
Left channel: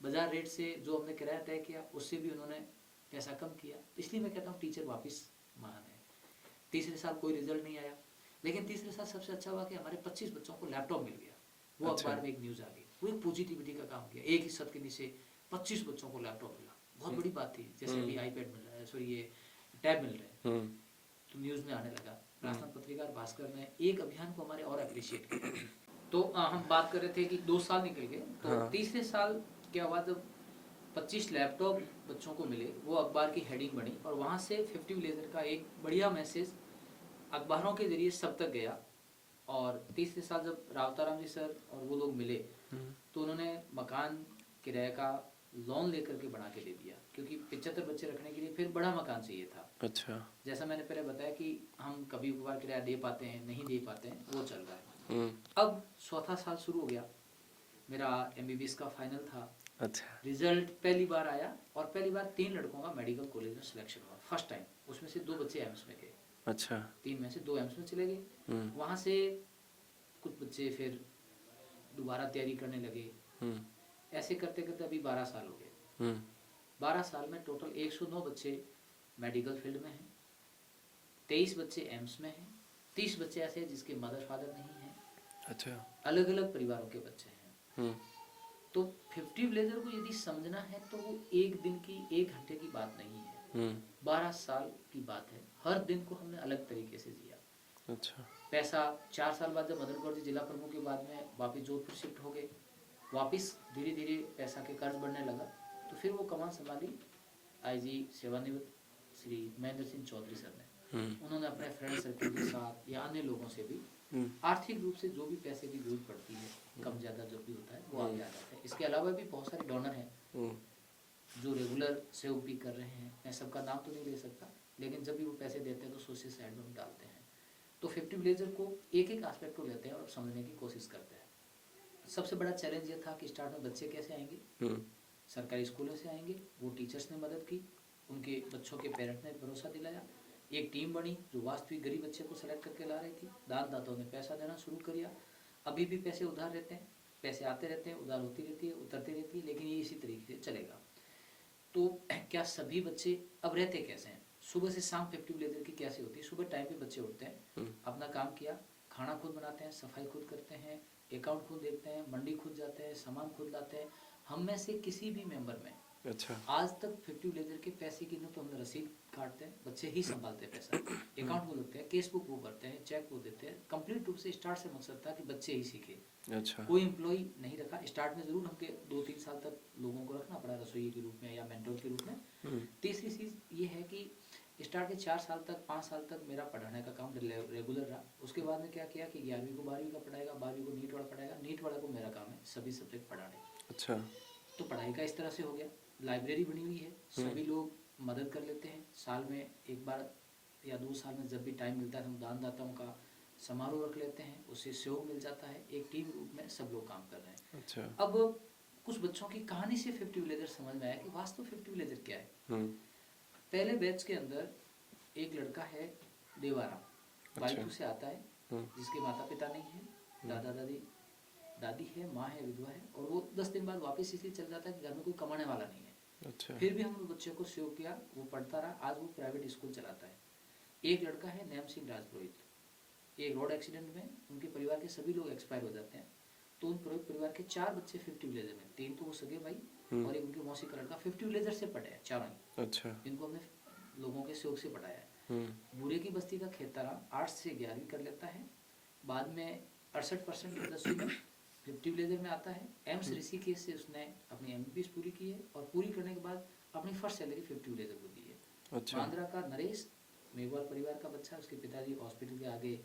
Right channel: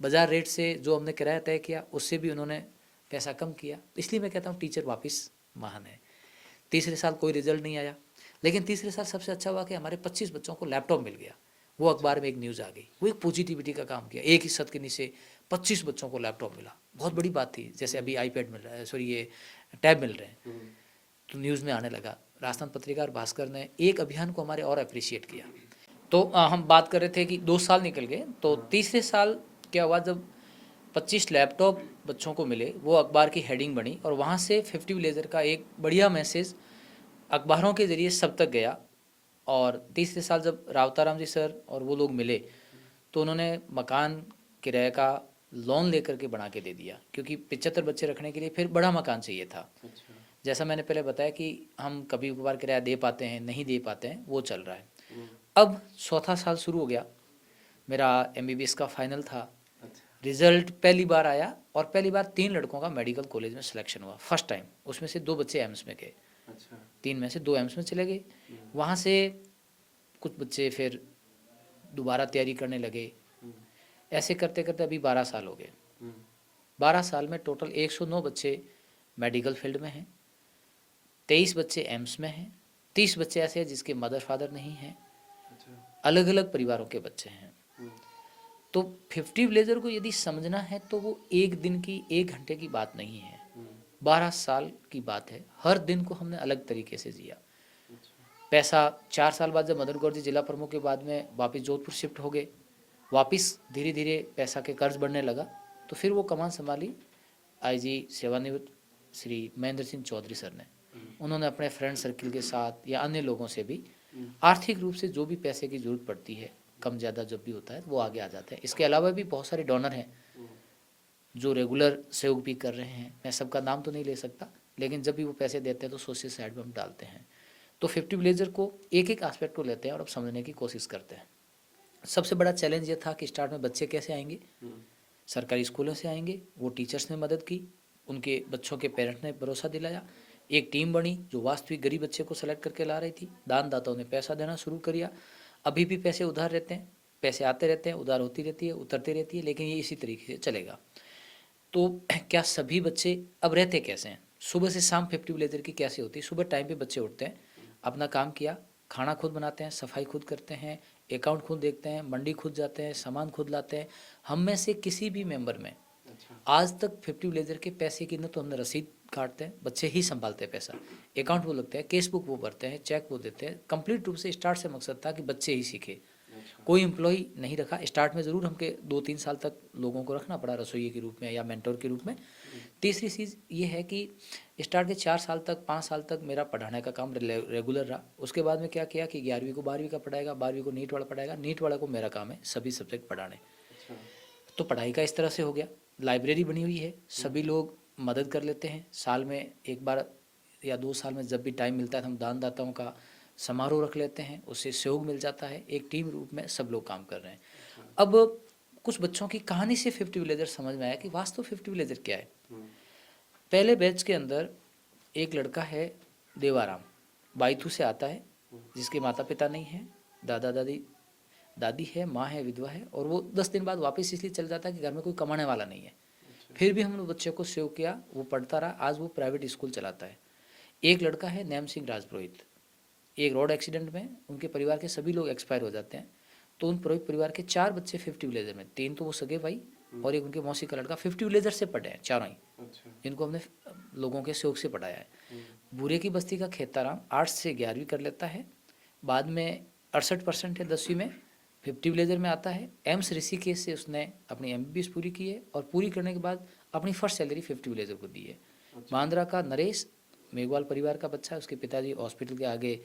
बाजार रेट से जो हमने किराया तय किया उससे भी उन्होंने पैसा कम किया। इसलिए मैं कहता हूँ टीचर वापस महान है। तीसरे साल कोई रिजल्ट नहीं आया, लेकिन तीसरे साल सबसे अच्छा हुआ कि हमारे 25 बच्चों को लैपटॉप मिल गया, वो अखबार में एक न्यूज़ आ गई, वो एक पॉजिटिविटी का काम किया, एक ही छत के नीचे 25 बच्चों को लैपटॉप मिला, बहुत बड़ी बात थी। जैसे अभी iPad मिल रहा है, सॉरी ये टैब मिल रहे हैं, तो न्यूज़ में आने लगा। राजस्थान पत्रिका और भास्कर ने एक अभियान को हमारे और अप्रिशिएट किया। तो हम बात कर रहे थे कि 2 साल निकल गए, तो तीसरे साल क्या हुआ, जब 25 लैपटॉप बच्चों को मिले, वो अखबार की हेडिंग बनी, और वहाँ से 50 विलेजर का एक बढ़िया मैसेज अखबारों के ज़रिए सब तक गया। और तीसरे साल जब रावताराम जी सर और वो लोग मिले, तो उन्होंने मकान किराए का लोन लेकर के बना के दे दिया, क्योंकि 75 बच्चे रखने के लिए फिर बड़ा मकान चाहिए था। अच्छा, जैसा मैंने पहले बताया कि हम कभी कभार किराया दे पाते हैं, नहीं दे पाते हैं, वो चल रहा है। अब चौथा साल शुरू हो गया, मेरा MBBS का फाइनल था। अच्छा, रिजल्ट पहली बार आया, और पहली बार 3 लड़कों का मेडिकल कॉलेज में सिलेक्शन हुआ, फर्स्ट टाइम। उसमें से 2 बच्चे एम्स में गए, अच्छा, 3 में से 2 एम्स में चले गए। वहाँ से कुछ बच्चे फिर दोबारा तैयारी करने लगे, ऐसे करते करते अभी 12 साल हो गए। 12 साल में टोटल 109 बच्चे मेडिकल फील्ड में हैं, 23 बच्चे एम्स में हैं, 30 बच्चे ऐसे हैं जिसके मदर फादर नहीं हैं, अच्छा, अलग अलग परिवारों के बच्चे हैं। तो 50 विलेजर को यदि समझना है तो वो एक दिन की 1 घंटे की बात नहीं है, 12 साल की बात है। हर दिन को हमने अलग तरीके से जिया। अच्छा, पैसा 4 साल बाद जब मदन कौर जी जिला प्रमुख के बाद में वापस जोधपुर शिफ्ट हो गए, वापस धीरे धीरे पैसा के कर्ज बढ़ने लगा, तो फिर वो कमान संभाली, IG सेवानिवृत्त श्री महेंद्र सिंह चौधरी सर ने, उन्होंने अपने फ्रेंड सर्किल के साथ या अन्य लोगों से भी आर्थिक रूप से जो भी पैसे की जरूरत पड़ती है, कम ज़्यादा जब भी होता है वो आगे आ जाते हैं। इसके अलावा भी बहुत सारे डोनर हैं जो रेगुलर सहयोग भी कर रहे हैं। मैं सबका नाम तो नहीं ले सकता, लेकिन जब भी वो पैसे देते हैं तो सोशल साइड में हम डालते हैं। तो 50 विलेजर को एक एक एस्पेक्ट को लेते हैं और अब समझने की कोशिश करते हैं। सबसे बड़ा चैलेंज ये था कि स्टार्ट में बच्चे कैसे आएंगे। सरकारी स्कूलों से आएंगे, वो टीचर्स ने मदद की, उनके बच्चों के पेरेंट्स ने भरोसा दिलाया, एक टीम बनी जो वास्तविक गरीब बच्चे को सेलेक्ट करके ला रही थी। दानदाताओं ने पैसा देना शुरू किया। अभी भी पैसे उधार रहते हैं, पैसे आते रहते हैं, उधार होती रहती है, उतरती रहती है, लेकिन ये इसी तरीके से चलेगा। तो क्या सभी बच्चे अब रहते कैसे हैं? सुबह से शाम 50 विलेजर की कैसे होती है? सुबह टाइम पे बच्चे उठते हैं, अपना काम किया, खाना खुद बनाते हैं, सफाई खुद करते हैं, अकाउंट खुद देखते हैं, मंडी खुद जाते हैं, सामान खुद लाते हैं। हम में से किसी भी मेंबर में अच्छा, आज तक 50 विलेजर के पैसे की न तो हमने रसीद काटते हैं, बच्चे ही संभालते हैं पैसा, अकाउंट वो लगते हैं, केस बुक वो भरते हैं, चेक वो देते हैं। कंप्लीट रूप से स्टार्ट से मकसद था कि बच्चे ही सीखे। अच्छा, कोई एम्प्लॉय नहीं रखा। स्टार्ट में ज़रूर हमके 2-3 साल तक लोगों को रखना पड़ा रसोई के रूप में या मेंटोर के रूप में। तीसरी चीज़ ये है कि स्टार्ट के 4 साल तक 5 साल तक मेरा पढ़ाने का काम रेगुलर रहा। उसके बाद में क्या किया कि 11वीं को 12वीं का पढ़ाएगा, 12वीं को नीट वाला पढ़ाएगा, नीट वाला को मेरा काम है सभी सब्जेक्ट पढ़ाने। अच्छा, तो पढ़ाई का इस तरह से हो गया। लाइब्रेरी बनी हुई है, सभी लोग मदद कर लेते हैं। साल में एक बार या 2 साल में जब भी टाइम मिलता है हम दानदाताओं का समारोह रख लेते हैं, उससे सहयोग मिल जाता है। एक टीम रूप में सब लोग काम कर रहे हैं। अच्छा, अब कुछ बच्चों की कहानी से 50 विलेजर समझ में आया कि वास्तव 50 विलेजर क्या है। पहले बैच के अंदर एक लड़का है देवाराम, बाइथू से आता है, जिसके माता पिता नहीं है, दादा दादी दादी है, माँ है, विधवा है, और वो 10 दिन बाद वापस इसलिए चल जाता है कि घर में कोई कमाने वाला नहीं है। अच्छा, फिर भी हम लोग बच्चे को सेव किया, वो पढ़ता रहा, आज वो प्राइवेट स्कूल चलाता है। एक लड़का है नैम सिंह राजपुरोहित, एक रोड एक्सीडेंट में उनके परिवार के सभी लोग एक्सपायर हो जाते हैं। तो उन पुरोहित परिवार के 4 बच्चे 50 विलेजर में, 3 तो वो सगे भाई और एक उनके मौसी का लड़का 50 विलेजर से पढ़े हैं चारों ही, अच्छा, जिनको हमने लोगों के सहयोग से पढ़ाया है। बूरे की बस्ती का खेताराम 8 से 11वीं कर लेता है, बाद में 68% है 10वीं में, 50 विलेजर में आता है। एम्स ऋषिकेश से उसने अपनी MBBS पूरी की है और पूरी करने के बाद अपनी फर्स्ट सैलरी 50 विलेजर को दी है। अच्छा, मांद्रा का नरेश मेघवाल परिवार का बच्चा है, उसके पिताजी हॉस्पिटल के आगे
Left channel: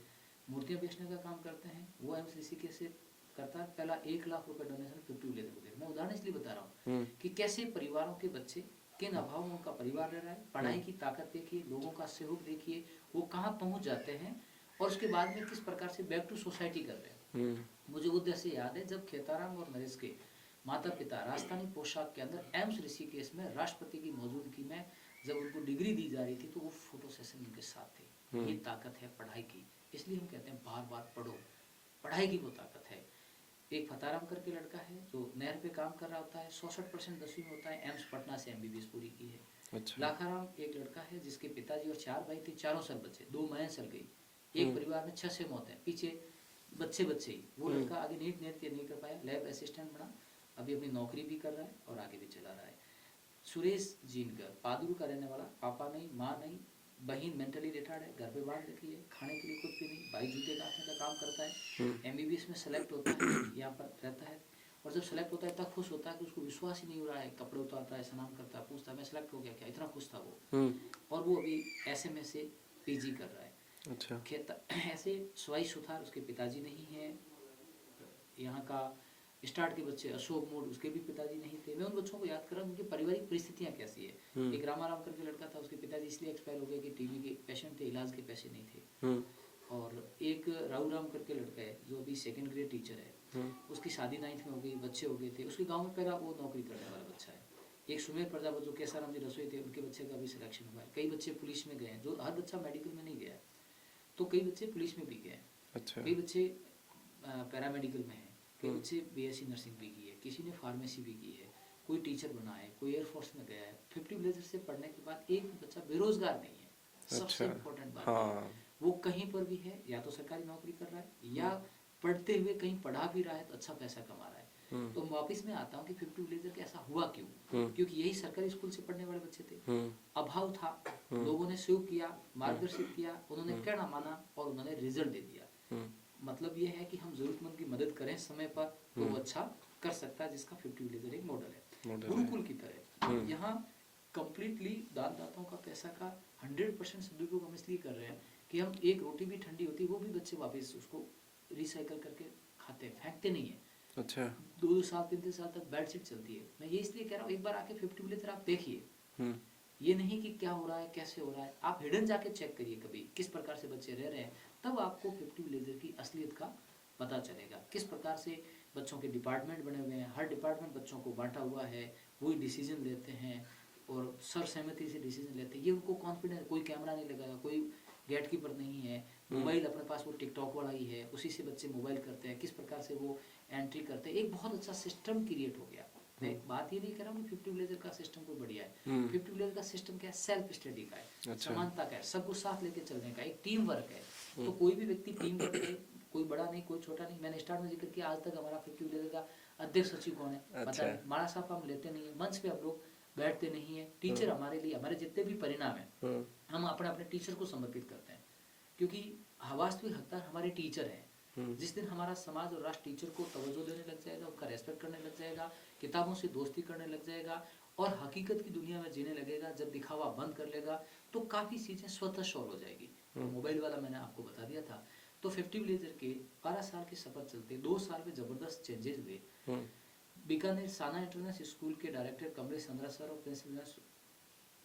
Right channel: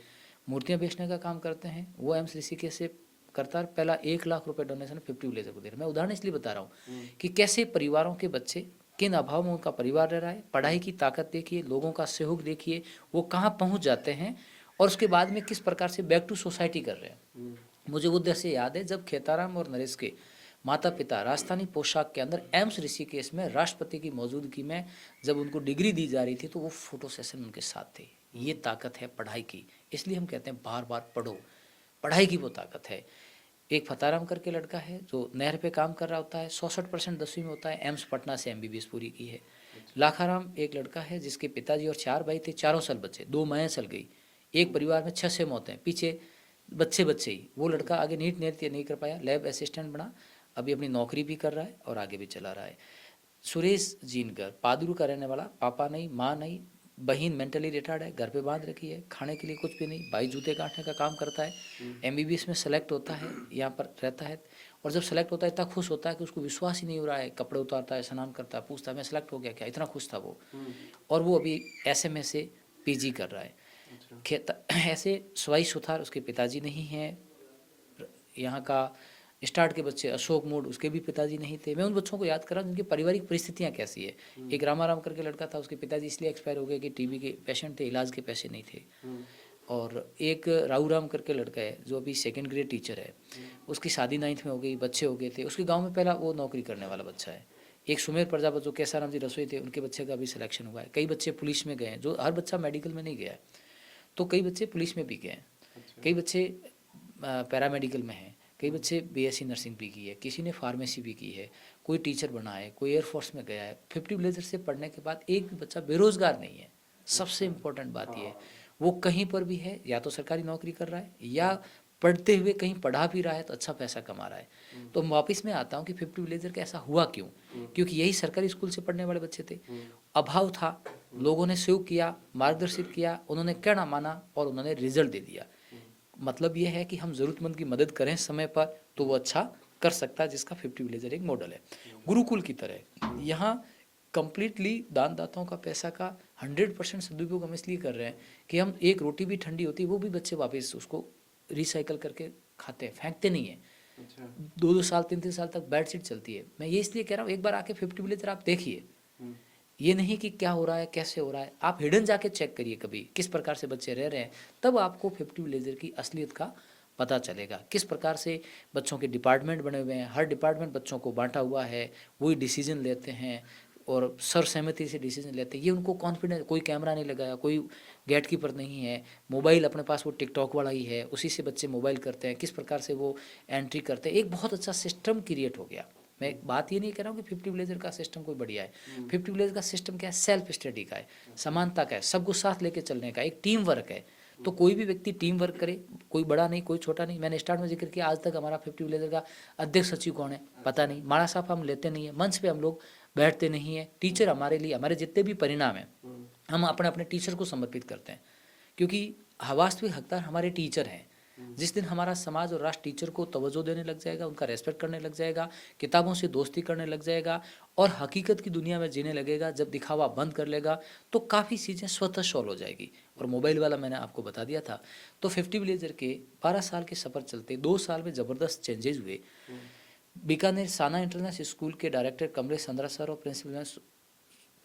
मूर्तियां बेचने का काम करते हैं, वो एम्स ऋषिकेश से करता है। पहला 1 लाख रुपए डोनेशन 50 विलेजर को दे रहा है। मैं उदाहरण इसलिए बता रहा हूँ कि कैसे परिवारों के बच्चे किन अभाव में उनका परिवार रह रहा है, पढ़ाई की ताकत देखिए, लोगों का सहयोग देखिए, वो कहाँ पहुँच जाते हैं और उसके बाद में किस प्रकार से बैक टू सोसाइटी कर रहे हैं। मुझे वो दृश्य याद है जब खेताराम और नरेश के माता पिता राजस्थानी पोशाक के अंदर एम्स ऋषिकेश में राष्ट्रपति की मौजूदगी में जब उनको डिग्री दी जा रही थी तो वो फोटो सेशन उनके साथ थे। ये ताकत है पढ़ाई की, इसलिए हम कहते हैं बार बार पढ़ो, पढ़ाई की वो ताकत है। एक फताराम करके लड़का है जो नहर पे काम कर रहा होता है, 66% 10वीं में होता है, एम्स पटना से MBBS पूरी की है। लाखाराम एक लड़का है जिसके पिताजी और 4 भाई थे, चारों साल बच्चे, 2 माएँ चल गई, एक परिवार में 6 मौतें, पीछे बच्चे ही। वो लड़का आगे नीट नहीं कर पाया, लैब असिस्टेंट बना, अभी अपनी नौकरी भी कर रहा है और आगे भी चला रहा है। सुरेश जीनकर पादरू का रहने वाला, पापा नहीं, माँ नहीं, बहन मेंटली रिटायर्ड है, घर पे बांध रखी है, खाने के लिए कुछ भी नहीं, भाई जूते काटने का काम करता है, MBBS में सेलेक्ट होता है, यहाँ पर रहता है, और जब सेलेक्ट होता है इतना खुश होता है कि उसको विश्वास ही नहीं हो रहा है, कपड़े उतारता है, स्नान करता है, पूछता है मैं सेलेक्ट हो गया क्या, इतना खुश था वो। और वो अभी SMA से PG कर रहा है। अच्छा, ऐसे सवाई सुथार उसके पिताजी नहीं हैं। यहाँ का स्टार्ट के बच्चे अशोक मूड, उसके भी पिताजी नहीं थे। मैं उन बच्चों को याद कर रहा हूँ उनकी पारिवारिक परिस्थितियाँ कैसी है। एक रामाराम करके लड़का था, उसके पिताजी इसलिए एक्सपायर हो गए कि TB के पेशेंट थे, इलाज के पैसे नहीं थे। और एक राहू करके लड़का है जो अभी 2nd ग्रेड टीचर है, उसकी शादी 9th में हो गई, बच्चे हो गए थे, उसके गाँव में पहला वो नौकरी करने वाला बच्चा है। एक सुमेर प्रजापत जो कैसाराम जी रसोई थे, उनके बच्चे का भी सिलेक्शन हुआ है। कई बच्चे पुलिस में गए हैं, जो हर बच्चा मेडिकल में नहीं गया है, तो कई बच्चे पुलिस में भी गए हैं, कई बच्चे पैरामेडिकल में हैं, कई बच्चे BSc नर्सिंग भी की है, किसी ने फार्मेसी भी की है, कोई टीचर बना है, कोई एयरफोर्स में गया है। 50 विलेजर से पढ़ने के बाद एक भी बच्चा बेरोजगार नहीं है। सबसे इम्पोर्टेंट बात ये है, वो कहीं पर भी है, या तो सरकारी नौकरी कर रहा है या पढ़ते हुए कहीं पढ़ा भी रहा है तो अच्छा पैसा कमा रहा है। तो वापस में आता हूँ कि 50 विलेजर का ऐसा हुआ क्यों, क्योंकि यही सरकारी स्कूल से पढ़ने वाले बच्चे थे, अभाव था, लोगों ने सहयोग किया, मार्गदर्शित किया, उन्होंने कहना माना और उन्होंने रिजल्ट दे दिया। मतलब ये है कि हम ज़रूरतमंद की मदद करें समय पर तो वो अच्छा कर सकता है, जिसका 50 विलेजर एक मॉडल है। गुरुकुल की तरह यहाँ कंप्लीटली दानदाताओं का पैसा का 100% सदुपयोग हम इसलिए कर रहे हैं कि हम एक रोटी भी ठंडी होती है वो भी बच्चे वापस उसको रिसाइकल करके खाते हैं, फेंकते नहीं है। अच्छा। 2-2 साल 3-3 साल तक बेडशीट चलती है। मैं ये इसलिए कह रहा हूँ एक बार आके 50 विलेजर आप देखिए, ये नहीं कि क्या हो रहा है कैसे हो रहा है, आप हिडन जाके चेक करिए कभी किस प्रकार से बच्चे रह रहे हैं, तब आपको 50 विलेजर की असलियत का पता चलेगा। किस प्रकार से बच्चों के डिपार्टमेंट बने हुए हैं, हर डिपार्टमेंट बच्चों को बांटा हुआ है, वही डिसीजन लेते हैं और सर्वसहमति से डिसीजन लेते हैं। ये उनको कॉन्फिडेंस, कोई कैमरा नहीं लगाया, कोई गेट कीपर नहीं है, मोबाइल अपने पास वो टिकटॉक वाला ही है, उसी से बच्चे मोबाइल करते हैं, किस प्रकार से वो एंट्री करते हैं। एक बहुत अच्छा सिस्टम क्रिएट हो गया। मैं बात ये नहीं कह रहा हूँ कि 50 विलेजर का सिस्टम कोई बढ़िया है। 50 विलेजर का सिस्टम क्या है, सेल्फ स्टडी का है, समानता का है, सबको साथ लेके चलने का, एक टीम वर्क है। तो कोई भी व्यक्ति टीम वर्क करे, कोई बड़ा नहीं कोई छोटा नहीं। मैंने स्टार्ट में जिक्र किया आज तक हमारा 50 विलेजर का अध्यक्ष सचिव कौन है पता नहीं, माड़ा साहब हम लेते नहीं है, मंच पे हम लोग बैठते नहीं है। टीचर हमारे लिए, हमारे जितने भी परिणाम हैं हम अपने अपने टीचर को समर्पित करते हैं, क्योंकि वास्तविक हकदार हमारे टीचर हैं। जिस दिन हमारा समाज और राष्ट्र टीचर को तवज्जो देने लग जाएगा, उनका रेस्पेक्ट करने लग जाएगा, किताबों से दोस्ती करने लग जाएगा और हकीकत की दुनिया में जीने लगेगा, जब दिखावा बंद कर लेगा तो काफ़ी चीज़ें स्वतः सॉल्व हो जाएगी। और मोबाइल वाला मैंने आपको बता दिया था। तो 50 विलेजर के 12 साल के सफ़र चलते 2 साल में ज़बरदस्त चेंजेज हुए। बीकानेर साना इंटरनेशनल स्कूल के डायरेक्टर कमलेश चंद्रा सर और प्रिंसिपल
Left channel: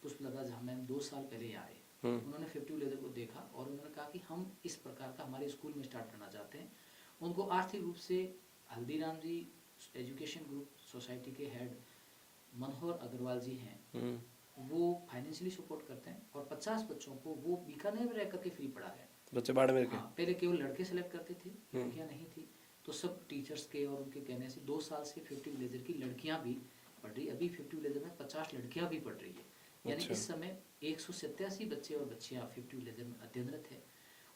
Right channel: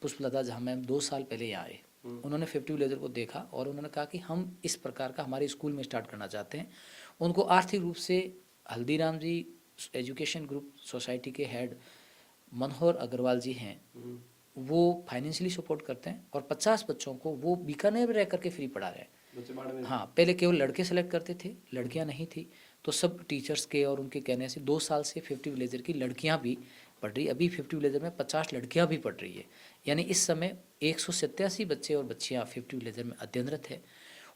पुष्पलता झा मैम 2 साल पहले यहाँ आए। उन्होंने 50 विलेजर को देखा और उन्होंने कहा कि हम इस प्रकार का हमारे स्कूल में स्टार्ट करना चाहते हैं। उनको आर्थिक रूप से हल्दीराम जी एजुकेशन ग्रुप सोसाइटी के हेड मनोहर अग्रवाल जी हैं, वो फाइनेंशियली सपोर्ट करते हैं और 50 बच्चों को वो बीकानेर में रह करके फ्री पढ़ा रहे हैं। बच्चे बाड़मेर हाँ, पहले केवल लड़के सेलेक्ट करते थे, लड़कियां नहीं थी। तो सब टीचर्स के और उनके कहने से 2 साल से 50 विलेजर की लड़कियां भी पढ़ रही। अभी 50 विलेजर में 50 लड़कियां भी पढ़ रही है। यानी इस समय 187 बच्चे और बच्चियां 50 विलेजर में अध्ययनरत है।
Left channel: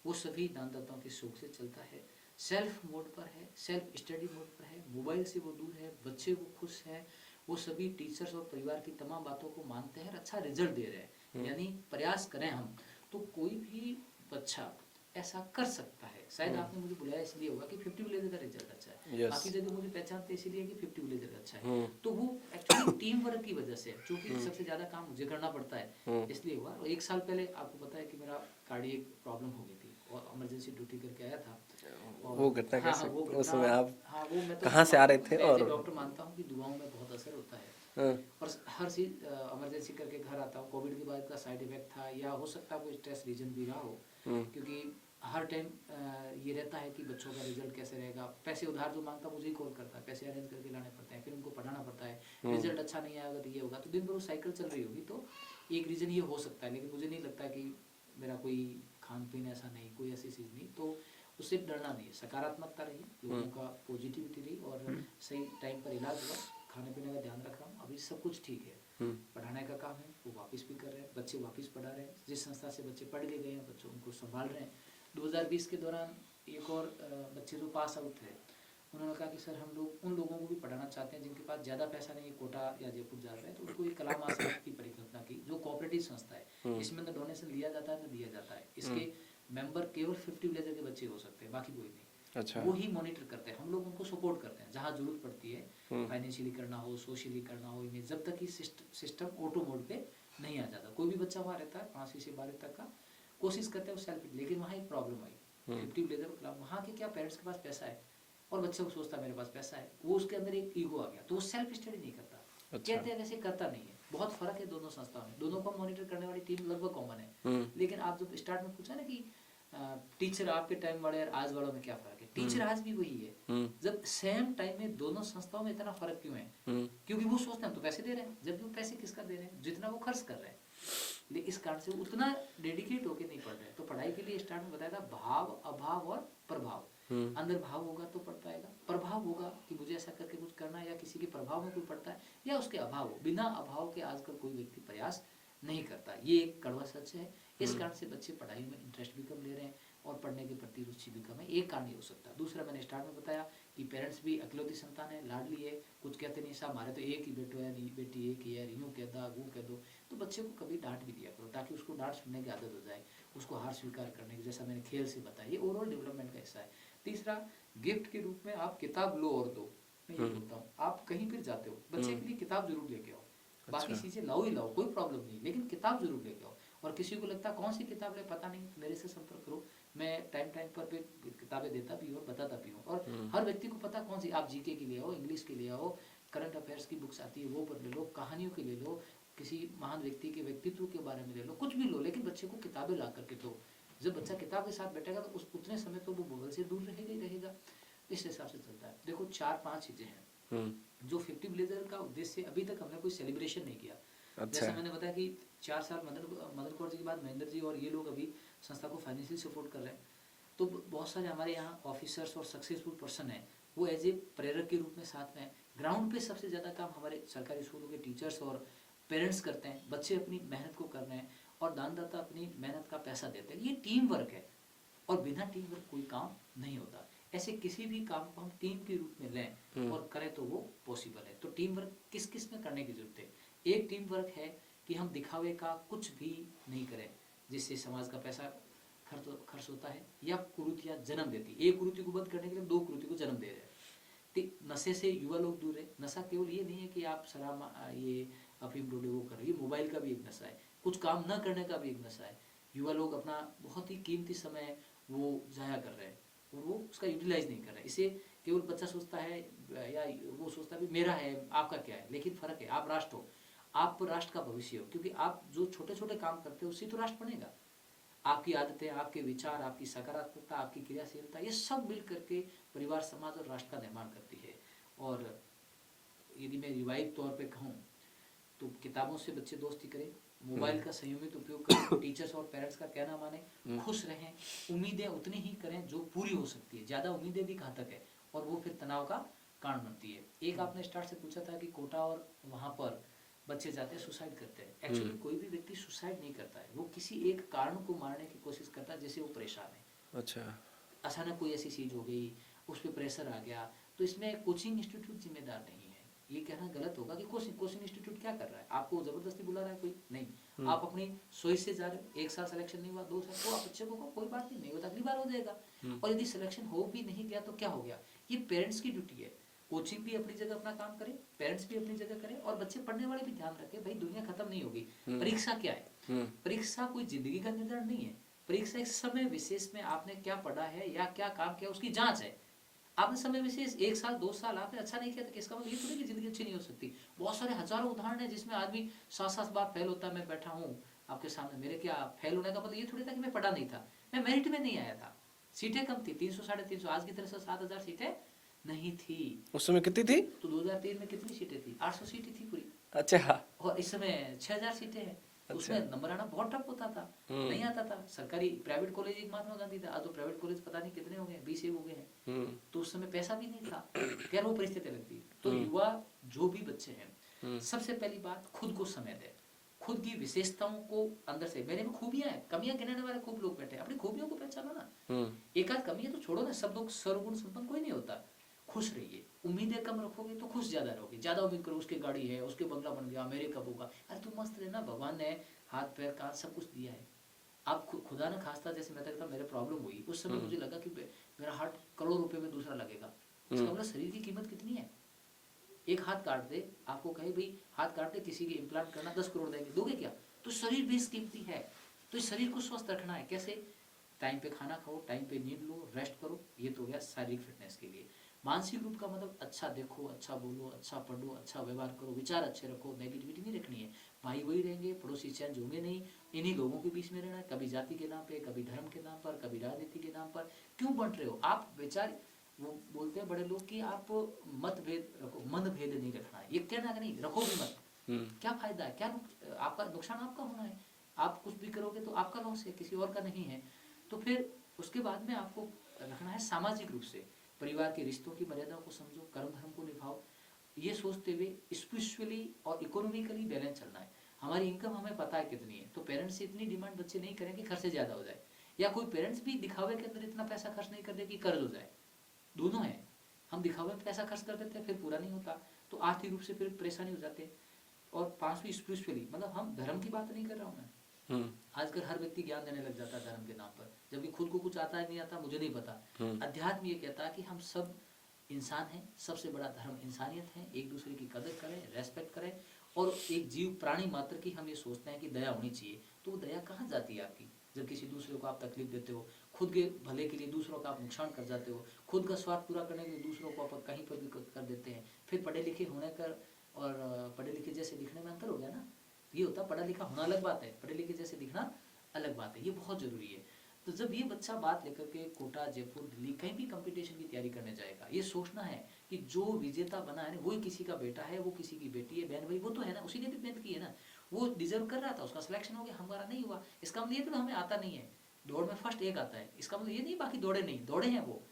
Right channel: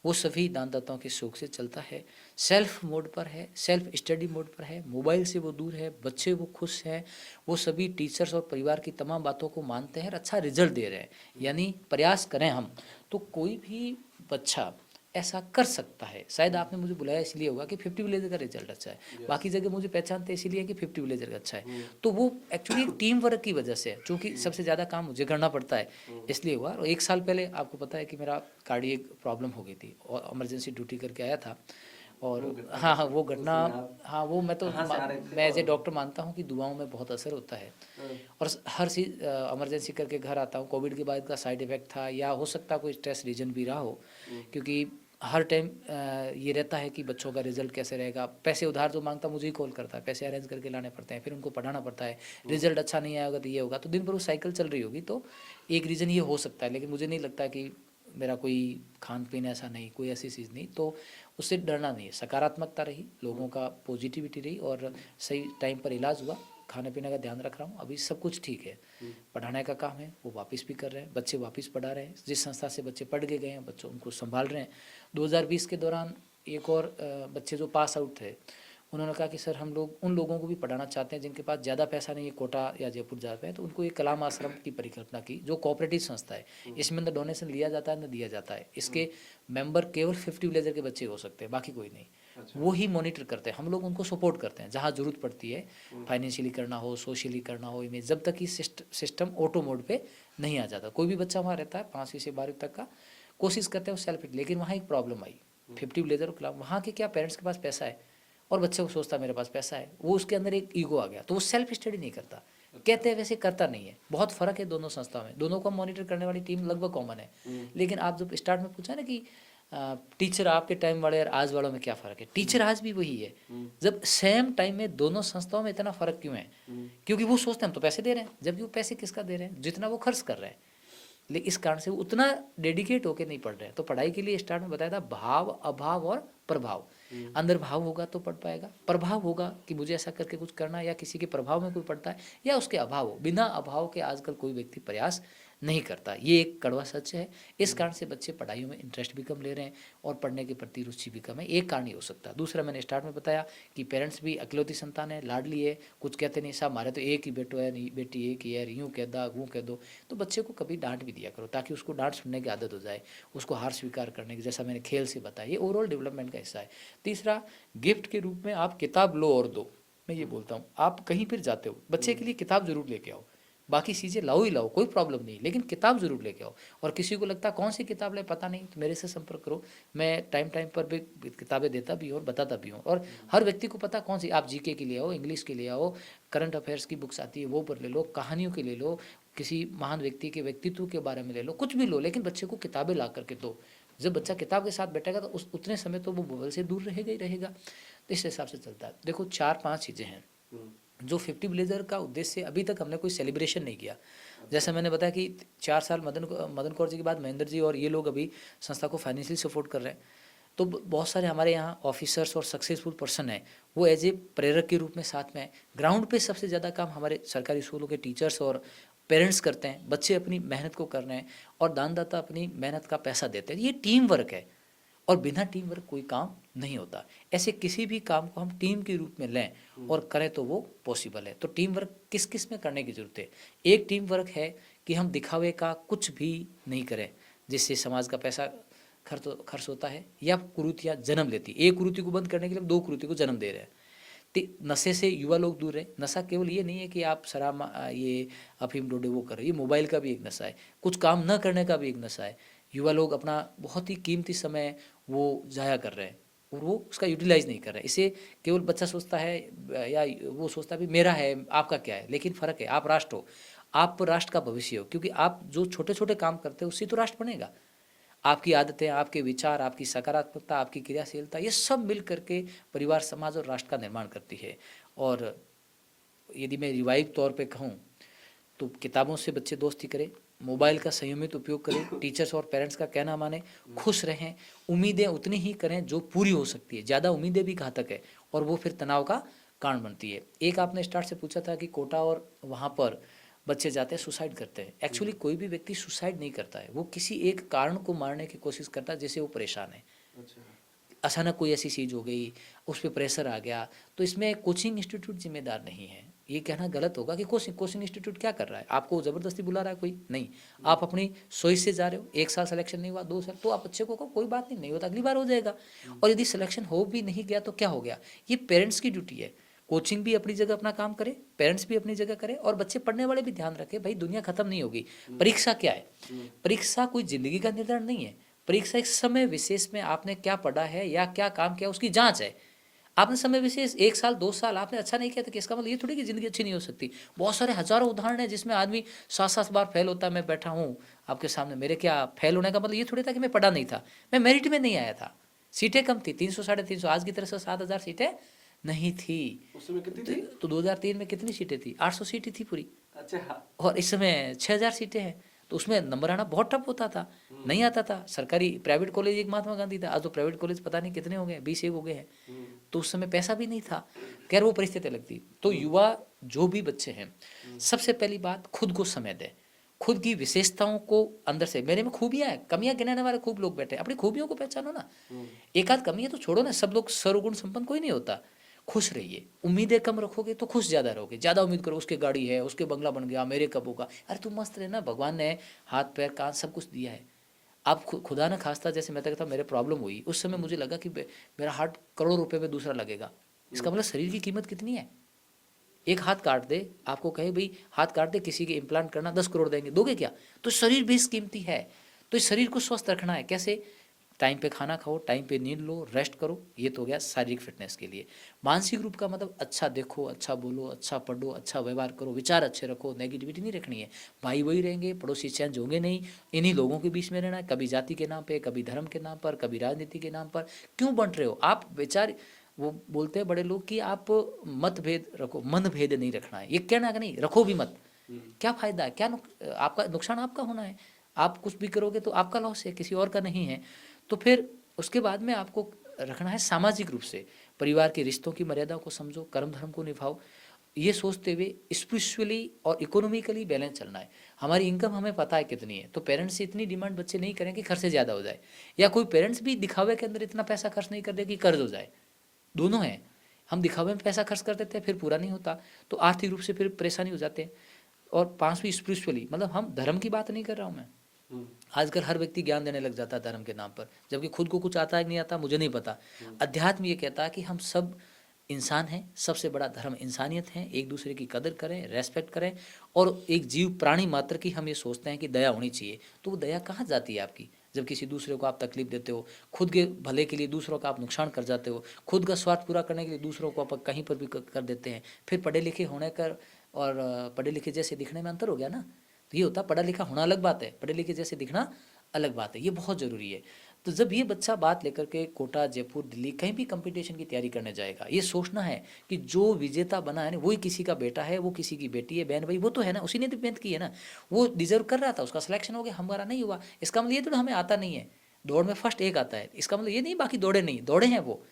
वो सभी दानदाताओं के शौक से चलता है, सेल्फ मोड पर है, सेल्फ स्टडी मोड पर है, मोबाइल से वो दूर है, बच्चे वो खुश हैं, वो सभी टीचर्स और परिवार की तमाम बातों को मानते हैं और अच्छा रिजल्ट दे रहे हैं। यानी प्रयास करें हम तो कोई भी बच्चा ऐसा कर सकता है। शायद आपने मुझे बुलाया इसलिए होगा कि 50 विलेजर का रिजल्ट अच्छा है, बाकी जगह मुझे पहचानते इसीलिए कि 50 विलेजर का अच्छा है। तो वो एक्चुअली टीम वर्क की वजह से है, क्योंकि सबसे ज़्यादा काम मुझे करना पड़ता है इसलिए हुआ। और 1 साल पहले आपको पता है कि मेरा कार्डियक प्रॉब्लम हो गई थी और इमरजेंसी ड्यूटी करके आया था। और वो घटना हाँ वो मैं तो कहाँ से आ रहे थे? मैं एज ए डॉक्टर मानता हूँ कि दुआओं में बहुत असर होता है और हर चीज़ इमरजेंसी करके घर आता हूँ। कोविड के बाद का साइड इफेक्ट था या हो सकता है कोई स्ट्रेस रीजन भी रहा हो, क्योंकि हर टाइम ये रहता है कि बच्चों का रिजल्ट कैसे रहेगा। पैसे उधार जो मांगता मुझे ही कॉल करता है, पैसे अरेंज करके लाने पड़ते हैं, फिर उनको पढ़ाना पड़ता है, रिजल्ट अच्छा नहीं आएगा तो ये होगा। तो दिन भर वो साइकिल चल रही होगी। तो एक रीज़न ये हो सकता है, लेकिन मुझे नहीं लगता कि मेरा कोई खान पीन ऐसा नहीं, कोई ऐसी चीज़ नहीं। तो उससे डरना नहीं है, सकारात्मकता रही, लोगों का पॉजिटिविटी रही और सही टाइम पर इलाज हुआ। खाने पीने का ध्यान रख रहा हूँ, अभी सब कुछ ठीक है। पढ़ाने का काम है वो वापस भी कर रहे हैं, बच्चे वापस पढ़ा रहे हैं। जिस संस्था से बच्चे पढ़ के गए हैं बच्चों उनको संभाल रहे हैं। 2020 के दौरान एक और बच्चे जो पास आउट थे उन्होंने कहा कि सर हम लोग उन लोगों को भी पढ़ाना चाहते हैं जिनके पास ज़्यादा पैसा नहीं है, कोटा या जयपुर जाते हैं, तो उनको एक कलाम आश्रम की परिकल्पना की, जो कोऑपरेटिव संस्था है। इसमें न डोनेशन लिया जाता है न दिया जाता है। इसके मेंबर केवल 50 विलेजर के बच्चे हो सकते हैं, बाकी कोई नहीं। अच्छा। वो ही मॉनिटर करते हैं, हम लोग उनको सपोर्ट करते हैं जहाँ जरूरत पड़ती है, फाइनेंशियली करना हो, सोशली करना हो, इमेज, जब तक ये सिस्टम ऑटो मोड पे नहीं आ जाता। कोई भी बच्चा वहाँ रहता है 5वीं से 12वीं तक का, कोशिश करते हैं सेल्फ। लेकिन वहाँ एक प्रॉब्लम आई 50 विलेजर के खिलाफ। वहाँ के क्या पेरेंट्स के पास पैसा है और बच्चे को सोचता है मेरे पास पैसा है, वो उसके अंदर एक ईगो आ गया, तो वो सेल्फ स्टडी नहीं करता। अच्छा। कहते हैं वैसे करता नहीं है। बहुत फर्क है दोनों संस्थाओं में, दोनों को मॉनिटर करने वाली टीम लगभग कॉमन है। लेकिन आप जब स्टार्ट में पूछा ना कि टीचर आपके टाइम वाले और आज वालों में क्या फ़र्क है, टीचर आज भी वही है। जब सेम टाइम में दोनों संस्थाओं में इतना फ़र्क क्यों है? क्योंकि वो सोचते हैं हम तो पैसे दे रहे हैं, जबकि वो पैसे किसका दे रहे हैं, जितना वो खर्च कर रहे हैं। लेकिन इस कारण से वो उतना डेडिकेट होकर नहीं पढ़ रहे हैं। तो पढ़ाई के लिए स्टार्ट में बताया था भाव, अभाव और प्रभाव। अंदर भाव होगा तो पढ़ पाएगा, प्रभाव होगा कि मुझे ऐसा करके कुछ करना है, या किसी के प्रभाव में कोई पढ़ता है या उसके अभाव हो। बिना अभाव के आजकल कोई व्यक्ति प्रयास नहीं करता, ये एक कड़वा सच है। इस कारण से बच्चे पढ़ाइयों में इंटरेस्ट भी कम ले रहे हैं और पढ़ने के प्रति रुचि भी कम है। एक कारण ही हो सकता है। दूसरा, मैंने स्टार्ट में बताया कि पेरेंट्स भी अकलौती संतान है, लाडली है, कुछ कहते नहीं साहब हमारे तो एक ही बेटो है, नहीं बेटी एक ही है, यूँ कह दा वो कह दो। तो बच्चे को कभी डांट भी दिया करो ताकि उसको डांट सुनने की आदत हो जाए, उसको हार स्वीकार करने की, जैसा मैंने खेल से बताया। ये ओवरऑल डेवलपमेंट का हिस्सा है। तीसरा, गिफ्ट के रूप में आप किताब लो और दो। मैं ये बोलता हूँ, आप कहीं फिर जाते हो, बच्चे के लिए किताब जरूर लेके आओ। बाकी चीज़ें लाओ ही लाओ, कोई प्रॉब्लम नहीं, लेकिन किताब जरूर लेके आओ। और किसी को लगता है कौन सी किताब ले पता नहीं, तो मेरे से संपर्क करो, मैं टाइम टाइम पर भी किताबें देता भी हूँ और बताता भी हूँ। और हर व्यक्ति को पता कौन सी, आप जीके के लिए आओ, इंग्लिश के लिए आओ, करंट अफेयर्स की बुक्स आती है वो पर ले लो, कहानियों के ले लो, किसी महान व्यक्ति के व्यक्तित्व के बारे में ले लो, कुछ भी लो, लेकिन बच्चे को किताबें ला करके दो। जब बच्चा किताब के साथ बैठेगा तो उस उतने समय तो वो मोबाइल से दूर रहेगा ही रहेगा। तो इस हिसाब से चलता है। देखो 4-5 चीज़ें हैं जो 50 विलेजर का उद्देश्य अभी तक हमने कोई सेलिब्रेशन नहीं किया। जैसे मैंने बताया कि 4 साल मदन कौर जी के बाद महेंद्र जी और ये लोग अभी संस्था को फाइनेंशियली सपोर्ट कर रहे हैं। तो बहुत सारे हमारे यहाँ ऑफिसर्स और सक्सेसफुल पर्सन हैं, वो एज ए प्रेरक के रूप में साथ में। ग्राउंड पे सबसे ज़्यादा काम हमारे सरकारी स्कूलों के टीचर्स और पेरेंट्स करते हैं। बच्चे अपनी मेहनत को कर रहे हैं और दानदाता अपनी मेहनत का पैसा देते हैं। ये टीम वर्क है और बिना टीम वर्क कोई काम नहीं होता। ऐसे किसी भी काम को हम टीम के रूप में लें और करें तो वो पॉसिबल है। तो टीम वर्क किस किस में करने की जरूरत है। एक टीम वर्क है कि हम दिखावे का कुछ भी नहीं करें जिससे समाज का पैसा खर्च होता है या कुरीतियाँ जन्म लेती। एक कुरीति को बंद करने के लिए 2 कुरीति को जन्म दे रहे हैं। नशे से युवा लोग दूर रहे। नशा केवल ये नहीं है कि आप शराब ये अफीम डोडे वो कर रहे हैं, ये मोबाइल का भी एक नशा है, कुछ काम न करने का भी एक नशा है। युवा लोग अपना बहुत ही कीमती समय वो जाया कर रहे हैं और वो उसका यूटिलाइज नहीं कर रहे। इसे केवल बच्चा सोचता है या वो सोचता है भी मेरा है आपका क्या है, लेकिन फ़र्क है। आप राष्ट्र हो, आप राष्ट्र का भविष्य हो, क्योंकि आप जो छोटे छोटे काम करते हो उससे तो राष्ट्र बनेगा। आपकी आदतें, आपके विचार, आपकी सकारात्मकता, आपकी क्रियाशीलता, ये सब मिल करके परिवार, समाज और राष्ट्र का निर्माण करती है। और यदि मैं रिवाइव तौर पे कहूँ तो किताबों से बच्चे दोस्ती करें, मोबाइल का संयमित उपयोग करें, टीचर्स और पेरेंट्स का कहना माने, खुश रहें, उम्मीदें उतनी ही करें जो पूरी हो सकती है। ज़्यादा उम्मीदें भी घातक है और वो फिर तनाव का कारण बनती है। एक आपने स्टार्ट से पूछा था कि कोटा और वहाँ पर बच्चे जाते हैं सुसाइड करते हैं। एक्चुअली कोई भी व्यक्ति सुसाइड नहीं करता है, वो किसी एक कारण को मारने की कोशिश करता है जिससे वो परेशान है। अच्छा, अचानक कोई ऐसी चीज़ हो गई, उस पर प्रेशर आ गया, तो इसमें कोचिंग इंस्टीट्यूट जिम्मेदार नहीं है। ये कहना गलत होगा कि कोचिंग इंस्टीट्यूट क्या कर रहा है, आपको ज़बरदस्ती बुला रहा है कोई नहीं। आप अपनी सोच से जा रहे हो, 1 साल सिलेक्शन नहीं हुआ, 2 साल, तो आप बच्चे को कोई बात नहीं होता, अगली बार हो जाएगा। और यदि सिलेक्शन हो भी नहीं गया तो क्या हो गया, ये पेरेंट्स की ड्यूटी है। कोचिंग भी अपनी जगह अपना काम करे, पेरेंट्स भी अपनी जगह करे और बच्चे पढ़ने वाले भी ध्यान रखें। भाई दुनिया खत्म नहीं होगी। परीक्षा क्या है, परीक्षा कोई जिंदगी का निर्धारण नहीं है। परीक्षा एक समय विशेष में आपने क्या पढ़ा है या क्या काम किया उसकी जांच है। आपने समय विशेष 1 साल 2 साल आपने अच्छा नहीं किया तो इसका मतलब ये थोड़ी कि जिंदगी अच्छी नहीं हो सकती। बहुत सारे हजारों उदाहरण हैं जिसमें आदमी 7-7 बार फेल होता है। मैं बैठा हूँ आपके सामने, मेरे क्या फेल होने का मतलब ये थोड़ी था कि मैं पढ़ा नहीं था, मैं मेरिट में नहीं आया था, सीटें कम थी, 300 350, आज की तरह से 7,000 सीटें नहीं थी। उस समय कितनी थी? तो 2003 में कितनी सीटें थी, 800 सीटें थी पूरी। अच्छा, और इस समय 6,000 सीटें हैं। तो उसमें नंबर आना बहुत टफ होता था, नहीं आता था। सरकारी प्राइवेट कॉलेज एक महात्मा गांधी था, आज तो प्राइवेट कॉलेज पता नहीं कितने हो गए, 20 एक हो गए हैं। तो उस समय पैसा भी नहीं था, खैर वो परिस्थिति लगती। तो युवा जो भी बच्चे हैं, सबसे पहली बात खुद को समय दें, खुद की विशेषताओं को अंदर से, मेरे में खूबियां हैं, कमियां गिनाने वाले खूब लोग बैठे हैं, अपनी खूबियों को पहचानो ना। एक आध कमी है तो छोड़ो ना, सब लोग सर्वगुण संपन्न कोई नहीं होता। खुश रहिए, उम्मीदें कम रखोगे तो खुश ज़्यादा रहोगे। ज़्यादा उम्मीद करो उसके गाड़ी है, उसके बंगला बन गया, मेरे कब होगा, अरे तुम मस्त रहना, भगवान ने हाथ पैर कान सब कुछ दिया है। आप खुदा न खास्ता, जैसे मैं कहता हूँ मेरे प्रॉब्लम हुई उस समय मुझे लगा कि मेरा हार्ट करोड़ रुपए पे दूसरा लगेगा। इसका मतलब शरीर की कीमत कितनी है। एक हाथ काट दे, आपको कहे भाई हाथ काट दे, किसी के इम्प्लांट करना 10 करोड़ देंगे, दोगे क्या। तो शरीर बेस कीमती है। तो इस शरीर को स्वस्थ रखना है कैसे, टाइम पे खाना खाओ, टाइम पे नींद लो, रेस्ट करो। ये तो हो गया शारीरिक फिटनेस के लिए। मानसिक रूप का मतलब अच्छा देखो, अच्छा बोलो, अच्छा पढ़ो, अच्छा व्यवहार करो, विचार अच्छे रखो, नेगेटिविटी नहीं रखनी है। भाई वही रहेंगे, पड़ोसी चेंज होंगे नहीं, इन्हीं लोगों के बीच में रहना है। कभी जाति के नाम पे, कभी धर्म के नाम पर, कभी राजनीति के नाम पर क्यों बंट रहे हो आप। विचार, वो बोलते हैं बड़े लोग कि आप मतभेद रखो, मन भेद नहीं रखना है। ये कहना कि नहीं रखो भी मत, क्या फायदा है, क्या आपका नुकसान आपका होना है। आप कुछ भी करोगे तो आपका लॉस है, किसी और का नहीं है। तो फिर उसके बाद में आपको रखना है सामाजिक रूप से, परिवार के रिश्तों की मर्यादा को समझो, कर्म धर्म को निभाओ, ये सोचते हुए स्पिरिचुअली और इकोनॉमिकली बैलेंस चलना है। हमारी इनकम हमें पता है कितनी है, तो पेरेंट्स से इतनी डिमांड बच्चे नहीं करें कि खर्च ज़्यादा हो जाए, या कोई पेरेंट्स भी दिखावे के अंदर इतना पैसा खर्च नहीं कर दे कि कर्ज हो जाए। दोनों हैं, हम दिखावे में पैसा खर्च कर देते हैं फिर पूरा नहीं होता, तो आर्थिक रूप से फिर परेशानी हो जाते हैं। और 5वीं स्पिरिचुअली, मतलब हम धर्म की बात नहीं कर रहा हूँ मैं। आजकल हर व्यक्ति ज्ञान देने लग जाता है धर्म के नाम पर, जबकि खुद को कुछ आता है नहीं आता मुझे नहीं पता। अध्यात्म ये कहता है कि हम सब इंसान है, सबसे बड़ा धर्म इंसानियत है, एक दूसरे की कदर करें, रेस्पेक्ट करें, और एक जीव प्राणी मात्र की हम ये सोचते हैं कि दया होनी चाहिए, तो वो दया कहाँ जाती है आपकी, जब किसी दूसरे को आप तकलीफ देते हो, खुद के भले के लिए दूसरों का आप नुकसान कर जाते हो, खुद का स्वार्थ पूरा करने के लिए दूसरों को आप कहीं पर भी कर देते हैं। फिर पढ़े लिखे होने कर और पढ़े लिखे जैसे दिखने में अंतर हो गया ना। तो ये होता, पढ़ा लिखा होना अलग बात है, पढ़े लिखे जैसे दिखना अलग बात है, ये बहुत ज़रूरी है। तो जब ये बच्चा बात लेकर के कोटा, जयपुर, दिल्ली कहीं भी कंपटीशन की तैयारी करने जाएगा, ये सोचना है कि जो विजेता बना है ना, वही किसी का बेटा है, वो किसी की बेटी है, बहन भाई, वो तो है ना, उसी ने तो मेहनत की है ना, वो डिजर्व कर रहा था, उसका सिलेक्शन हो गया, हमारा नहीं हुआ, इसका मतलब ये तो हमें आता नहीं है। दौड़ में फर्स्ट एक आता है, इसका मतलब ये नहीं बाकी दौड़े नहीं, दौड़े हैं वो।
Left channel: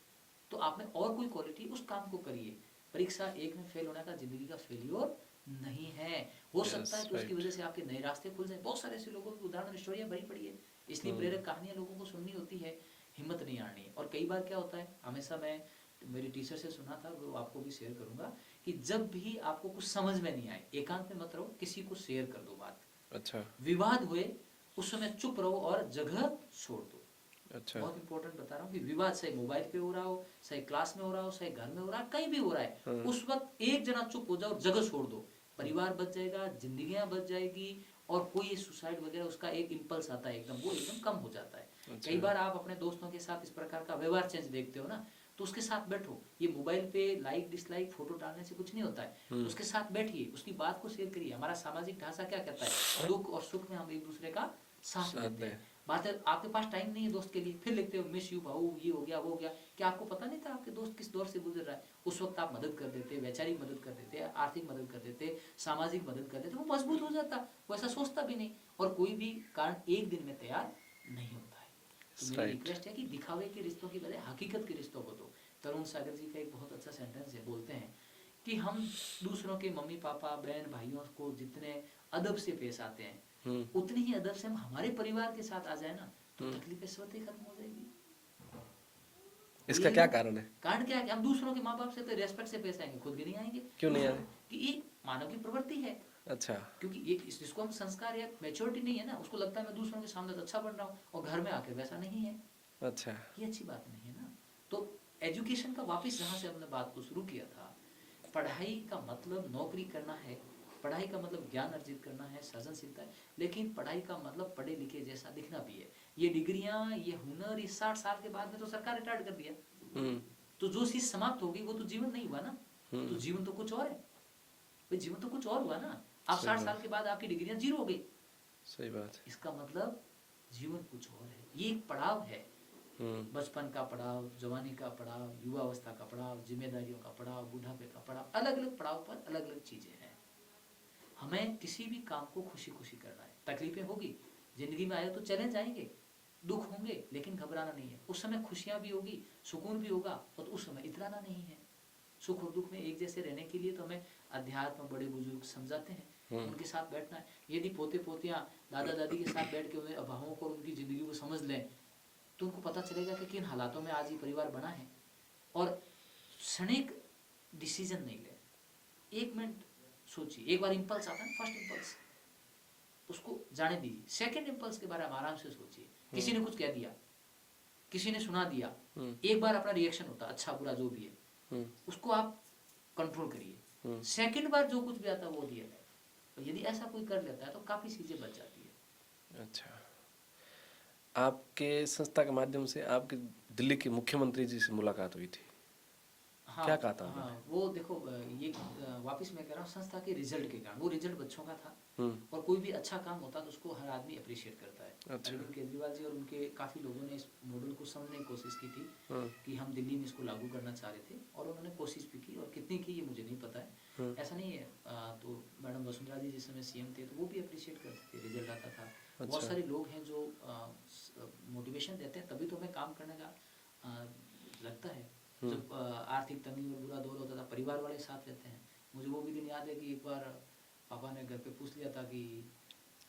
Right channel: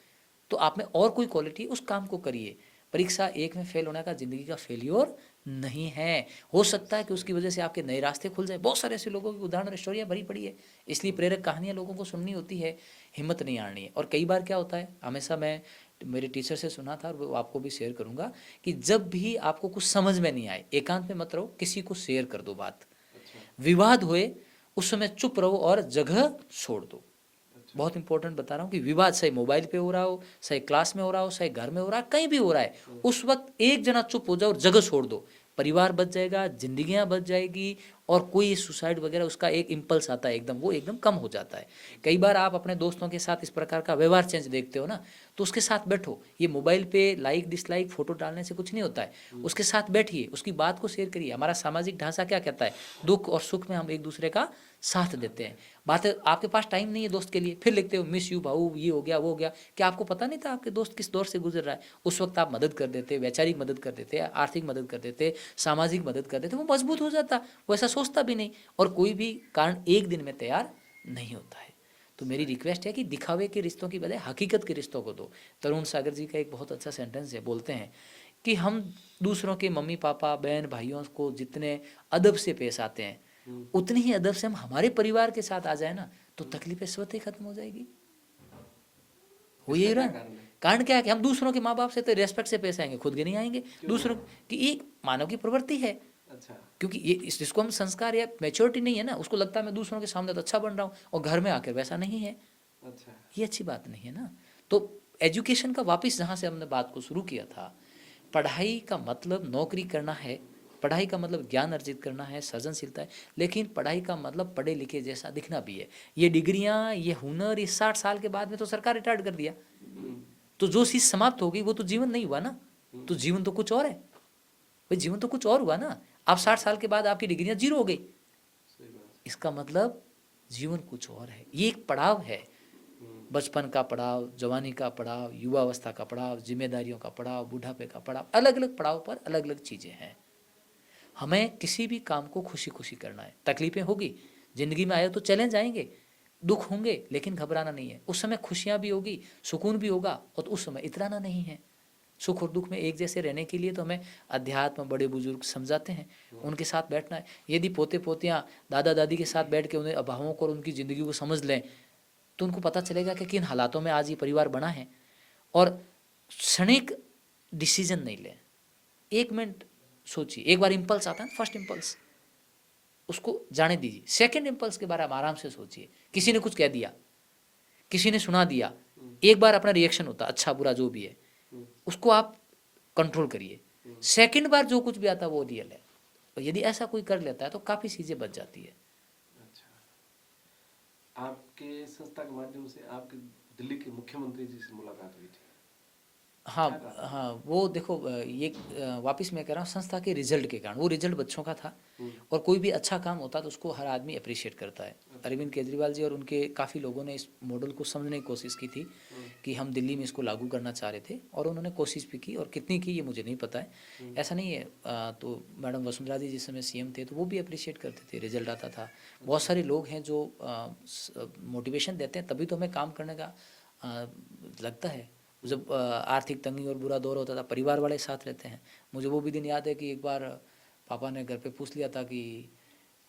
तो आप में और कोई क्वालिटी, उस काम को करिए। परीक्षा एक में फेल होने का ज़िंदगी का फेल्योर नहीं है। हो सकता है कि उसकी वजह से आपके नए रास्ते खुल जाए। बहुत सारे ऐसे लोगों की उदाहरण, स्टोरियाँ भरी पड़ी है। इसलिए प्रेरक कहानियाँ लोगों को सुननी होती है, हिम्मत नहीं हारनी है। और कई बार क्या होता है, हमेशा मैं मेरे टीचर से सुना था, और वो आपको भी शेयर करूँगा, कि जब भी आपको कुछ समझ में नहीं आए, एकांत में मत रहो, किसी को शेयर कर दो बात। अच्छा। विवाद हुए उस समय चुप रहो और जगह छोड़ दो। अच्छा। बहुत इंपॉर्टेंट बता रहा हूँ कि विवाद चाहे मोबाइल पे हो रहा हो, चाहे क्लास में हो रहा हो, चाहे घर में हो रहा है, कहीं भी हो रहा है, उस वक्त एक जना चुप हो जाओ और जगह छोड़ दो। परिवार बच जाएगा, जिंदगियां बच जाएगी, और कोई सुसाइड वगैरह उसका एक इम्पल्स आता है एकदम, वो एकदम कम हो जाता है। कई बार आप अपने दोस्तों के साथ इस प्रकार का व्यवहार चेंज देखते हो ना, तो उसके साथ बैठो। ये मोबाइल पे लाइक डिसलाइक फोटो डालने से कुछ नहीं होता है। उसके साथ बैठिए, उसकी बात को शेयर करिए। हमारा सामाजिक ढांचा क्या कहता है, दुख और सुख में हम एक दूसरे का साथ देते हैं। बात है, आपके पास टाइम नहीं है दोस्त के लिए, फिर लिखते हो मिस यू भाऊ, ये हो गया वो हो गया। क्या आपको पता नहीं था आपके दोस्त किस दौर से गुजर रहा है? उस वक्त आप मदद कर देते, वैचारिक मदद कर देते, आर्थिक मदद कर देते, सामाजिक मदद कर देते, वो मजबूत हो जाता, वो ऐसा सोचता भी नहीं। और कोई भी कारण एक दिन में तैयार नहीं होता है। तो मेरी रिक्वेस्ट है कि दिखावे के रिश्तों की बजाय हकीकत के रिश्तों को दो। तरुण सागर जी का एक बहुत अच्छा सेंटेंस है, बोलते हैं कि हम दूसरों के मम्मी पापा बहन भाइयों को जितने अदब से पेश आते हैं, उतनी ही अदब से हम हमारे परिवार के साथ आ जाए ना, तो तकलीफें स्वतः ही खत्म हो जाएगी। इसका क्या कारण है? कारण क्या है कि हम दूसरों के माँ बाप से तो रेस्पेक्ट से पेश आएंगे, खुद के नहीं आएंगे। दूसरों की एक मानव की प्रवृत्ति है। अच्छा। क्योंकि ये इसको हम संस्कार या मैच्योरिटी नहीं है ना, उसको लगता है मैं दूसरों के सामने तो अच्छा बन रहा हूँ, और घर में आकर वैसा नहीं है। अच्छा। ये अच्छी बात नहीं है ना। तो एजुकेशन का वापस जहाँ से हमने बात को शुरू किया था, पढ़ाई का मतलब नौकरी करना है, पढ़ाई का मतलब ज्ञान अर्जित करना है, सृजनशीलता है, लेकिन पढ़ाई का मतलब पढ़े लिखे जैसा दिखना भी है। ये डिग्रियां, ये हुनर, ये 60 साल के बाद में तो सरकार रिटायर्ड कर दिया, तो जो चीज़ समाप्त होगी वो तो जीवन नहीं हुआ ना। तो जीवन तो कुछ और है भाई, जीवन तो कुछ और हुआ ना। आप 60 साल के बाद आपकी डिग्रियां जीरो हो गई, सही बात। इसका मतलब जीवन कुछ और है। ये एक पड़ाव है, बचपन का पड़ाव, जवानी का पड़ाव, युवावस्था का पड़ाव, जिम्मेदारियों का पड़ाव, बुढ़ापे का पड़ाव, अलग अलग पड़ाव पर अलग अलग चीज़ें हैं। हमें किसी भी काम को खुशी खुशी करना है। तकलीफें होगी जिंदगी में, आए तो चैलेंज आएंगे, दुख होंगे, लेकिन घबराना नहीं है। उस समय खुशियाँ भी होगी, सुकून भी होगा, और उस समय इतराना नहीं है। सुख और दुख में एक जैसे रहने के लिए तो हमें अध्यात्म, बड़े बुजुर्ग समझाते हैं, उनके साथ बैठना है। यदि पोते पोतियाँ दादा दादी के साथ बैठ के उन्हें अभावों को और उनकी ज़िंदगी को समझ लें, तो उनको पता चलेगा कि किन हालातों में आज ये परिवार बना है। और क्षणिक डिसीजन नहीं लें, 1 मिनट सोचिए। एक बार इम्पल्स आता है, फर्स्ट इम्पल्स, उसको जाने दीजिए। सेकंड इम्पल्स के बारे में आराम से सोचिए। किसी ने कुछ कह दिया, किसी ने सुना दिया, एक बार अपना रिएक्शन होता, अच्छा बुरा जो भी है, उसको आप कंट्रोल करिए। सेकंड बार जो कुछ भी आता है वो रियल है। और यदि ऐसा कोई कर लेता है तो काफ़ी चीज़ें बच जाती है। अच्छा। आपके संस्था के माध्यम से आपके दिल्ली के मुख्यमंत्री जी से मुलाकात हुई थी। हाँ क्या कहा था हाँ, वो देखो, ये वापस मैं कह रहा हूँ, संस्था के रिजल्ट के कारण, वो रिजल्ट बच्चों का था, और कोई भी अच्छा काम होता तो उसको हर आदमी अप्रिशिएट करता है। अच्छा। अरविंद केजरीवाल जी और उनके काफ़ी लोगों ने इस मॉडल को समझने की कोशिश की थी कि हम दिल्ली में इसको लागू करना चाह रहे थे, और उन्होंने कोशिश भी की, और कितनी की ये मुझे नहीं पता है, ऐसा नहीं है। तो मैडम वसुंधरा जी जिस समय सीएम थे तो वो भी अप्रिशिएट करते थे, रिजल्ट आता था। बहुत सारे लोग हैं जो मोटिवेशन देते हैं, तभी तो हमें काम करने का लगता है। जब आर्थिक तंगी और बुरा दौर होता था, परिवार वाले साथ रहते हैं। मुझे वो भी दिन याद है कि एक बार पापा ने घर पे पूछ लिया था कि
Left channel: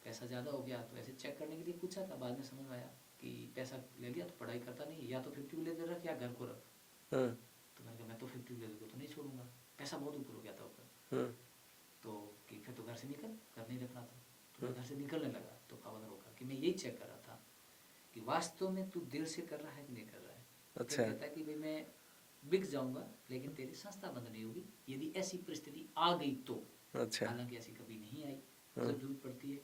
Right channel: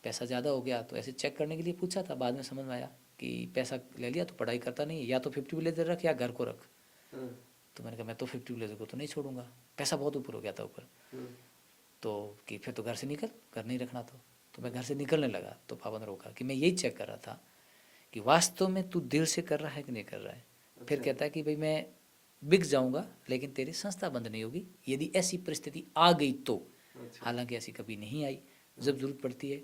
पैसा ज़्यादा हो गया, तो ऐसे चेक करने के लिए पूछा था। बाद में समझ में आया कि पैसा ले लिया तो पढ़ाई करता नहीं, या तो 50 विलेजर रख या घर को रख। तो मैंने कहा मैं तो 50 विलेजर को तो नहीं छोड़ूंगा, पैसा बहुत ऊपर हो गया था ऊपर। तो कि फिर तो घर से निकल, घर नहीं रखना तो मैं घर से निकलने लगा। तो पापा ने रोका कि मैं यही चेक कर रहा था कि वास्तव में तू दिल से कर रहा है कि नहीं कर रहा है। फिर कहता है कि भाई मैं बिक जाऊंगा लेकिन तेरी संस्था बंद नहीं होगी, यदि ऐसी परिस्थिति आ गई तो। अच्छा। हालांकि ऐसी कभी नहीं आई। जब जरूरत पड़ती है,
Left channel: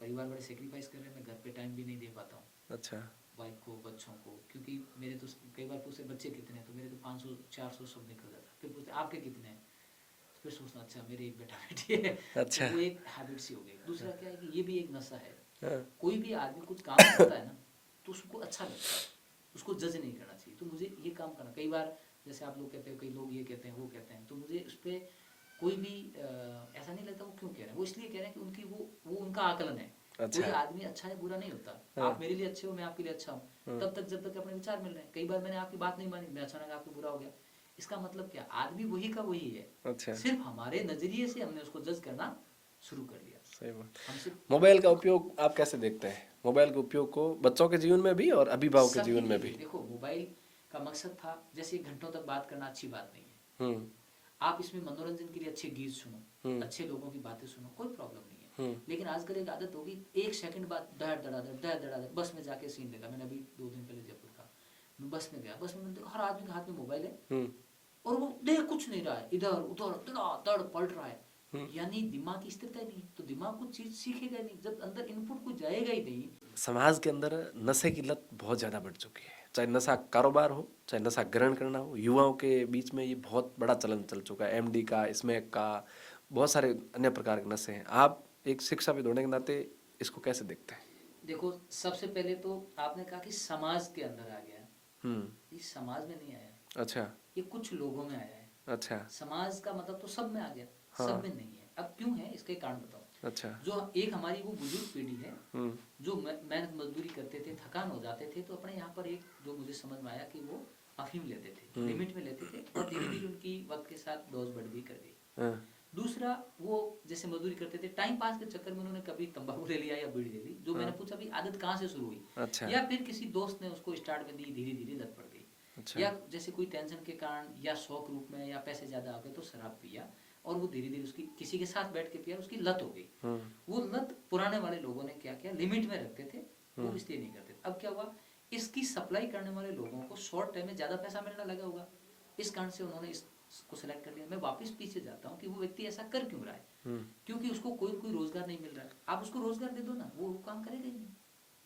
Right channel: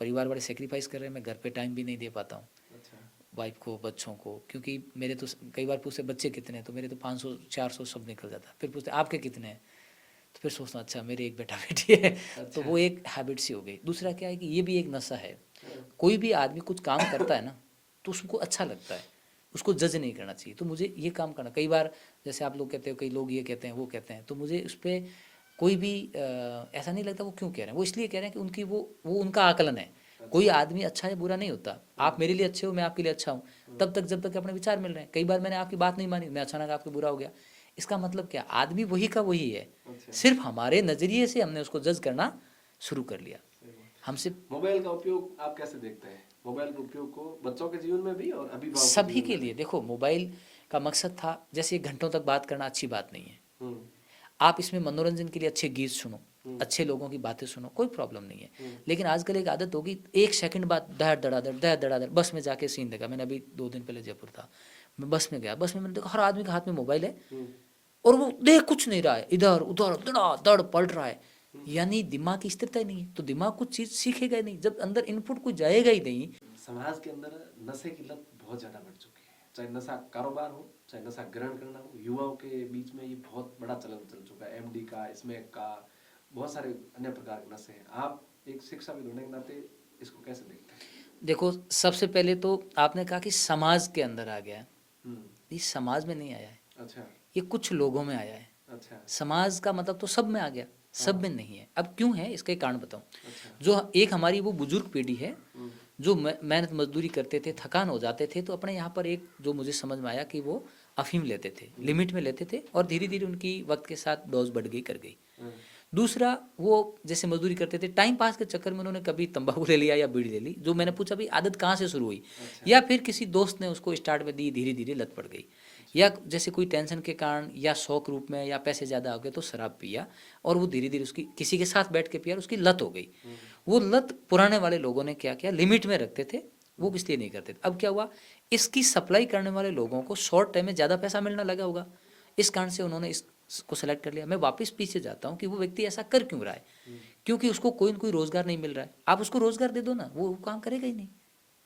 परिवार वाले सेक्रीफाइस कर रहे हैं, मैं घर पे टाइम भी नहीं दे पाता हूँ अच्छा। वाइफ को, बच्चों को, क्योंकि मेरे तो कई बार पूछते बच्चे कितने हैं, तो मेरे तो 500 400 सब निकल जाता है। फिर पूछते आपके कितने हैं, तो फिर सोचता हूँ अच्छा मेरे एक बेटा बेटी है। अच्छा। तो वो एक हैबिट सी हो गई। दूसरा क्या है कि ये भी एक नशा है। हाँ। कोई भी आदमी कुछ काम करता है ना तो उसको अच्छा लगता है, उसको जज नहीं करना चाहिए। तो मुझे ये काम करना, कई बार जैसे आप लोग कहते हो, कई लोग ये कहते हैं वो कहते हैं, तो मुझे उस पर कोई भी ऐसा नहीं लगता वो क्यों कह रहे हैं। वो इसलिए कह रहे हैं कि उनकी वो उनका आकलन है। कोई अच्छा। आदमी अच्छा या बुरा नहीं होता। आप मेरे लिए अच्छे हो, मैं आपके लिए अच्छा हूँ, तब तक जब तक अपने विचार मिल रहे हैं। कई बार मैंने आपकी बात नहीं मानी, मैं अचानक आपको बुरा हो गया। इसका मतलब क्या, आदमी वही का वही है, अच्छा। सिर्फ हमारे नजरिए से हमने उसको जज करना शुरू कर लिया। सही बात। हमसे मोबाइल का उपयोग आप कैसे देखते हैं? मोबाइल के उपयोग को बच्चों के जीवन में भी और अभिभावक के सभी जीवन के में लिए, भी। देखो मोबाइल का मकसद था, जैसे घंटों तक बात करना अच्छी बात नहीं है। हम्म। आप इसमें मनोरंजन के लिए अच्छे गीत सुनो, अच्छे लोगों की बातें सुनो, कोई प्रॉब्लम नहीं है। लेकिन आजकल एक आदत होगी, 1 सेकंड बाद दड़ बस में जाके सीन देखा मैंने। अभी 2 दिन पहले जयपुर था, मैं बस में गया, बस में मैंने देखा हर आदमी के हाथ में मोबाइल है और वो देख कुछ नहीं रहा है, इधर उधर दड़ पलट रहा है। यानी दिमाग की स्थिरता ही नहीं है, तो दिमाग कुछ चीज सीखेगा ही नहीं जब अंदर इनपुट कुछ जाएगा ही नहीं। समाज के अंदर नशे की लत बहुत ज़्यादा बढ़ चुकी है। चाहे नशा कारोबार हो, चाहे नशा ग्रहण करना हो, युवाओं के बीच में ये बहुत बड़ा चलन चल चुका है। एमडी का, स्मैक का, बहुत सारे अन्य प्रकार के नशे हैं। आप एक शिक्षा विद होने के नाते इसको कैसे देखते हैं? देखो सबसे पहले तो आपने कहा कि समाज के अंदर आ गया है। हम्म। ये समाज में नहीं आया है, अच्छा। ये कुछ लोगों में आया है। अच्छा। समाज का मतलब तो सब में आ गया, सब में नहीं है। अब क्यों है, इसका एक कारण बताऊं। अच्छा। जो एक हमारी वो बुजुर्ग पीढ़ी है, जो मेहनत मजदूरी करते थे, थकान हो जाते थे, तो अपने यहाँ पर एक जो मुझे समझ में आया कि वो अफीम लेते थे, लिमिट में लेते थे, और धीरे धीरे उनकी वक्त के साथ डोज बढ़ गई, कर गई। हाँ। दूसरा, वो जैसे मजदूरी करते थे, टाइम पास के चक्कर में उन्होंने कभी तंबाकू ले लिया या बीड़ी ले ली। जो मैंने पूछा भाई आदत कहाँ से शुरू हुई, अच्छा। या फिर किसी दोस्त ने उसको स्टार्ट में दी, धीरे धीरे लत पड़ गई। या जैसे कोई टेंशन के कारण या शौक रूप में या पैसे ज़्यादा हो गए तो शराब पिया, और वो धीरे धीरे उसकी किसी के साथ बैठ के पिया, उसकी लत हो गई। वो लत पुराने वाले लोगों ने क्या किया, लिमिट में रखते थे, वो इसलिए नहीं करते थे। अब क्या हुआ, इसकी सप्लाई करने वाले लोगों को शॉर्ट टाइम में ज़्यादा पैसा मिलने लगा होगा, इस कारण से उन्होंने इसको सेलेक्ट कर लिया। मैं वापस पीछे जाता हूँ कि वो व्यक्ति ऐसा कर क्यों रहा है, क्योंकि उसको कोई न कोई रोजगार नहीं मिल रहा है। आप उसको रोजगार दे दो ना, वो काम करेगा ही नहीं।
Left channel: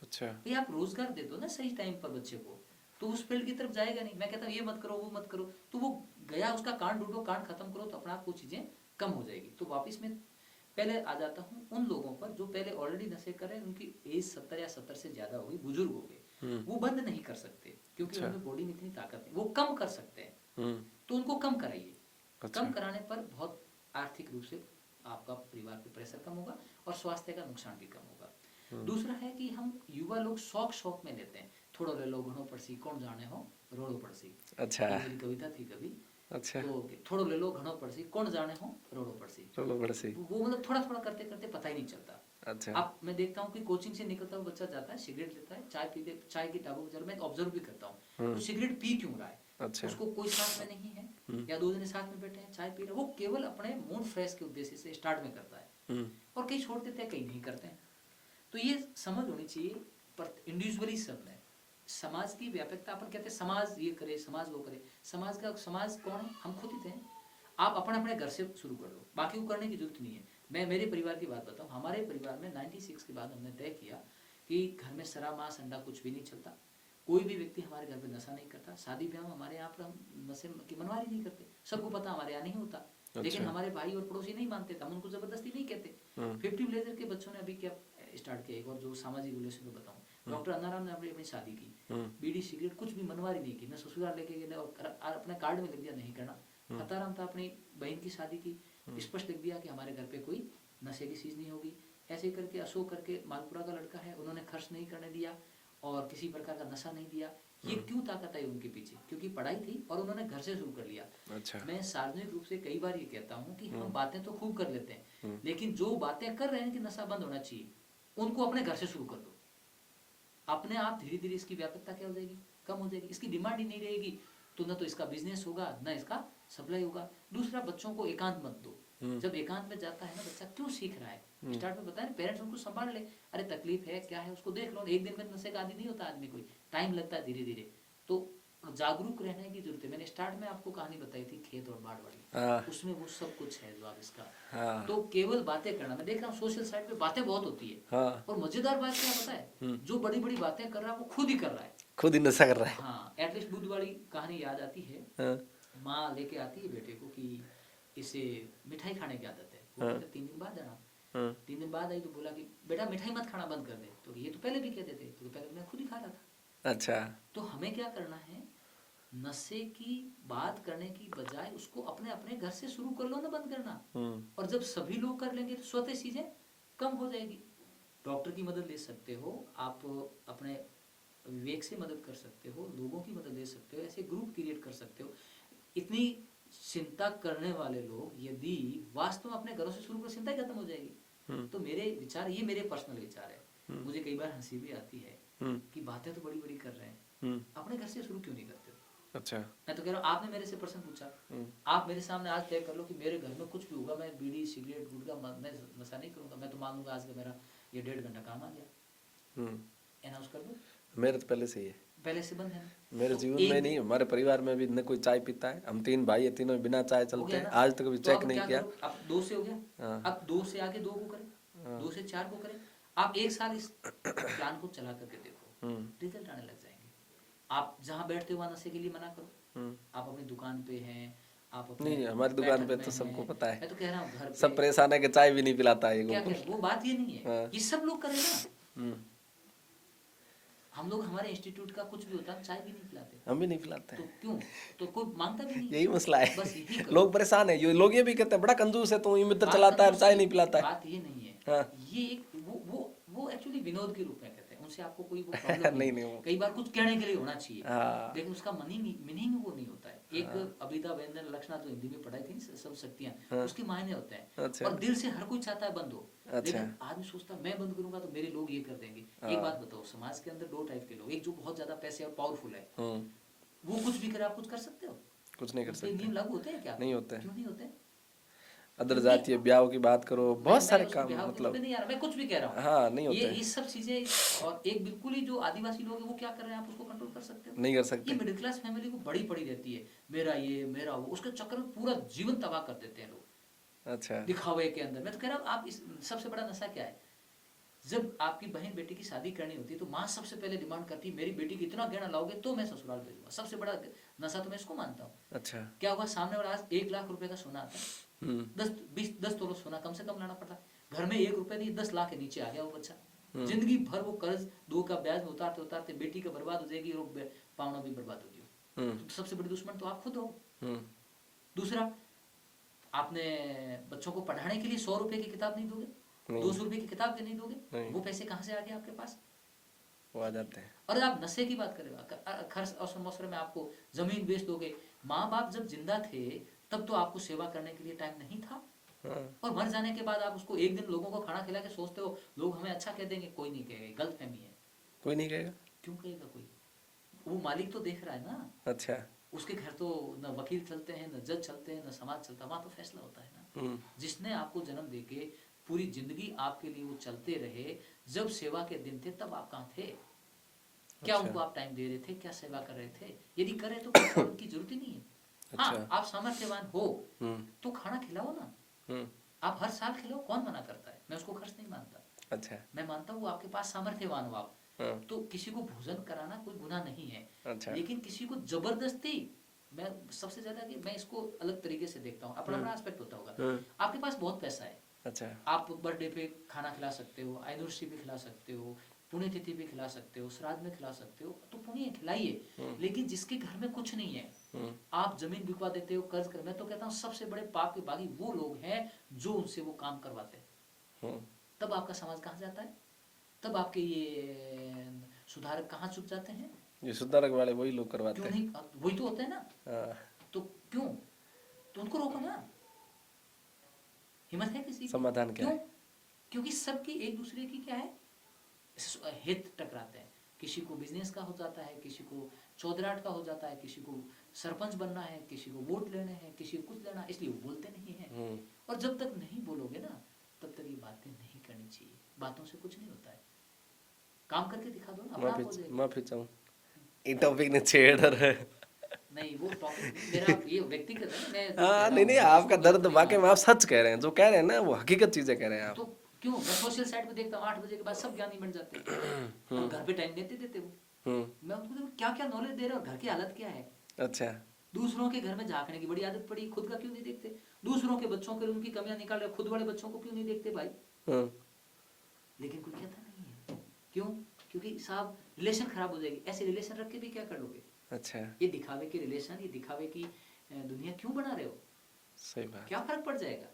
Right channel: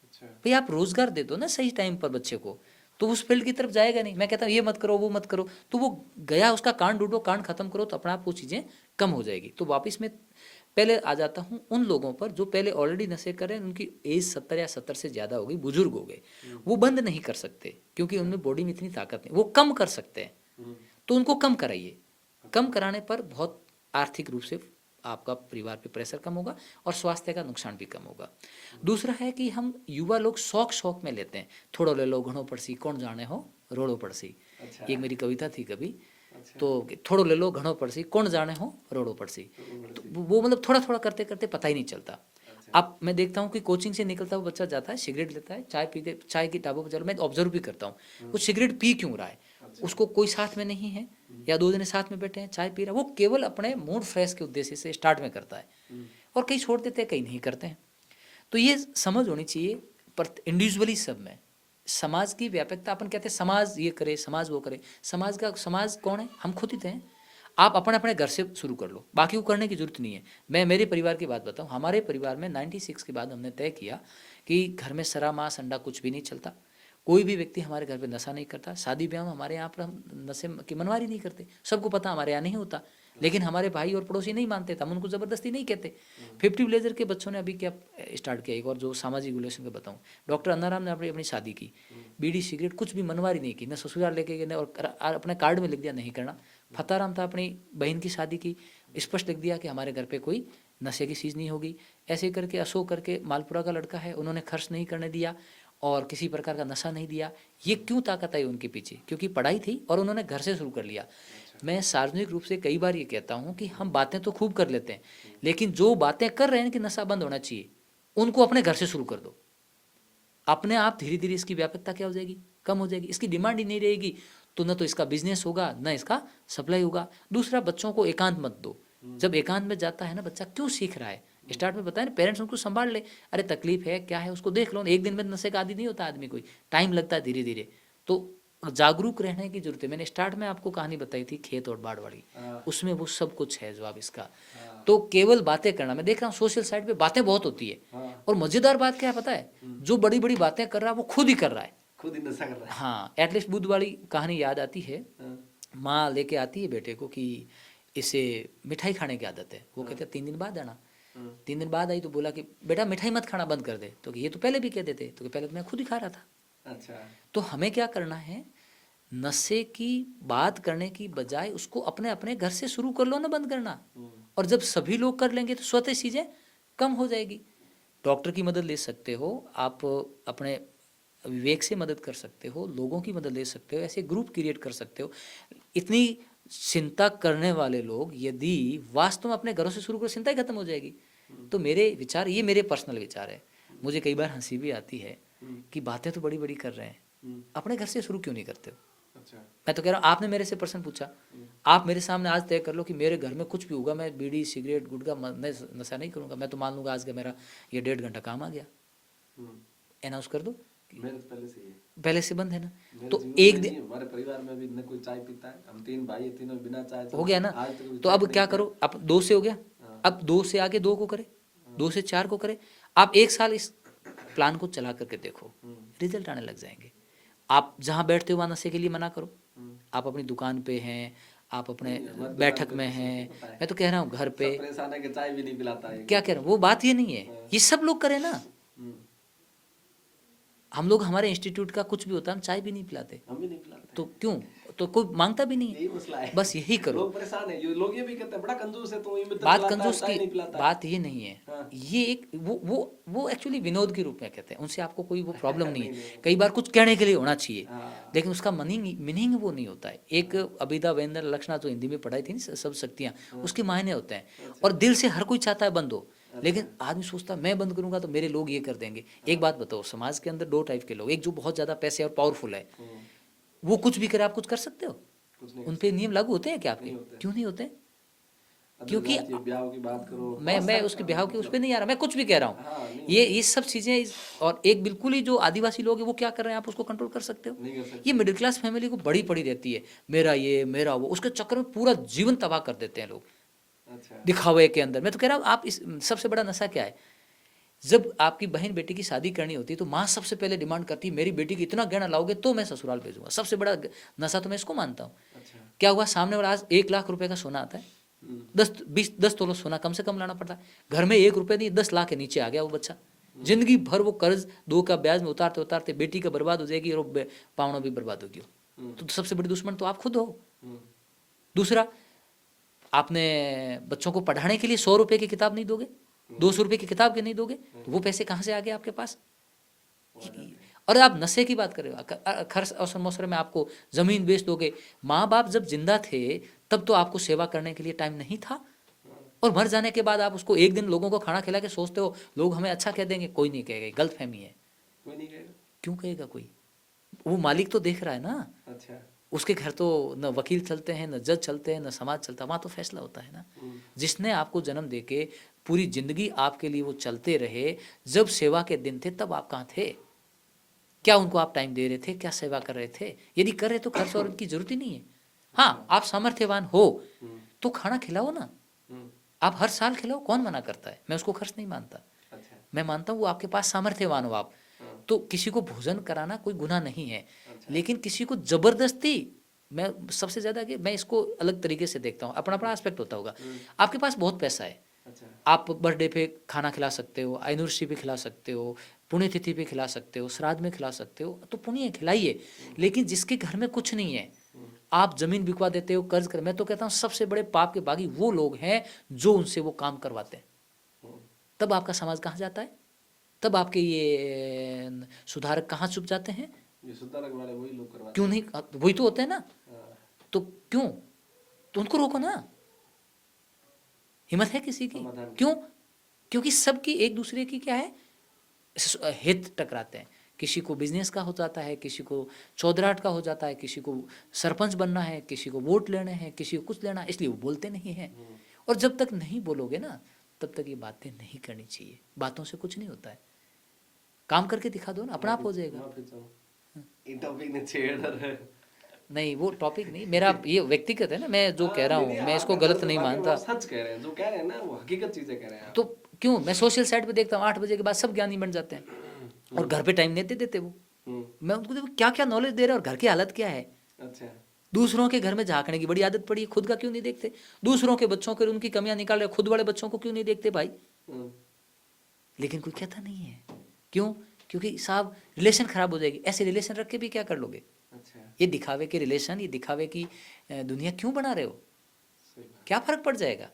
अच्छा। भाई आप रोजगार दे दो ना सही टाइम पर बच्चे को, तो उस फील्ड की तरफ जाएगा नहीं। मैं कहता हूँ ये मत करो वो मत करो, तो वो गया, उसका कांड ढूंढो, कांड खत्म करो, तो अपने आप वो चीज़ें कम हो जाएगी। तो वापस में पहले आ जाता हूँ उन लोगों पर जो पहले ऑलरेडी नशे कर रहे हैं, उनकी एज 70 या 70 से ज़्यादा हो गई, बुजुर्ग हो गए, वो बंद नहीं कर सकते क्योंकि उनमें बॉडी में इतनी ताकत नहीं। वो कम कर सकते हैं, तो उनको कम कराइए। कम कराने पर बहुत आर्थिक रूप से आपका परिवार पे प्रेशर कम होगा और स्वास्थ्य का नुकसान भी कम होगा। दूसरा है कि हम युवा लोग शौक में लेते हैं, थोड़ो ले लो घणो पड़सी कौन जाने हो रोड़ो पड़सी। अच्छा। ये मेरी कविता थी कभी। अच्छा। तो थोड़ो ले लो घणो पड़सी कौन जाने हो रोड़ो पड़सी। वो मतलब थोड़ा थोड़ा करते करते पता ही नहीं चलता। अच्छा। अब मैं देखता हूँ कि कोचिंग से निकलता हुआ बच्चा जाता है, सिगरेट लेता है, चाय पीते, चाय की टाबों पर चलो, मैं ऑब्जर्व भी करता हूँ वो सिगरेट पी क्यों रहा है। अच्छा। उसको कोई साथ में नहीं है, या 2 जने साथ में बैठे हैं, चाय पी रहा है, वो केवल अपने मूड फ्रेश के उद्देश्य से स्टार्ट में करता है, और कई छोड़ देते हैं, कई नहीं करते हैं। तो ये समझ होनी चाहिए पर इंडिविजुअली सब में। समाज की व्यापकता, अपन कहते हैं समाज ये करे, समाज वो करे, समाज कौन है, हम खुद ही थे। आप अपने अपने घर से शुरू कर लो, बाकी को करने की जरूरत नहीं है। मैं मेरे परिवार की बात बताऊं, हमारे परिवार में 96 के बाद हमने तय किया कि घर में सरा मांस अंडा कुछ भी नहीं चलता, कोई भी व्यक्ति हमारे घर पे नशा नहीं करता। शादी ब्याह में हमारे यहाँ पर हम नशे की मनवारी नहीं करते, सबको पता हमारे यहाँ नहीं होता। लेकिन हमारे भाई और पड़ोसी नहीं मानते थे, हम उनको जबरदस्ती नहीं कहते। 50 विलेजर के बच्चों ने अभी क्या स्टार्ट किया, एक और जो सामाजिक रिलेशन का बताऊं, डॉक्टर अन्नाराम ने अपनी शादी की, बीड़ी सिगरेट कुछ भी मनवारी नहीं की, न ससुराल लेके गए और अपने कार्ड में लिख दिया नहीं करना। फताराम था, अपनी बहन की शादी की, स्पष्ट लिख दिया कि हमारे घर पे कोई नशे की चीज़ नहीं होगी। ऐसे करके अशोक करके मालपुरा का लड़का है, उन्होंने खर्च नहीं करने दिया और किसी प्रकार का नशा नहीं दिया। ये क्यों ताकत आई उनके पीछे, क्योंकि पढ़ाई थी और उन्होंने घर से शुरू कर लिया। अच्छा। मैं सार्वजनिक रूप से कई बार ये कहता हूँ कि हम बातें तो खूब कर लेते हैं, लेकिन जो बातें कर रहे हैं कि नशा बंद होना चाहिए, उनको अपने घर से शुरू कर दो। अपने आप धीरे धीरे इसकी व्यापकता क्या हो जाएगी, कम हो जाएगी। इसकी डिमांड ही नहीं रहेगी तो न तो इसका बिजनेस होगा, न इसका सप्लाई होगा। दूसरा, बच्चों को एकांत मत दो। जब एकांत में जाता है ना बच्चा, क्यों सीख रहा है, स्टार्ट में बताया ना, पेरेंट्स उनको संभाल ले, अरे तकलीफ है क्या है उसको देख लो। एक दिन में नशे का आदि नहीं होता आदमी, कोई टाइम लगता है धीरे धीरे। तो जागरूक रहने की जरूरत है। मैंने स्टार्ट में आपको कहानी बताई थी खेत और बाढ़ वाली, हाँ। उसमें वो सब कुछ है जो आप इसका। हाँ। तो केवल बातें करना, मैं देख रहा हूँ सोशल साइड पे बातें बहुत होती है, हाँ। और मजेदार बात क्या है पता है, जो बड़ी बड़ी बातें कर रहा है वो खुद ही कर रहा है। खुद ही नशा कर रहा है। हाँ, एटलीस्ट बुद्ध वाली कहानी याद आती है। हाँ। माँ लेके आती है बेटे को कि इसे मिठाई खाने की आदत है। वो कहते 3 दिन बाद आना। 3 दिन बाद आई तो बोला कि बेटा मिठाई मत खाना, बंद कर दे। तो ये तो पहले भी कहते थे। तो पहले तो मैं खुद ही खा रहा था। अच्छा। तो हमें क्या करना है, नशे की बात करने की बजाय उसको अपने अपने घर से शुरू कर लो ना बंद करना। और जब सभी लोग कर लेंगे तो स्वतः चीज़ें कम हो जाएगी। डॉक्टर की मदद ले सकते हो आप, अपने विवेक से मदद कर सकते हो, लोगों की मदद ले सकते हो, ऐसे ग्रुप क्रिएट कर सकते हो। इतनी चिंता करने वाले लोग यदि वास्तव में अपने घरों से शुरू करो, चिंता ही खत्म हो जाएगी। तो मेरे विचार, ये मेरे पर्सनल विचार है। मुझे कई बार हंसी भी आती है कि बातें तो बड़ी बड़ी कर रहे हैं, अपने घर से शुरू क्यों नहीं करते हो। अच्छा। मैं तो कह रहा हूँ, आपने मेरे से प्रश्न पूछा, आप मेरे सामने आज तय कर लो कि मेरे घर में कुछ भी होगा, मैं बीड़ी सिगरेट गुटखा मैं नशा नहीं करूँगा। मैं तो मान लूँगा आज का मेरा ये 1.5 घंटा काम आ गया, अनाउंस कर दो। मेरे तो पहले से ही है। पहले से बंद है ना। मेरे तो जीवन एक में दिन नहीं, हमारे परिवार में भी न कोई चाय पीता है। हम 3 भाई है, तीनों बिना चाय हो चलते गया ना। आज तक कभी तो चेक अब नहीं क्या किया। करो, अब 2 से हो गया, हाँ। अब 2 से आगे 2 को करे, 2 से 4 को करे। आप 1 साल इस प्लान को चला करके देखो, रिजल्ट आने लग जाएंगे। आप जहाँ बैठते हो वहाँ नशे के लिए मना करो। आप अपनी दुकान पे हैं, आप अपने नहीं, हमारी दुकान बैठक पे में तो सबको हैं, पता है। मैं तो कह रहा हूँ घर पे सब परेशान है कि चाय भी नहीं पिलाता है क्या कह रहा हूँ, वो बात ये नहीं है। हाँ। ये सब लोग करें ना। हम्म। हम लोग, हमारे इंस्टीट्यूट का कुछ भी होता है हम चाय भी नहीं पिलाते, हम भी नहीं पिलाते तो क्यों, तो कोई मांगता भी नहीं है। यही मसला है। बस यही करो। लोग परेशान है, लोग ये भी कहते हैं बड़ा कंजूस है, तू मित्र बात चलाता है कंजूस चाय की नहीं पिलाता है। बात ये नहीं है। हाँ। ये एक वो एक्चुअली विनोद के रूप में कहते हैं, उनसे आपको कोई वो प्रॉब्लम नहीं नहीं, है। नहीं। कई बार कुछ कहने के लिए होना चाहिए, हाँ। लेकिन उसका मीनिंग वो नहीं होता है। एक अभिधा व्यंजन लक्षणा तो हिंदी में पढ़ाई थी ना, सब शक्तियाँ, उसके मायने होते हैं। अच्छा। और दिल से हर कोई चाहता है बंद हो, लेकिन आदमी सोचता है मैं बंद करूंगा तो मेरे लोग ये कर देंगे। एक बात बताओ, समाज के अंदर 2 टाइप के लोग, एक जो बहुत ज्यादा पैसे और पावरफुल है, वो कुछ भी करे आप कुछ कर सकते हो, कुछ नहीं कर उन पे नियम लागू होते हैं क्या आपके? नहीं होते। क्यों नहीं होते? अदर क्योंकि जातीय ब्याह की बात करो, मैं बहुत सारे उसके काम बिहाव की उस मतलब। पे नहीं आ रहा, मैं कुछ भी कह रहा हूँ। हाँ, नहीं ये होते हैं। सब चीजें, और एक बिल्कुल ही जो आदिवासी लोग हैं वो क्या कर रहे हैं, आप उसको कंट्रोल कर सकते हो? नहीं कर सकते। ये मिडिल क्लास फैमिली को बड़ी पड़ी रहती है, मेरा ये मेरा वो, उसके चक्कर में पूरा जीवन तबाह कर देते हैं लोग अच्छा। दिखावे के अंदर। मैं तो कह रहा हूँ, आप इस सबसे बड़ा नशा क्या है, जब आपकी बहन बेटी की शादी करनी होती है तो माँ सबसे पहले डिमांड करती है मेरी बेटी की इतना गहना लाओगे तो मैं ससुराल भेजूंगा। सबसे बड़ा नशा तो मैं इसको मानता हूँ। अच्छा। क्या हुआ, सामने वाला आज 1 लाख रुपए का सोना आता है, 10 तोला सोना कम से कम लाना पड़ता है, घर में 1 रुपए नहीं 10 लाख के नीचे आ गया वो बच्चा, जिंदगी भर वो कर्ज 2 का ब्याज में उतारते उतारते बेटी का बर्बाद हो जाएगी और पावना भी बर्बाद होगी। तो सबसे बड़ी दुश्मन तो आप खुद हो। दूसरा, आपने बच्चों को पढ़ाने के लिए 100 रुपए की किताब नहीं दोगे, 200 रुपए की किताब के नहीं दोगे, वो पैसे कहाँ से आ गए आपके पास? वो आ जाते हैं। और आप नशे की बात कर रहे हो, खर्च अवसर मौसर में आपको जमीन बेच दोगे। माँ बाप जब जिंदा थे तब तो आपको सेवा करने के लिए टाइम नहीं था, और मर जाने के बाद आप उसको एक दिन लोगों को खाना खिला के सोचते हो लोग हमें अच्छा कह देंगे। कोई नहीं कहेगा, गलतफहमी है। कोई नहीं कहेगा। क्यों कहेगा कोई? वो मालिक तो देख रहा है ना। अच्छा। उसके घर तो न वकील चलते हैं, न जज चलते हैं, न समाज चलता है, वहाँ तो फैसला होता है ना। जिसने आपको जन्म देके पूरी जिंदगी आपके लिए वो चलते रहे, जब सेवा के दिन थे तब आप कहाँ थे? क्या उनको आप टाइम दे रहे थे? क्या सेवा कर रहे थे? यदि कर रहे तो खर्च और उनकी जरूरत ही नहीं है। हाँ, आप सामर्थ्यवान हो तो खाना खिलाओ ना, आप हर साल खिलाओ, कौन मना करता है? मैं उसको खर्च नहीं मानता। अच्छा। मैं मानता हूँ वो आपके पास सामर्थ्यवान हो आप, तो किसी को भोजन कराना कोई गुनाह नहीं है। अच्छा। लेकिन किसी को जबरदस्ती, मैं सबसे ज्यादा कि मैं इसको अलग तरीके से देखता हूँ, अपना अपना एस्पेक्ट होता होगा। आपके पास बहुत पैसा है, अच्छा। आप बर्थडे पे खाना खिला सकते हो, एनिवर्सरी पे खिला सकते हो, पुण्यतिथि पे खिला सकते हो, श्राद्ध में खिला सकते हो, तो पुण्य खिलाइए। लेकिन जिसके घर में कुछ नहीं है, आप जमीन बिकवा देते हो, कर्ज कर, मैं तो कहता हूँ सबसे बड़े पाप के बागी वो लोग हैं जो उनसे वो काम करवाते हैं। तब आपका समाज कहाँ जाता है? तब आपके ये सुधारक कहाँ छुप जाते हैं? ये सुधारक वाले वही लोग करवाते क्यों हैं। नहीं, वही तो होते हैं ना। हाँ। तो क्यों, तो उनको रोको ना। हिम्मत है किसी की? समाधान क्या क्यों? है? क्योंकि सबकी एक दूसरे की क्या है, हित टकराते हैं। किसी को बिजनेस का हो जाता है, किसी को चौधराट का हो जाता है, किसी को सरपंच बनना है, किसी को वोट लेने हैं, किसी को कुछ लेना है, इसलिए वो बोलते नहीं हैं। और जब तक नहीं बोलोगे ना तब तक ये बातें नहीं करनी चाहिए। बातों से कुछ नहीं होता है, काम करके दिखा दो ना, अपना आप हो जाएगा। माफी चाहूँ, ये टॉपिक ने छेड़ रहा है। नहीं वो टॉपिक नहीं, मेरा ये व्यक्तिगत है ना, मैं जो कह रहा नहीं हूँ नहीं, मैं इसको आपका गलत दर्द नहीं वाकई में मानता। आप सच कह रहे हैं, जो कह रहे हैं ना वो हकीकत चीजें कह रहे हैं आप। तो क्यों मैं सोशल साइट पे देखता हूँ 8 बजे के बाद सब ज्ञानी बन जाते हैं और घर पे टाइम नहीं दे देते वो। मैं उनको देखो क्या क्या नॉलेज दे रहे हैं और घर की हालत क्या है। अच्छा। दूसरों के घर में झांकने की बड़ी आदत पड़ी है, खुद का क्यों नहीं देखते। दूसरों के बच्चों के उनकी कमियां निकाल रहे, खुद वाले बच्चों को क्यों नहीं देखते भाई। लेकिन कोई कहता नहीं है, क्यों? क्योंकि साहब रिलेशन खराब हो जाएगी, ऐसे रिलेशन रख के भी क्या कर लोगे। अच्छा। ये दिखावे के रिलेशन, ये दिखावे की दुनिया क्यों बना रहे हो। सही बात। क्या फर्क पड़ जाएगा,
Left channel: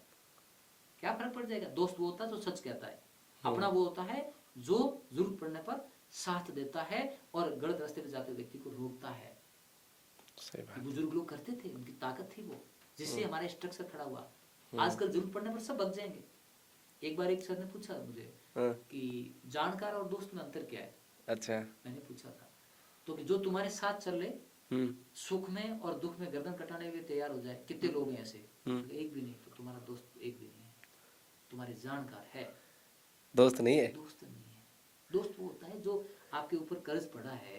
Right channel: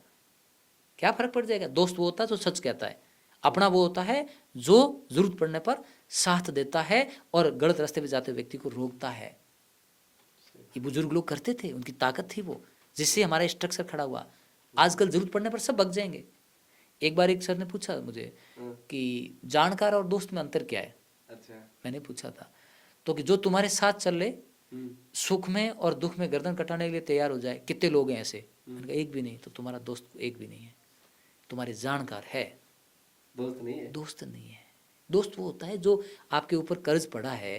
क्या फर्क पड़ जाएगा। दोस्त वो होता है जो सच कहता है, अपना वो होता है जो जरूरत पड़ने पर साथ देता है और गलत रास्ते पे जाते व्यक्ति को रोकता है। सही ये बात। बुजुर्ग लोग करते थे, उनकी ताकत थी वो, जिससे हमारा स्ट्रक्चर खड़ा हुआ। आजकल जरूरत पड़ने पर सब भग जाएंगे। एक बार एक सर ने पूछा मुझे कि जानकार और दोस्त में अंतर क्या है। अच्छा। मैंने पूछा था तो कि जो तुम्हारे साथ चल ले, सुख में और दुख में गर्दन कटाने के लिए तैयार हो जाए, कितने लोग हैं ऐसे। एक भी नहीं। तो तुम्हारा दोस्त एक भी नहीं है, तुम्हारे जानकार है, दोस्त नहीं है। दोस्त नहीं है। दोस्त वो होता है जो आपके ऊपर कर्ज पड़ा है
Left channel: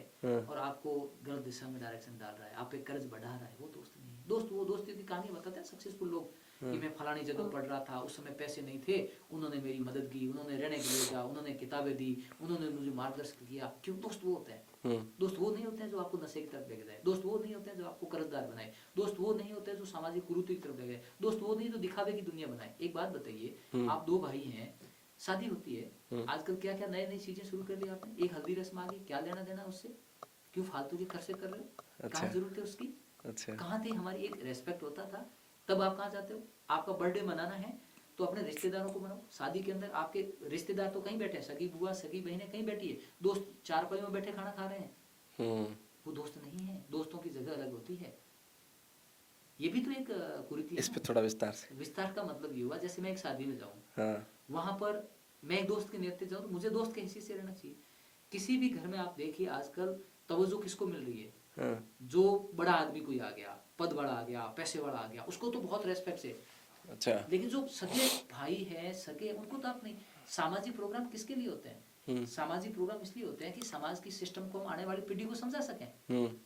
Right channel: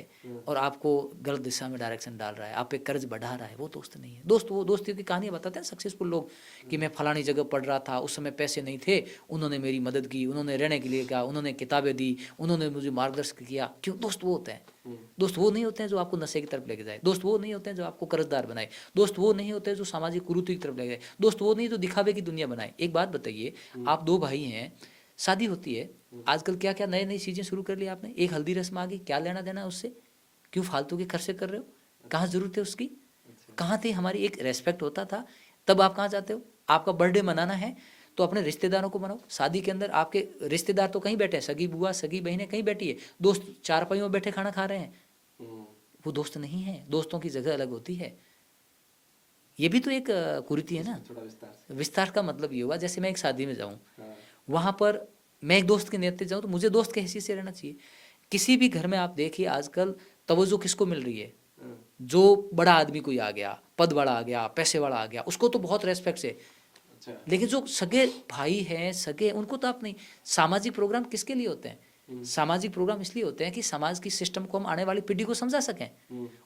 और आपको गलत दिशा में डायरेक्शन डाल रहा है, आप पे कर्ज बढ़ा रहा है, वो दोस्त नहीं है। दोस्त वो दोस्ती की कहानी बताते हैं सक्सेसफुल लोग कि मैं फलानी जगह पढ़ रहा था, उस समय पैसे नहीं थे, उन्होंने मेरी मदद की, उन्होंने रहने के लिए कहा, उन्होंने किताबें दी, उन्होंने मुझे मार्गदर्शन किया। क्यों? दोस्त वो होते हैं। दोस्त वो नहीं होते हैं जो आपको नशे की तरफ लेके जाए, दोस्त वो नहीं होते हैं जो आपको कर्जदार बनाए, दोस्त वो नहीं होते हैं जो सामाजिक कुरीति की तरफ ले जाए, दोस्त वो नहीं जो दिखावे की दुनिया बनाए। एक बात बताइए, आप दो भाई हैं, शादी होती है, आजकल क्या क्या नई नई चीजें शुरू कर ली आपने। एक हल्दी रस्म आ गई, क्या लेना देना है उससे, क्यों फालतू के खर्चे कर रहे हो। कहाँ जरूरत है उसकी। कहाँ थी हमारी एक रेस्पेक्ट होता था, तब आप कहाँ जाते हो। आपका बर्थडे मनाना है तो अपने रिश्तेदारों को मनाओ। शादी के अंदर आपके रिश्तेदार तो कहीं बैठे हैं, सगी बुआ सगी बहनें कहीं बैठी है, दोस्त चारपाइयों में बैठे खाना खा रहे हैं, वो दोस्त नहीं है। दोस्तों की जगह अलग होती है। ये भी तो एक कुरीति है ना। थोड़ा विस्तार से। विस्तार का मतलब ये हुआ, जैसे मैं एक शादी में जाऊँ, हाँ। वहाँ पर मैं एक दोस्त के नेतृत्व जाऊँ तो मुझे दोस्त के हैसियत से रहना चाहिए। किसी भी घर में आप देखिए आजकल तवज्जो किसको मिल रही है, जो बड़ा आदमी कोई आ गया, पद वाला आ गया, पैसे वाला आ गया, उसको तो बहुत रेस्पेक्ट से। अच्छा। लेकिन जो सगे भाई हैं, सगे, उनको तो आप नहीं। सामाजिक प्रोग्राम किसके लिए होते हैं? सामाजिक प्रोग्राम इसलिए होते हैं कि समाज की सिस्टम को हम आने वाली पीढ़ी को समझा सकें,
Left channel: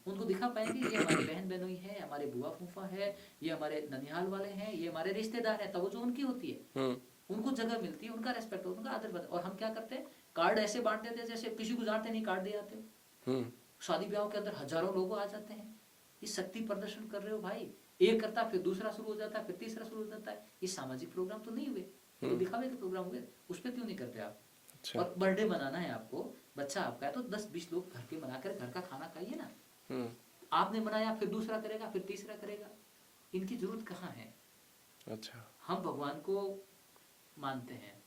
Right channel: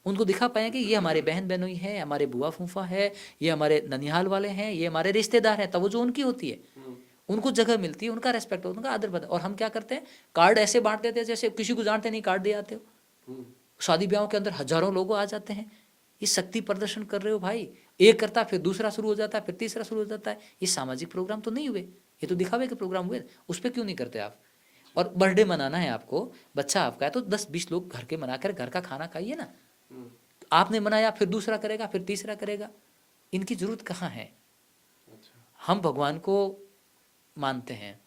उनको दिखा पाए कि ये हमारे बहन बहनोई है, हमारे बुआ फूफा है, ये हमारे ननिहाल वाले हैं, ये हमारे रिश्तेदार हैं। तवज्जो उनकी होती है, उनको जगह मिलती है, उनका रेस्पेक्ट होता है, उनका आदर बनता है। और हम क्या करते हैं, कार्ड ऐसे बांट देते हैं जैसे किसी को जानते नहीं, कार्ड दे आते हो। शादी ब्याहों के अंदर हजारों लोग आ जाते हैं। ये शक्ति प्रदर्शन कर रहे हो भाई। एक करता फिर दूसरा शुरू हो जाता है, फिर तीसरा शुरू हो जाता है। ये सामाजिक प्रोग्राम तो नहीं हुए, ये तो दिखावे के प्रोग्राम हुए। उस पर क्यों नहीं करते आप। और बर्थडे मनाना है आपको, बच्चा आपका है तो 10-20 लोग घर के मनाकर घर का खाना खाइए ना। आपने मनाया, फिर दूसरा करेगा, फिर तीसरा करेगा। इनकी जरूरत कहाँ है। अच्छा। हम भगवान को मानते हैं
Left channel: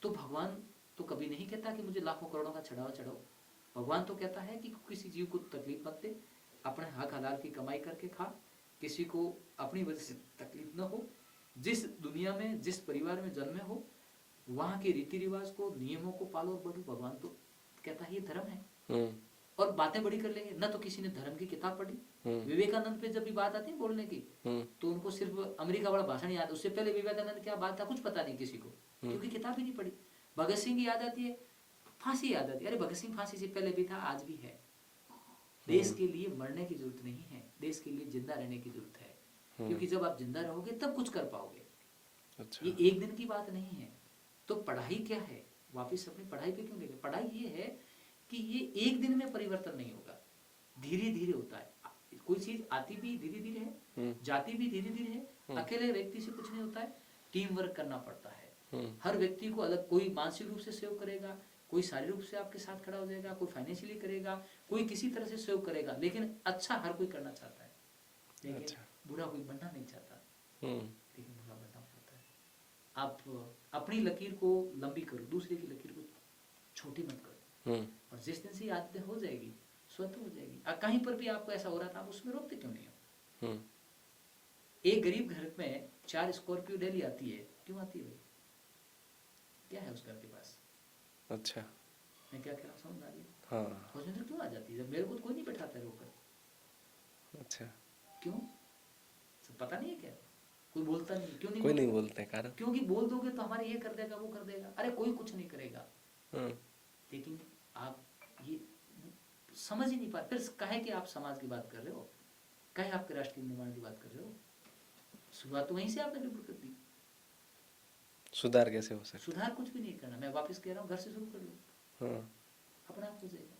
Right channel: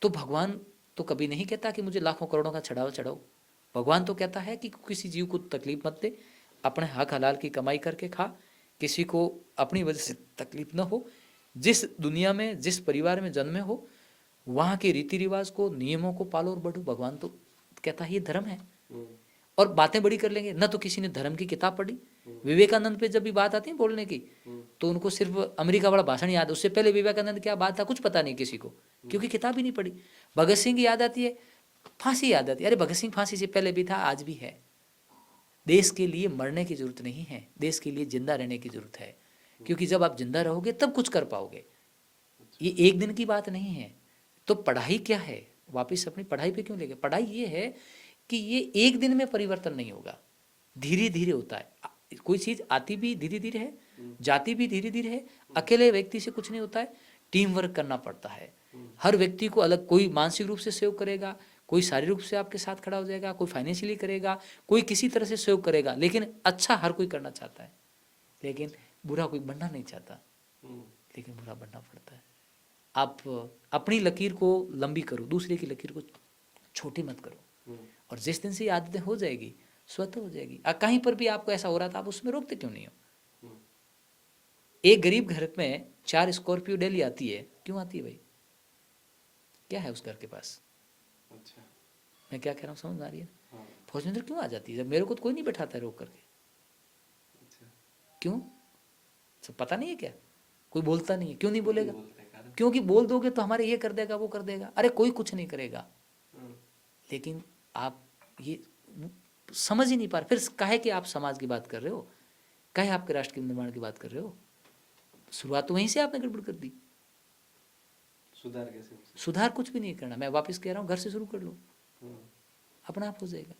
तो भगवान तो कभी नहीं कहता कि मुझे लाखों करोड़ों का चढ़ावा चढ़ाओ। भगवान तो कहता है कि किसी जीव को तकलीफ मत दे, अपने हक हलाल की कमाई करके खा, किसी को अपनी वजह से तकलीफ न हो। जिस दुनिया में जिस परिवार में जन्मे हो वहाँ के रीति रिवाज को, नियमों को पालो और बढ़ो। भगवान तो कहता है ये धर्म है। और बातें बड़ी कर लेंगे, न तो किसी ने धर्म की किताब पढ़ी। विवेकानंद पे जब भी बात आती है बोलने की तो उनको सिर्फ अमेरिका वाला भाषण याद है, उससे पहले विवेकानंद क्या बात था कुछ पता नहीं किसी को, क्योंकि किताब ही नहीं पढ़ी। भगत सिंह याद आती है, फांसी याद आती है। अरे भगत सिंह फांसी से पहले भी था, आज भी है। देश के लिए मरने की जरूरत नहीं है, देश के लिए जिंदा रहने की जरूरत है, क्योंकि जब आप जिंदा रहोगे तब कुछ कर पाओगे। अच्छा। ये एक दिन की बात नहीं है। तो पढ़ाई क्या है, वापिस अपनी पढ़ाई पे क्यों लेके। पढ़ाई ये है कि ये एक दिन में परिवर्तन नहीं होगा, धीरे धीरे होता है। कोई चीज आती भी धीरे धीरे है, जाती भी धीरे धीरे है। अकेले व्यक्ति से कुछ नहीं होता है, टीम वर्क करना पड़ता है। हर व्यक्ति को अलग, कोई मानसिक रूप से सहयोग करेगा, कोई शारीरिक रूप से आपके साथ खड़ा हो जाएगा, कोई फाइनेंशियली करेगा, कोई किसी तरह से सहयोग करेगा। लेकिन अच्छा हर कोई करना चाहता है, लेकिन बुरा कोई बनना नहीं चाहता, लेकिन बुरा बनना पड़ता है। आप अपनी लकीर को लंबी करो, दूसरे की लकीर को छोटी मत करो। और जिस दिन से ये आदतें हो जाएगी स्वतः हो जाएगी। कहीं पर भी आपको ऐसा हो रहा था, आप उसमें रोकते क्यों नहीं हो। एक गरीब घर में 4 स्कॉर्पियो डेली आती है, क्यों आती है भाई, क्या है उस घर के पास। अच्छा। मैं क्या कह रहा हूँ समझ आ रही है। हाँ। फॉर्च्यूनर क्यों आ जाती है, जब मेरे को तो कोई नहीं बैठाता है रोक करके। अच्छा। क्यों, सब पता नहीं है क्या, कोई बोलता नहीं है। क्यों नहीं कोई बोलेगा, नहीं बोलते कारण। क्योंकि बोल दोगे तो हमारे ये कर देगा वो कर देगा। अरे कोई कुछ नहीं करेगा, लेकिन आप ये समझ ही नहीं पा रहे। फिर काहे कि आप समाज की बात कर रहे हो, कहे आपके राष्ट्र के निर्माण की बात कर रहे हो? शुरुआत तो वहीं से आपने गड़बड़ कर दी। सुधार कैसे हो सकता सुधार कुछ भी नहीं करना, मैं वापस कह रहा हूँ, घर से शुरू कर लो, है? हाँ, अपना आप हो जाएगा।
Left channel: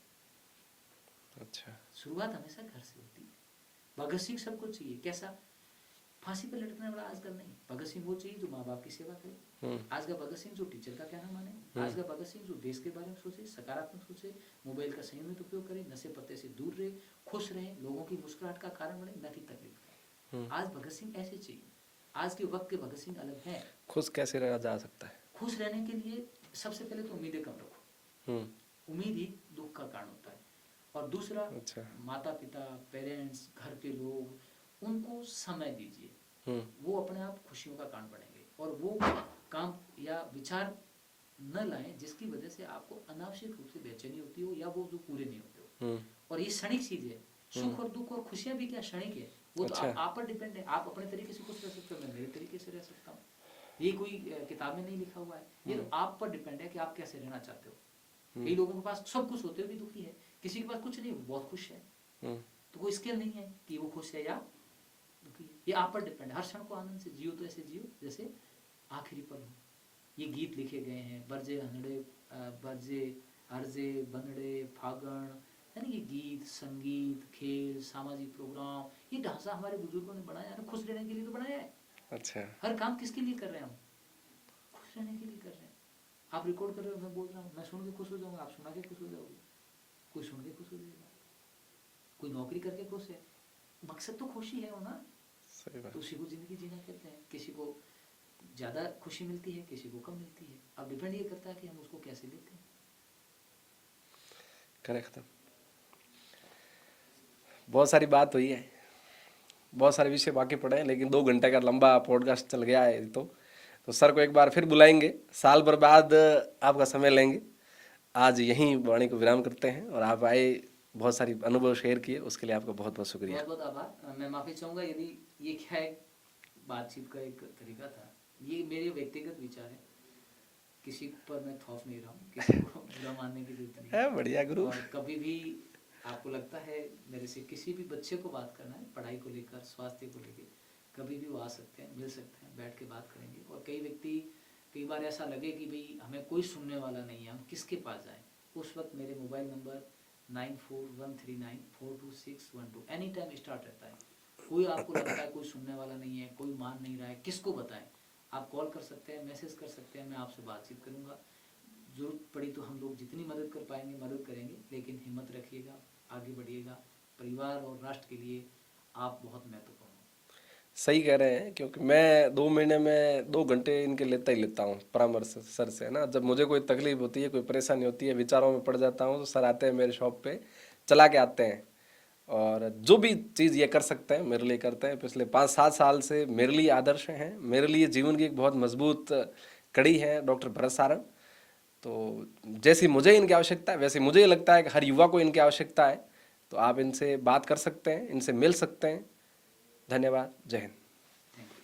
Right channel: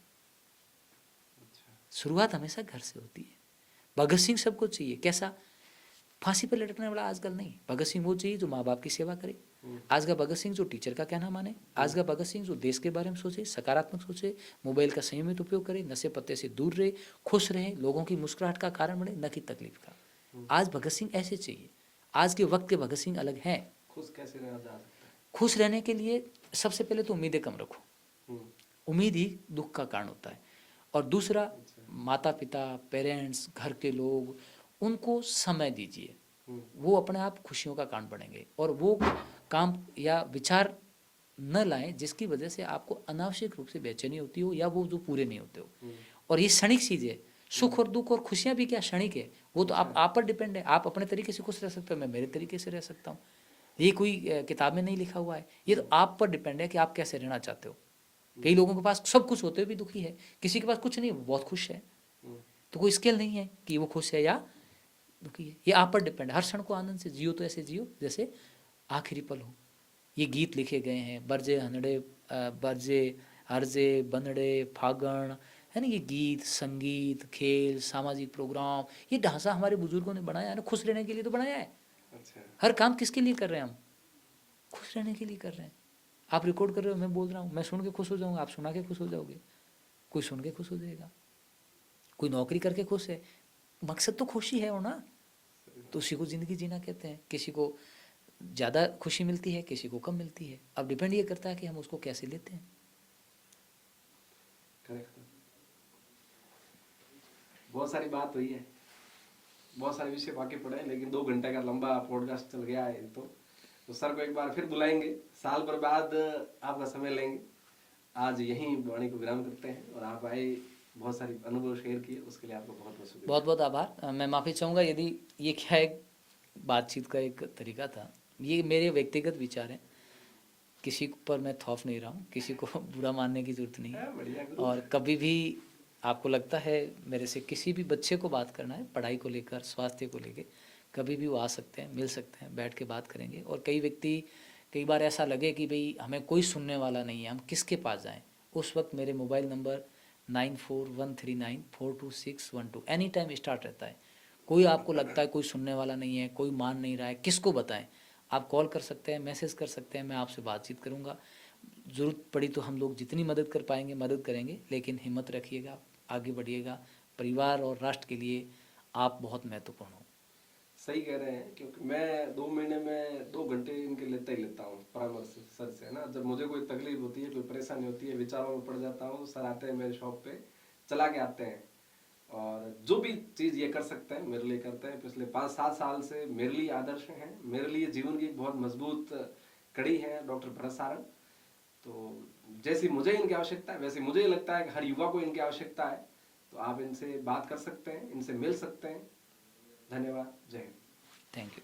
अच्छा। शुरुआत हमेशा घर से होती है। भगत सिंह सबको चाहिए, कैसा? फांसी पर लटकने वाला आजकल नहीं। भगत सिंह वो चाहिए जो माँ बाप की सेवा करे। आज का भगत सिंह जो टीचर का कहना माने। आज का भगत सिंह जो देश के बारे में सोचे, सकारात्मक सोचे, मोबाइल का संयमित उपयोग करे, नशे पत्ते से दूर रहे, खुश रहे, लोगों की मुस्कुराहट का कारण बने, न कि तकलीफ का। आज भगत सिंह ऐसे चाहिए। आज के वक्त के भगत सिंह अलग हैं। खुश कैसे रहा जा सकता है? खुश रहने के लिए सबसे पहले तो उम्मीदें कम रखो। हम्म, उम्मीद ही दुख का कारण होता है। और दूसरा, अच्छा। माता पिता, पेरेंट्स, घर के लोग, उनको समय दीजिए। हम्म, वो अपने आप खुशियों का कारण बनेंगे। और वो काम या विचार न लाएं जिसकी वजह से आपको अनावश्यक रूप से बेचैनी होती हो, या वो जो पूरे नहीं होते हो। और ये क्षणिक चीज़ है। सुख और दुख और खुशियाँ भी क्या क्षणिक है, वो तो आप पर डिपेंड है। आप अपने तरीके से खुश रह सकते हो, मैं मेरे तरीके से रह सकता हूँ। ये कोई किताब में नहीं लिखा हुआ है, ये तो आप पर डिपेंड है कि आप कैसे रहना चाहते हो। कई लोगों के पास सब कुछ होते हुए भी दुखी है, किसी के पास कुछ नहीं, वो बहुत खुश है। तो कोई स्केल नहीं है कि वो खुश है या दुखी है, ये आप पर डिपेंड है। हर क्षण को आनंद से जियो, तो ऐसे जियो जैसे आखिरी पल हो। ये गीत लिखे गए हैं, बरजे हनड़े बरजे हरजे बनड़े फागण, है ना। ये गीत, संगीत, खेल, सामाजिक प्रोग्राम, ये ढांचा हमारे बुजुर्गों ने बनाया है ना, खुश रहने के लिए तो बनाया है। अच्छा। हर काम किसके लिए कर रहे हैं हम? खुश रहने के लिए कर रहे हैं। आप रिकॉर्ड कर रहे हो, मैं बोल रहा हूँ, मैं सुन के खुश हो जाऊंगा, आप सुना के खुश हो जाओगे, कोई सुन के खुश हो जाएगा, कोई नौकरी करके खुश है। मकसद तो खुशी है हो ना, तो उसी को जिंदगी जीना कहते हैं। किसी को ज़्यादा खुशी मिलती है, किसी को कम मिलती है। अब डिपेंड ये करता है कि हम उसको कैसे लेते हैं। करेक्ट। बहुत सारी बात हुई है, बहुत सारे विषय बाकी पड़े हैं, लेकिन 2 घंटे का लंबा पॉडकास्ट चल गया है। तो सर को एक बार फिर बुलाएंगे, साल भर बाद आपका समय लेंगे। आज यहीं वाणी को विराम करते हैं, और आप आए, बहुत सारी अनुभव शेयर किए, उसके लिए आपका बहुत बहुत शुक्रिया। बहुत बहुत आभार। मैं माफ़ी चाहूँगा यदि ये क्या एक बातचीत का एक तरीका था। ये मेरे व्यक्तिगत विचार हैं, किसी पर मैं थोप नहीं रहा हूँ, किसी को बुरा मानने की जरूरत नहीं है। बढ़िया गुरु। और कभी भी आपको लगता है मेरे से किसी भी बच्चे को बात करना है, पढ़ाई को लेकर, स्वास्थ्य को लेकर, कभी भी वो आ सकते हैं, मिल सकते हैं, बैठ के बात करेंगे। और कई बार ऐसा लगे कि भाई हमें कोई सुनने वाला नहीं है, हम किसके पास जाएं, उस वक्त मेरे mobile number 9413942612 any time start रहता है। कोई आपको लगता है कोई सुनने वाला नहीं है, कोई मान नहीं रहा है, किसको बताएं, आप कॉल कर सकते हैं, मैसेज कर सकते हैं, मैं आपसे बातचीत करूंगा। ज़रूरत पड़ी तो हम लोग जितनी मदद कर पाएंगे मदद करेंगे, लेकिन हिम्मत रखिएगा, आगे बढ़िएगा। परिवार और राष्ट्र के लिए आप बहुत महत्वपूर्ण हो। सही कह रहे हैं, क्योंकि मैं 2 महीने में 2 घंटे इनके लेता ही लेता हूँ परामर्श सर से, है ना। जब मुझे कोई तकलीफ होती है, कोई परेशानी होती है, विचारों में पड़ जाता हूँ, तो सर आते हैं मेरे शॉप पे, चला के आते हैं, और जो भी चीज़ ये कर सकते हैं मेरे लिए करते हैं। पिछले 5-7 साल से मेरे लिए आदर्श हैं, मेरे लिए जीवन की एक बहुत मजबूत कड़ी है डॉक्टर भरत सारंग। तो जैसी मुझे इनकी आवश्यकता है, वैसे मुझे लगता है कि हर युवा को इनकी आवश्यकता है। तो आप इनसे बात कर सकते हैं, इनसे मिल सकते हैं। धन्यवाद। जय हिंद। Thank you.